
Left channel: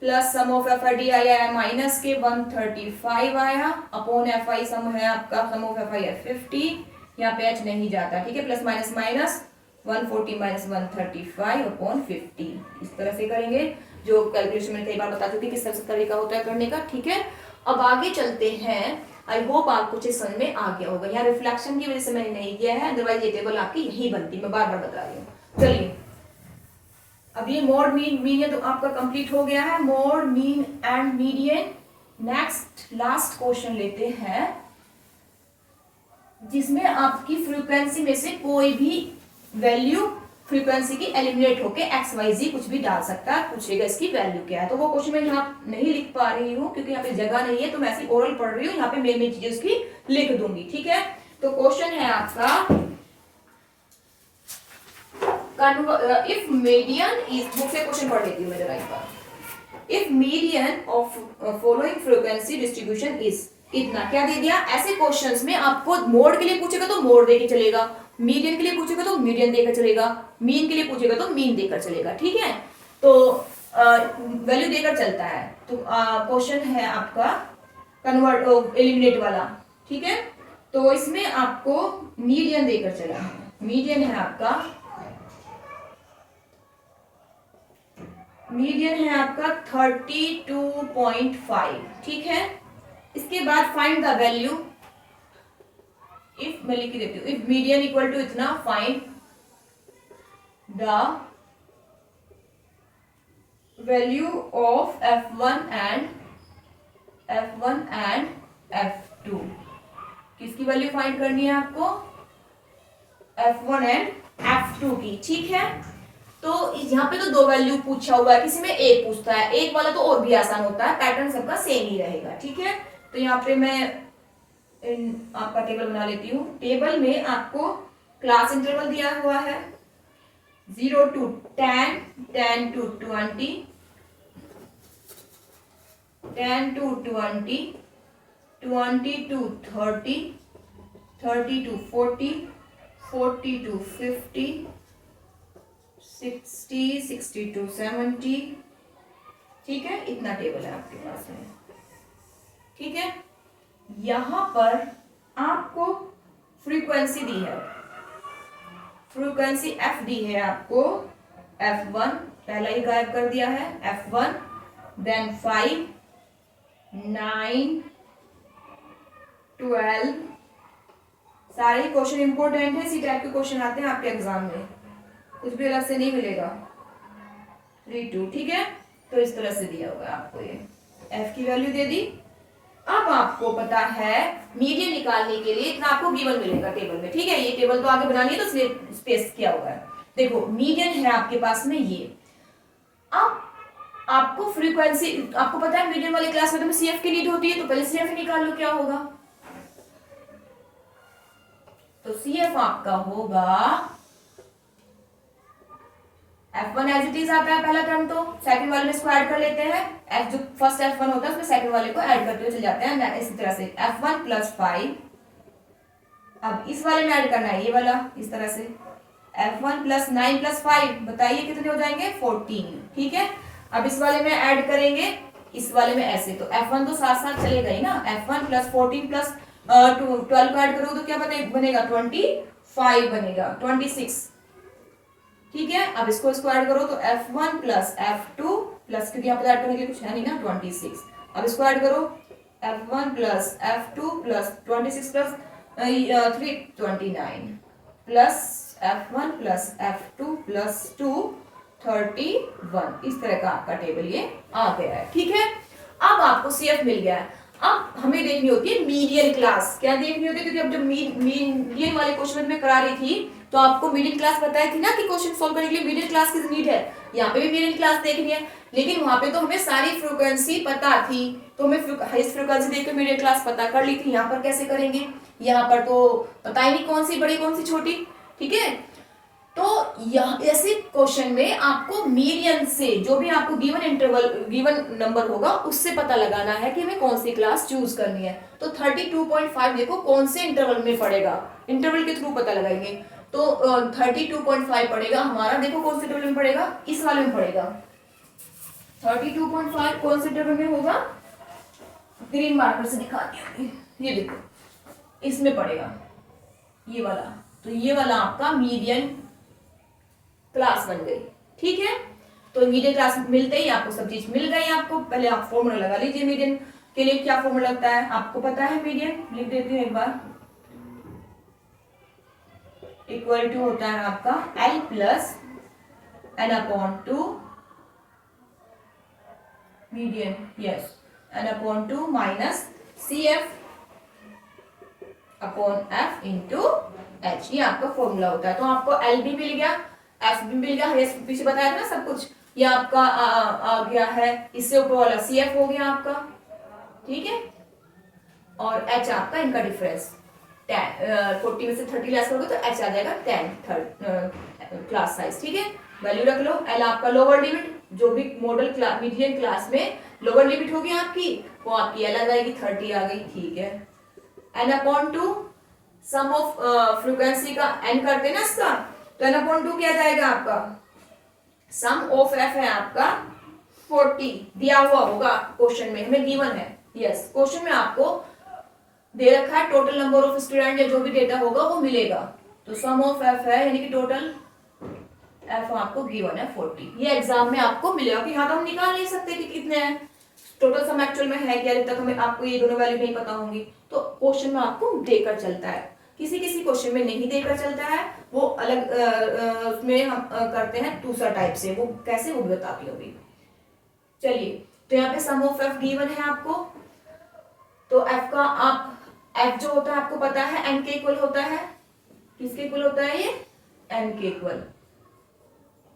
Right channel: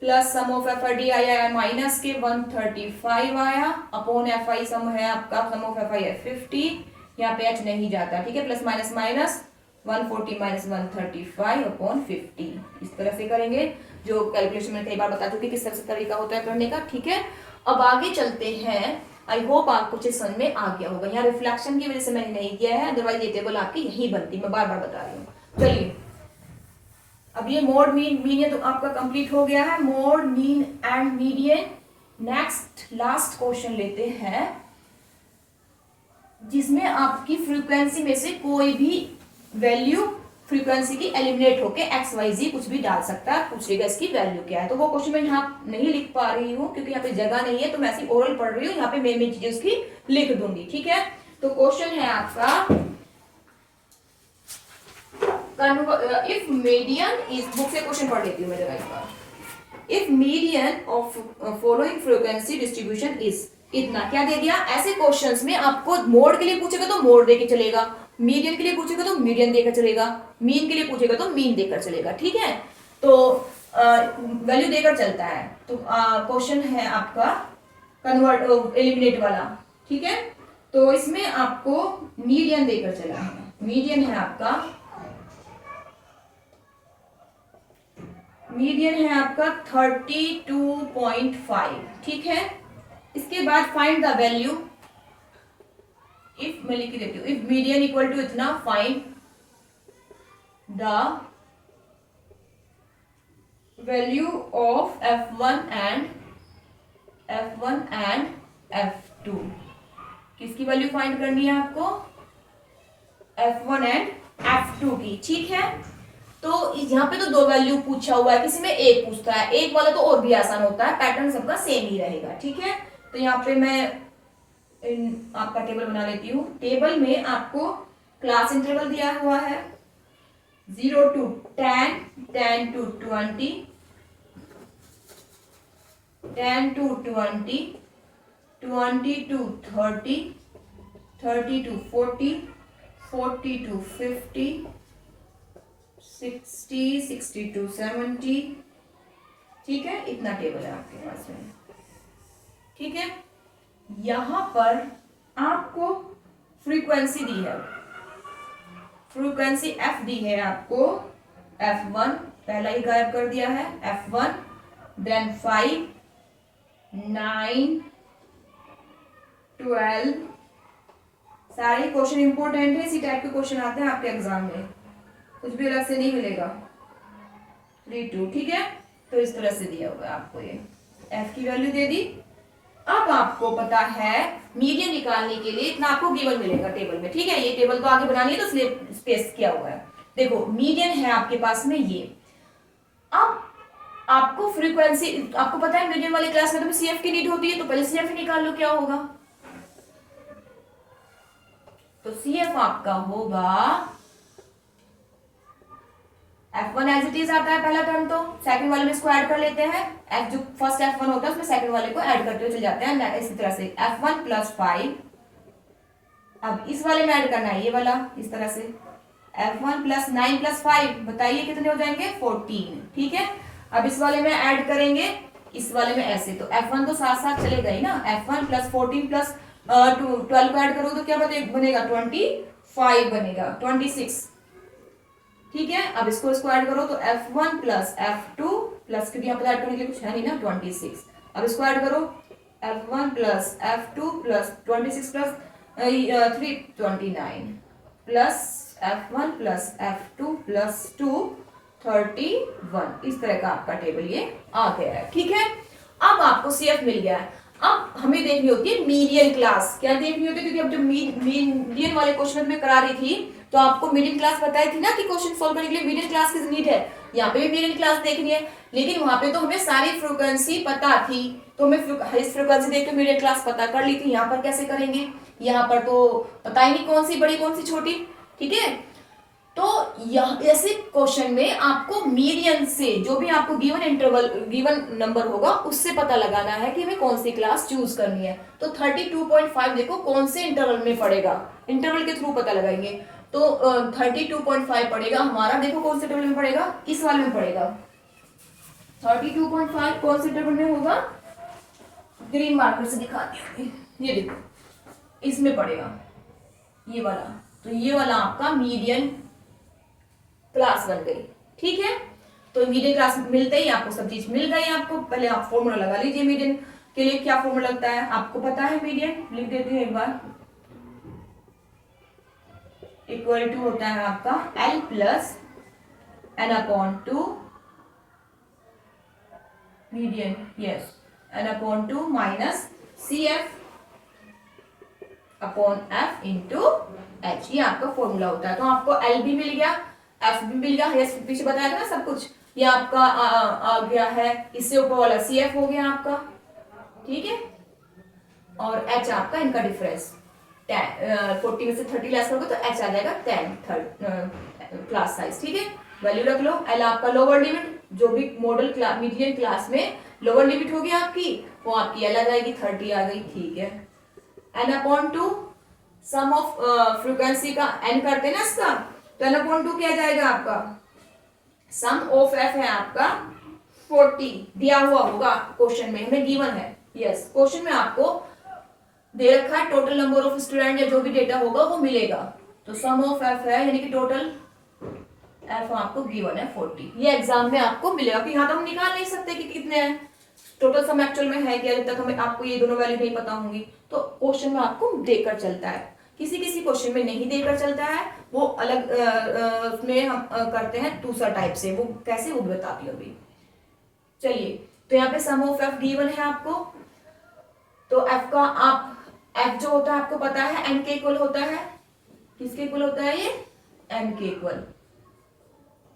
plus sum of F I D I आया माइनस के 135 आया, अपॉन एफ आई सम है आपका, सम ऑफ एफ आई है 50, यहाँ पे एच नहीं जाता, ठीक है, plus minus minus 140 minus 135 upon 50, इस तरह से करेंगे, जो कैलकुलेशन में कई बार बता चुकी किस तरह से तरीका होता है करने का, ठीक है। अब आगे चलते हैं, आई होप आपको चीज समझ में आ गया होगा। यहाँ रिफ्लेक्शन की वजह से मैंने नहीं किया है, अदरवाइज ये टेबल आपकी यही बनती, मैं बार बार बता रही हूँ। चलिए अब ये मोड मीन मीडियन तो आपका कंप्लीट हो गया है, mode mean and median. Next last question लेते हैं, जिसमें आपकी फ्रीक्वेंसी में से कोई भी वैल्यू फ्रीक्वेंसी की एलिमिनेट होके एक्स वाई जी कुछ भी डाल सकता है, पूछेगा इसकी वैल्यू क्या है। तो वो क्वेश्चन मैं यहाँ नहीं लिख पा रही हूँ क्योंकि यहाँ पे जगह नहीं है, तो मैं ऐसी ओरल पढ़ रही हूँ, यहाँ पे मेन मेन चीजें उसकी लिख दूंगी, ठीक है। तो क्वेश्चन है आपका, इफ मीडियन इज, बुक से क्वेश्चन पढ़ लेती हूँ मैं जरा एक बार। If median of following frequency distribution is, इतना क्या दे दिया। ऐसे क्वेश्चंस में आपको मोड के लिए पूछेगा तो मोड देके चलेगा, मीडियन के लिए पूछेगा तो मीडियन देकर चलेगा, मीन के लिए पूछेगा तो मीन देकर चलेगा, ठीक है। तो वैल्यू देकर चलता है। तो क्वेश्चन है आपका कन्वर्ट एलिमिनेट वाला, ठीक है। तो इसमें आपको मीडियन देकर चला है, मीडियन है आपका, मीडियन है आपका 32.5, ठीक है। इसके बाद फाइंड द वैल्यू, इफ मैं लिख देती हूँ, इफ मीडियन इक्वल टू इतना, find the value of F1 and F2। किसकी वैल्यू फाइंड करनी है आपको, F1 एंड F2 की, ठीक है। तो यहाँ पे तो दो वैल्यू पूछा हुआ है, किसी में एक पूछता है, एक वाला तो और भी आसान होता है, पैटर्न सबका सेम ही रहेगा, ठीक है। तो यहाँ पे मैं आपका टेबल बना लेती हूँ। टेबल में आपको क्लास इंटरवल दिया हुआ है 0 to 10, 10 to 20, 10 to 20, 20 to 30, 30 to 40, 40 to 50, 60, 60 to 70, ठीक है। इतना टेबल है आपके पास में, ठीक है। यहां पर आपको फ्रीक्वेंसी दी है, फ्रीक्वेंसी एफ दी है आपको, F1 पहला ही गायब कर दिया है, F1, देन 5, 9, 12, सारे क्वेश्चन इंपॉर्टेंट है, इसी टाइप के क्वेश्चन आते हैं आपके एग्जाम में, कुछ भी अलग से नहीं मिलेगा, 3, 2, ठीक है। तो इस तरह से दिया हुआ है आपको, ये एफ की वैल्यू दे दी। अब आपको पता है मीडियन निकालने के लिए इतना आपको गिवन मिलेगा टेबल में, ठीक है। ये टेबल तो आगे बनानी है तो इसलिए स्पेस किया हुआ है। देखो मीडियन है आपके पास में ये। अब आपको फ्रीक्वेंसी, आपको पता है मीडियन वाले क्लास में तो सीएफ की नीड होती है, तो पहले सीएफ निकाल लो क्या होगा। तो सीएफ आपका होगा F1 एज इट इज आता है पहला टर्म, तो सेकंड वाले में इसको ऐड कर लेते हैं। F जो फर्स्ट F1 होता है उसमें सेकंड वाले को ऐड करते हुए चल जाते हैं इसी तरह से F1 प्लस 5। अब इस वाले में ऐड करना है ये वाला इस तरह से F1 प्लस 9 प्लस 5, बताइए कितने हो जाएंगे 14, ठीक है। अब इस वाले में ऐड करेंगे इस वाले में ऐसे, तो F1 तो साथ साथ चलेगा ही ना। F1 प्लस 14 प्लस 12 को ऐड करोगे तो क्या बनेगा 25 बनेगा 26, ठीक है। अब इसको ऐड करो तो F1 प्लस F2 प्लस क्योंकि यहाँ पर ऐड करने के लिए कुछ है नहीं ना 26। अब इसको ऐड करो F1 plus F2 plus 26 plus 3 29 plus F1 plus F2 plus 2 31। इस तरह का आपका टेबल ये आ गया है, ठीक है। अब आपको सीएफ मिल गया है। अब हमें देखनी होती है मीडियन क्लास। क्या देखनी होती है, क्योंकि अब जो मीडियन वाले क्वेश्चन में करा रही थी तो आपको मीडियन क्लास बताई थी ना कि क्वेश्चन सॉल्व करने के लिए मीडियन क्लास की नीड है। यहाँ पे भी मीडियन क्लास देखनी है, लेकिन वहां पे तो हमें सारी फ्रीक्वेंसी पता थी, तो हमें हाईएस्ट फ्रीक्वेंसी देख के मीडियन क्लास पता कर ली थी। यहाँ पर कैसे करेंगे, यहाँ पर तो पता ही नहीं कौन सी बड़ी कौन सी छोटी, ठीक है। तो ऐसे क्वेश्चन में आपको मीडियन से जो भी आपको गिवन नंबर होगा उससे पता लगाना है कि हमें कौन सी क्लास चूज करनी है। तो 32.5 देखो कौन से इंटरवल में पड़ेगा, इंटरवल के थ्रू पता लगाएंगे। तो 32.5 पड़ेगा हमारा, देखो कौन से इंटरवल में पड़ेगा, इस वाले में पड़ेगा। 32.5 कौन से इंटरवल में होगा, ग्रीन मार्कर से दिखाती हूँ, ये देखो इसमें पड़ेगा ये वाला। तो ये वाला आपका मीडियन क्लास बन गई, ठीक है। तो मीडियन क्लास मिलते ही आपको सब चीज मिल गई आपको। पहले आप फॉर्मूला लगा लीजिए मीडियन के लिए, क्या फॉर्मूला लगता है आपको पता है। मीडियन लिख देती हूँ एक बार, इक्वल टू होता है आपका L plus n upon 2 median, yes n upon 2 minus CF upon F into H, ये आपका फॉर्मूला होता है। तो आपको L भी मिल गया, F भी मिल गया, पीछे बताया था ना सब कुछ। ये आपका आ गया है, इससे ऊपर वाला CF हो गया आपका, ठीक है। और H आपका इनका डिफरेंस 40 में से 30 लेस करोगे तो H आ जाएगा 10 क्लास साइज, ठीक है। वैल्यू रख लो। L आपका लोअर लिमिट, जो भी मॉडल क्लास मीडियन क्लास में लोअर लिमिट होगी आपकी, वो आपकी L आ जाएगी 30 आ गई, ठीक है। n upon 2 sum of frequency का n करते ना इसका, तो n अपॉन 2 क्या जाएगा आपका, सम ऑफ f है आपका 40, दिया हुआ होगा क्वेश्चन में, हमें गिवन है, यस क्वेश्चन में आपको दे रखा है टोटल नंबर ऑफ स्टूडेंट या जो भी डेटा होगा वो मिलेगा। तो सम ऑफ f है यानी कि टोटल f आपको गिवन है 40। ये एग्जाम में आपको मिलेगा, कि यहाँ तो हम निकाल नहीं सकते कि कितने हैं टोटल सम एक्चुअल में है क्या, जब तक हमें आपको ये दोनों वैल्यू नहीं पता होंगी। तो क्वेश्चन में आपको देकर चलता है, किसी किसी क्वेश्चन में नहीं देकर चलता है, वो अलग उसमें हम करते हैं दूसरा टाइप से, वो कैसे वो बताती हूँ अभी। चलिए, तो यहाँ पे सम ऑफ f गिवन है आपको, तो f का आप f जो होता है आपको पता है n के इक्वल होता है, किसके इक्वल होता है ये, n के इक्वल।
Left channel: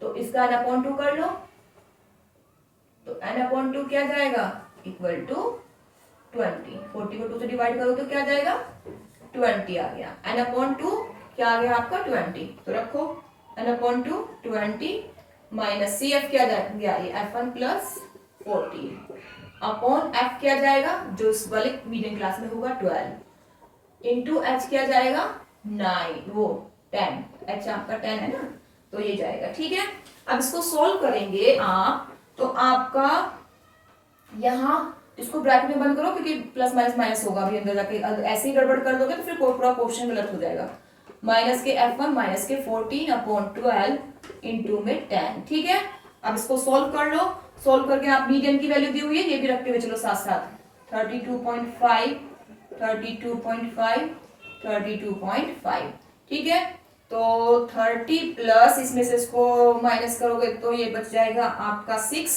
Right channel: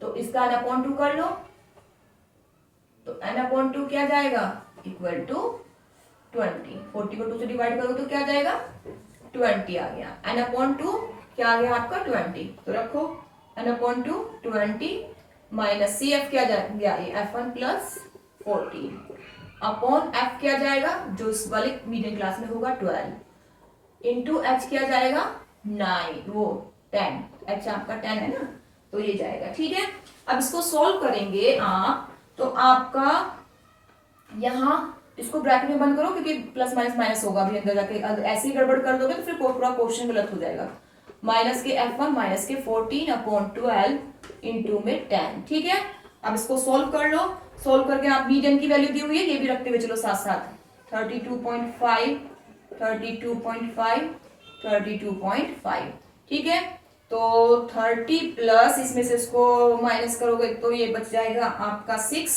तो इसका n अपॉन 2 कर लो, तो n अपॉन 2 क्या जाएगा, इक्वल टू 20। 40 को 2 से डिवाइड करो तो क्या जाएगा 20 आ गया। n अपॉन 2 क्या आ गया आपका 20, तो रखो n अपॉन 2 20 माइनस CF क्या गया, ये F1 प्लस 40 अपॉन F क्या जाएगा, जो इस वाले मीडियम क्लास में होगा 12 इंटू H क्या जाएगा 9, वो 10, H आपका 10 है ना, तो ये जाएगा, ठीक है। अब इसको सॉल्व करेंगे आप, तो आपका यहाँ इसको ब्रैकेट में बंद करो, क्योंकि प्लस माइनस माइनस होगा अभी अंदर जाके, ऐसे ही गड़बड़ कर दोगे तो फिर पूरा क्वेश्चन गलत हो जाएगा। माइनस के F1 माइनस के 14 अपॉन 12 इंटू में 10, ठीक है। अब इसको सॉल्व कर लो, सॉल्व करके आप मीडियन की वैल्यू दी हुई है ये भी रखते हुए चलो साथ साथ, 32.5 32.5 32.5, ठीक है। तो 30 प्लस इसमें से इसको माइनस करोगे तो ये बच जाएगा आपका 6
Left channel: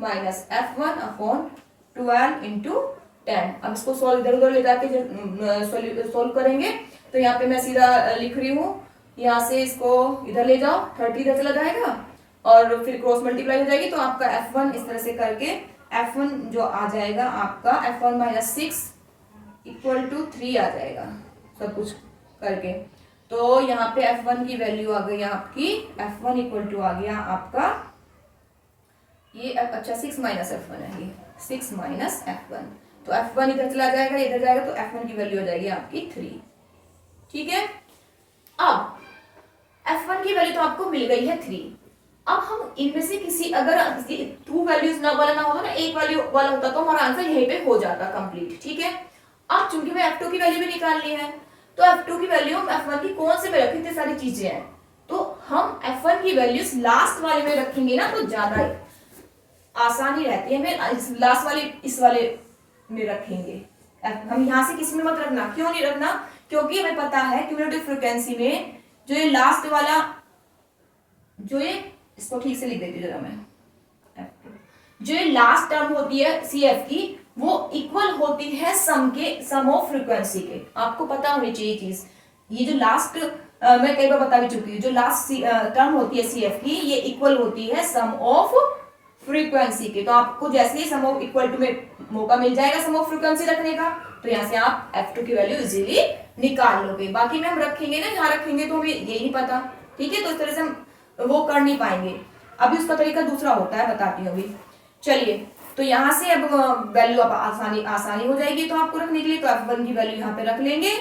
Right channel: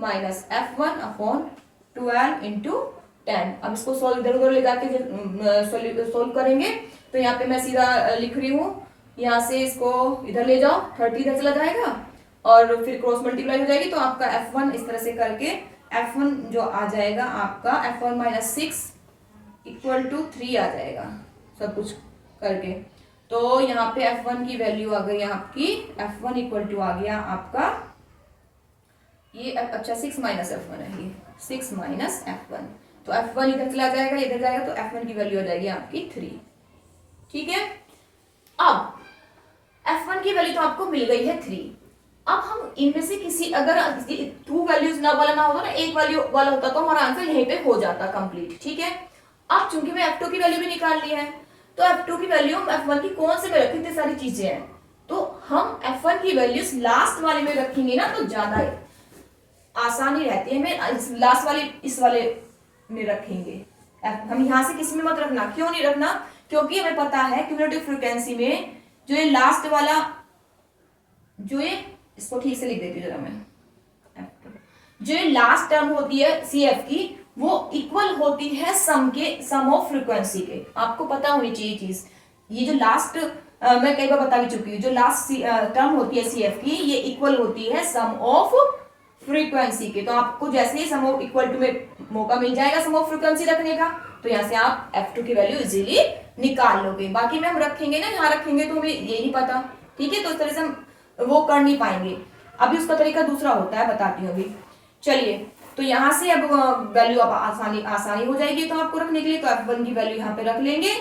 माइनस F1 अपॉन 12 इंटू 10। अब इसको सोल्व इधर उधर ले जाके सोल्व करेंगे तो यहाँ पे मैं सीधा लिख रही हूँ, यहाँ से इसको इधर ले जाओ, 30 इधर चला जाएगा और फिर क्रॉस मल्टीप्लाई हो जाएगी, तो आपका f1 इस तरह से करके f1 जो आ जाएगा आपका f1 माइनस 6 इक्वल टू 3 आ जाएगा सब कुछ करके। तो यहाँ पे f1 की वैल्यू आ गई आपकी, f1 इक्वल टू आ गया आपका ये, अच्छा 6 माइनस f1 है, ये 6 माइनस f1, तो f1 इधर चला जाएगा इधर जाएगा, तो f1 की वैल्यू हो जाएगी आपकी 3। ठीक है, अब f1 की वैल्यू तो आपको मिल गई है 3। अब हम इनमें से किसी, अगर 2 वैल्यूज ना वाला ना होता ना, एक वैल्यू वाला होता तो हमारा आंसर यहीं पे हो जाता कंप्लीट। ठीक है, अब चूंकि मैं f2 की वैल्यू भी निकाल ली है, तो f2 की वैल्यू हम f1 की कौन से में रखें, इतनी सारी चीजें हैं, तो हम f1 की वैल्यूज लास्ट वाले में रखेंगे ना, तो ज्यादा आसानी रहती है, हमें लास्ट वाले इस वाले में रखेंगे। हम यहाँ से किसी में मत रखना, क्यों नहीं रखना, क्योंकि हमें पता है क्यूमुलेटिव फ्रीक्वेंसी में जो ये लास्ट वाला, जो ये, इसको ठीक से लिख देती हूँ जरा मैं, जो ये लास्ट टर्म होती है CF की, वो इक्वल होती है सम ऑफ फ्रीक्वेंसी के। आपको पता होनी चाहिए चीज, ये जो लास्ट मैं कई बार बता भी चुकी हूँ, जो लास्ट टर्म होती है CF की, ये इक्वल होती है सम ऑफ फ्रीक्वेंसी के। तो आपको जैसे ही सम ऑफ इक्वल टू में मौका मिल जाएगा सम ऑफ फ्रीक्वेंसी रखने का, तो यहाँ से आप f2 की वैल्यू इजीली निकाल लोगे। बाकी में हम रखेंगे ना, यहाँ रखेंगे तो हमें ये नहीं पता। ठीक है, तो इस तरह से हम वो कर नहीं पाएंगे। अभी उसका तरीका दूसरा होता है, बताती हूँ अभी। चलिए, तो यहाँ से अब वैल्यू अब आसानी हो जाएगी तो आपको रखने के लिए, तो f1 की वैल्यू यहाँ पे रख लेंगे।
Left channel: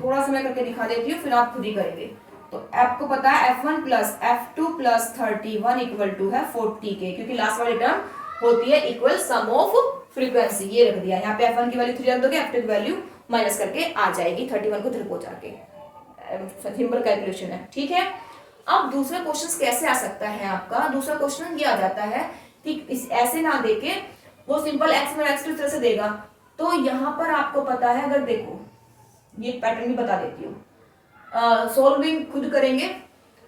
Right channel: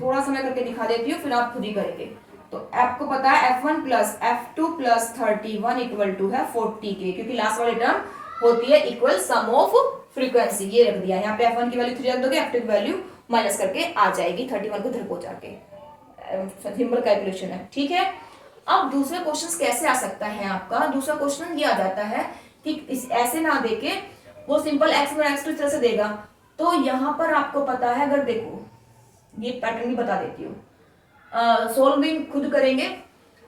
थोड़ा सा मैं करके दिखा देती हूँ, फिर आप खुद ही करेंगे। तो आपको पता है f1 plus f2 plus 31 equal to है 40 के, क्योंकि लास्ट वाली टर्म होती है इक्वल सम ऑफ फ्रीक्वेंसी। ये रख दिया यहाँ पे, f1 की वैल्यू 3 रख दोगे, f2 की वैल्यू माइनस करके आ जाएगी 31 को इधर पहुंचा के। सिंपल कैलकुलेशन है। ठीक है, अब दूसरा क्वेश्चन कैसे आ सकता है आपका, दूसरा क्वेश्चन ये आ जाता है कि इस ऐसे ना देके वो सिंपल x में x2 इस तरह से देगा। तो यहाँ पर आपको पता है, अगर देखो ये पैटर्न भी बता देती हूँ, सोल्विंग खुद करेंगे,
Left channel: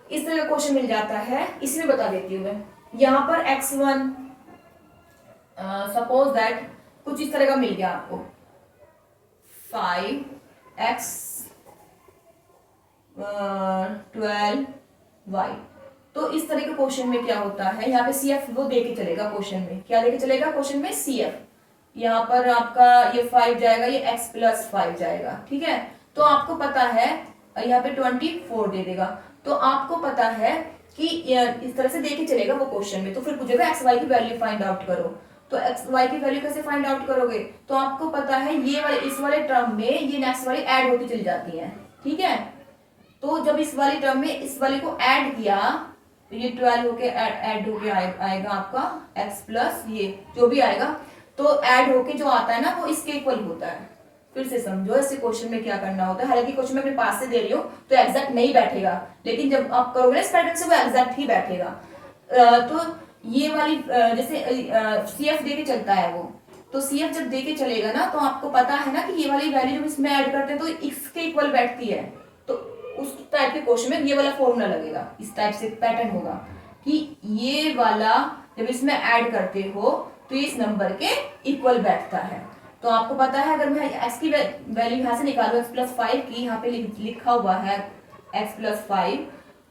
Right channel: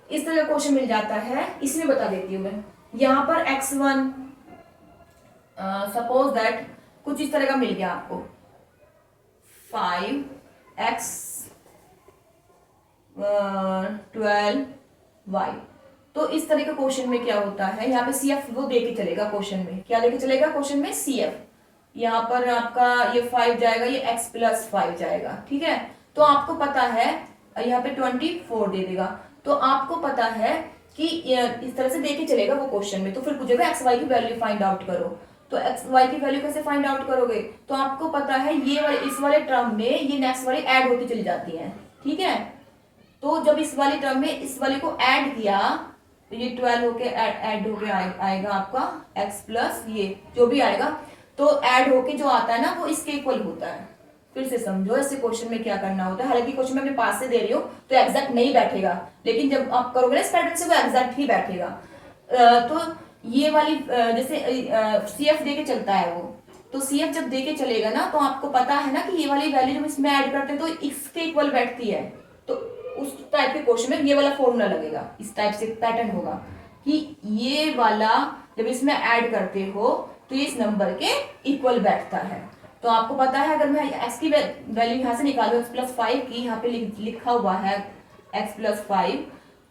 इस तरह का क्वेश्चन मिल जाता है, इसमें बता देती हूँ मैं। यहाँ पर x1 सपोज दैट कुछ इस तरह का मिल गया आपको, 5x 12y। तो इस तरह के क्वेश्चन में क्या होता है, यहाँ पे CF वो देके चलेगा क्वेश्चन में, क्या लेके चलेगा क्वेश्चन में, CF। यहाँ पर आपका ये 5 जाएगा, ये x प्लस 5 जाएगा। ठीक है, तो आपको पता है यहाँ पे 24 दे देगा। तो आपको पता है कि इस तरह से देके चलेगा वो क्वेश्चन में। तो फिर पूछेगा एक्स वाई की वैल्यू फाइंड आउट करो, तो एक्स वाई की वैल्यू कैसे फाइंड आउट करोगे, तो आपको पता है ये वाले इस वाले टर्म में ये नेक्स्ट वाली ऐड होती चली जाती है। ठीक है, तो जब इस वाली टर्म में इस वाले को ऐड किया तो ये 12 होके ऐड होके आएगा आपका x प्लस ये जो भी आएगा, तो ऐड होके जो आता है ना वो इसके इक्वल होता है। फिर से समझो ऐसे क्वेश्चन में क्या करना होता है। हालांकि क्वेश्चन में अपने पास से दे रही हूँ तो एग्जैक्ट नहीं बैठेगा, लेकिन जब आप करोगे इस पैटर्न से वो एग्जैक्ट ही बैठेगा। तो ये वाली जैसे CF दे के चलता है वो, तो CF जब दे के चलेगा ना तो आपको पता है ना कि ये वाली वैल्यू जब इसमें ऐड करते हैं तो इसके इक्वल बैठती है। तो उस टाइप के क्वेश्चन में ये वाला फॉर्मूला लगेगा, इस टाइप से पैटर्न होगा कि ये वाला जब इसमें ऐड करते हो तो इस नंबर के इक्वल बैठता है। तो आपको पता है अगर मैं x की वैल्यू यहाँ से निकालू x प्लस 5 की, यहाँ पे लिखा हुआ है x प्लस 5,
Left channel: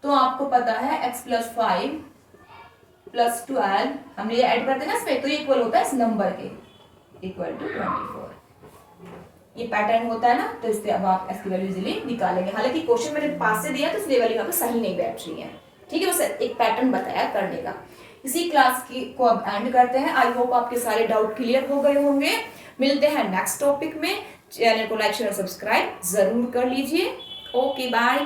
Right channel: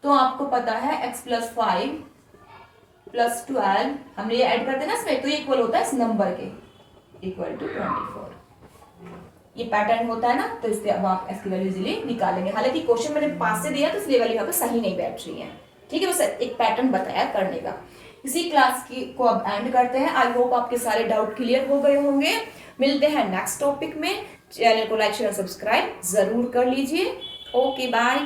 तो आपको पता है x प्लस 5 प्लस 12 हमने ये ऐड करते हैं ना इसमें, तो ये इक्वल होता है इस नंबर के इक्वल टू 24। ये पैटर्न होता है ना, तो इससे अब आप x की वैल्यू इजीली निकालेंगे। हालांकि क्वेश्चन मैंने पास से दिया तो इसलिए वैल्यू यहाँ पे सही नहीं बैठ रही है। ठीक है, बस एक पैटर्न बताया करने का। इसी क्लास की को अब एंड करते हैं। आई होप आपके सारे डाउट क्लियर हो गए होंगे। मिलते हैं नेक्स्ट टॉपिक में। चैनल को लाइक शेयर सब्सक्राइब जरूर कर लीजिए। Okay bye.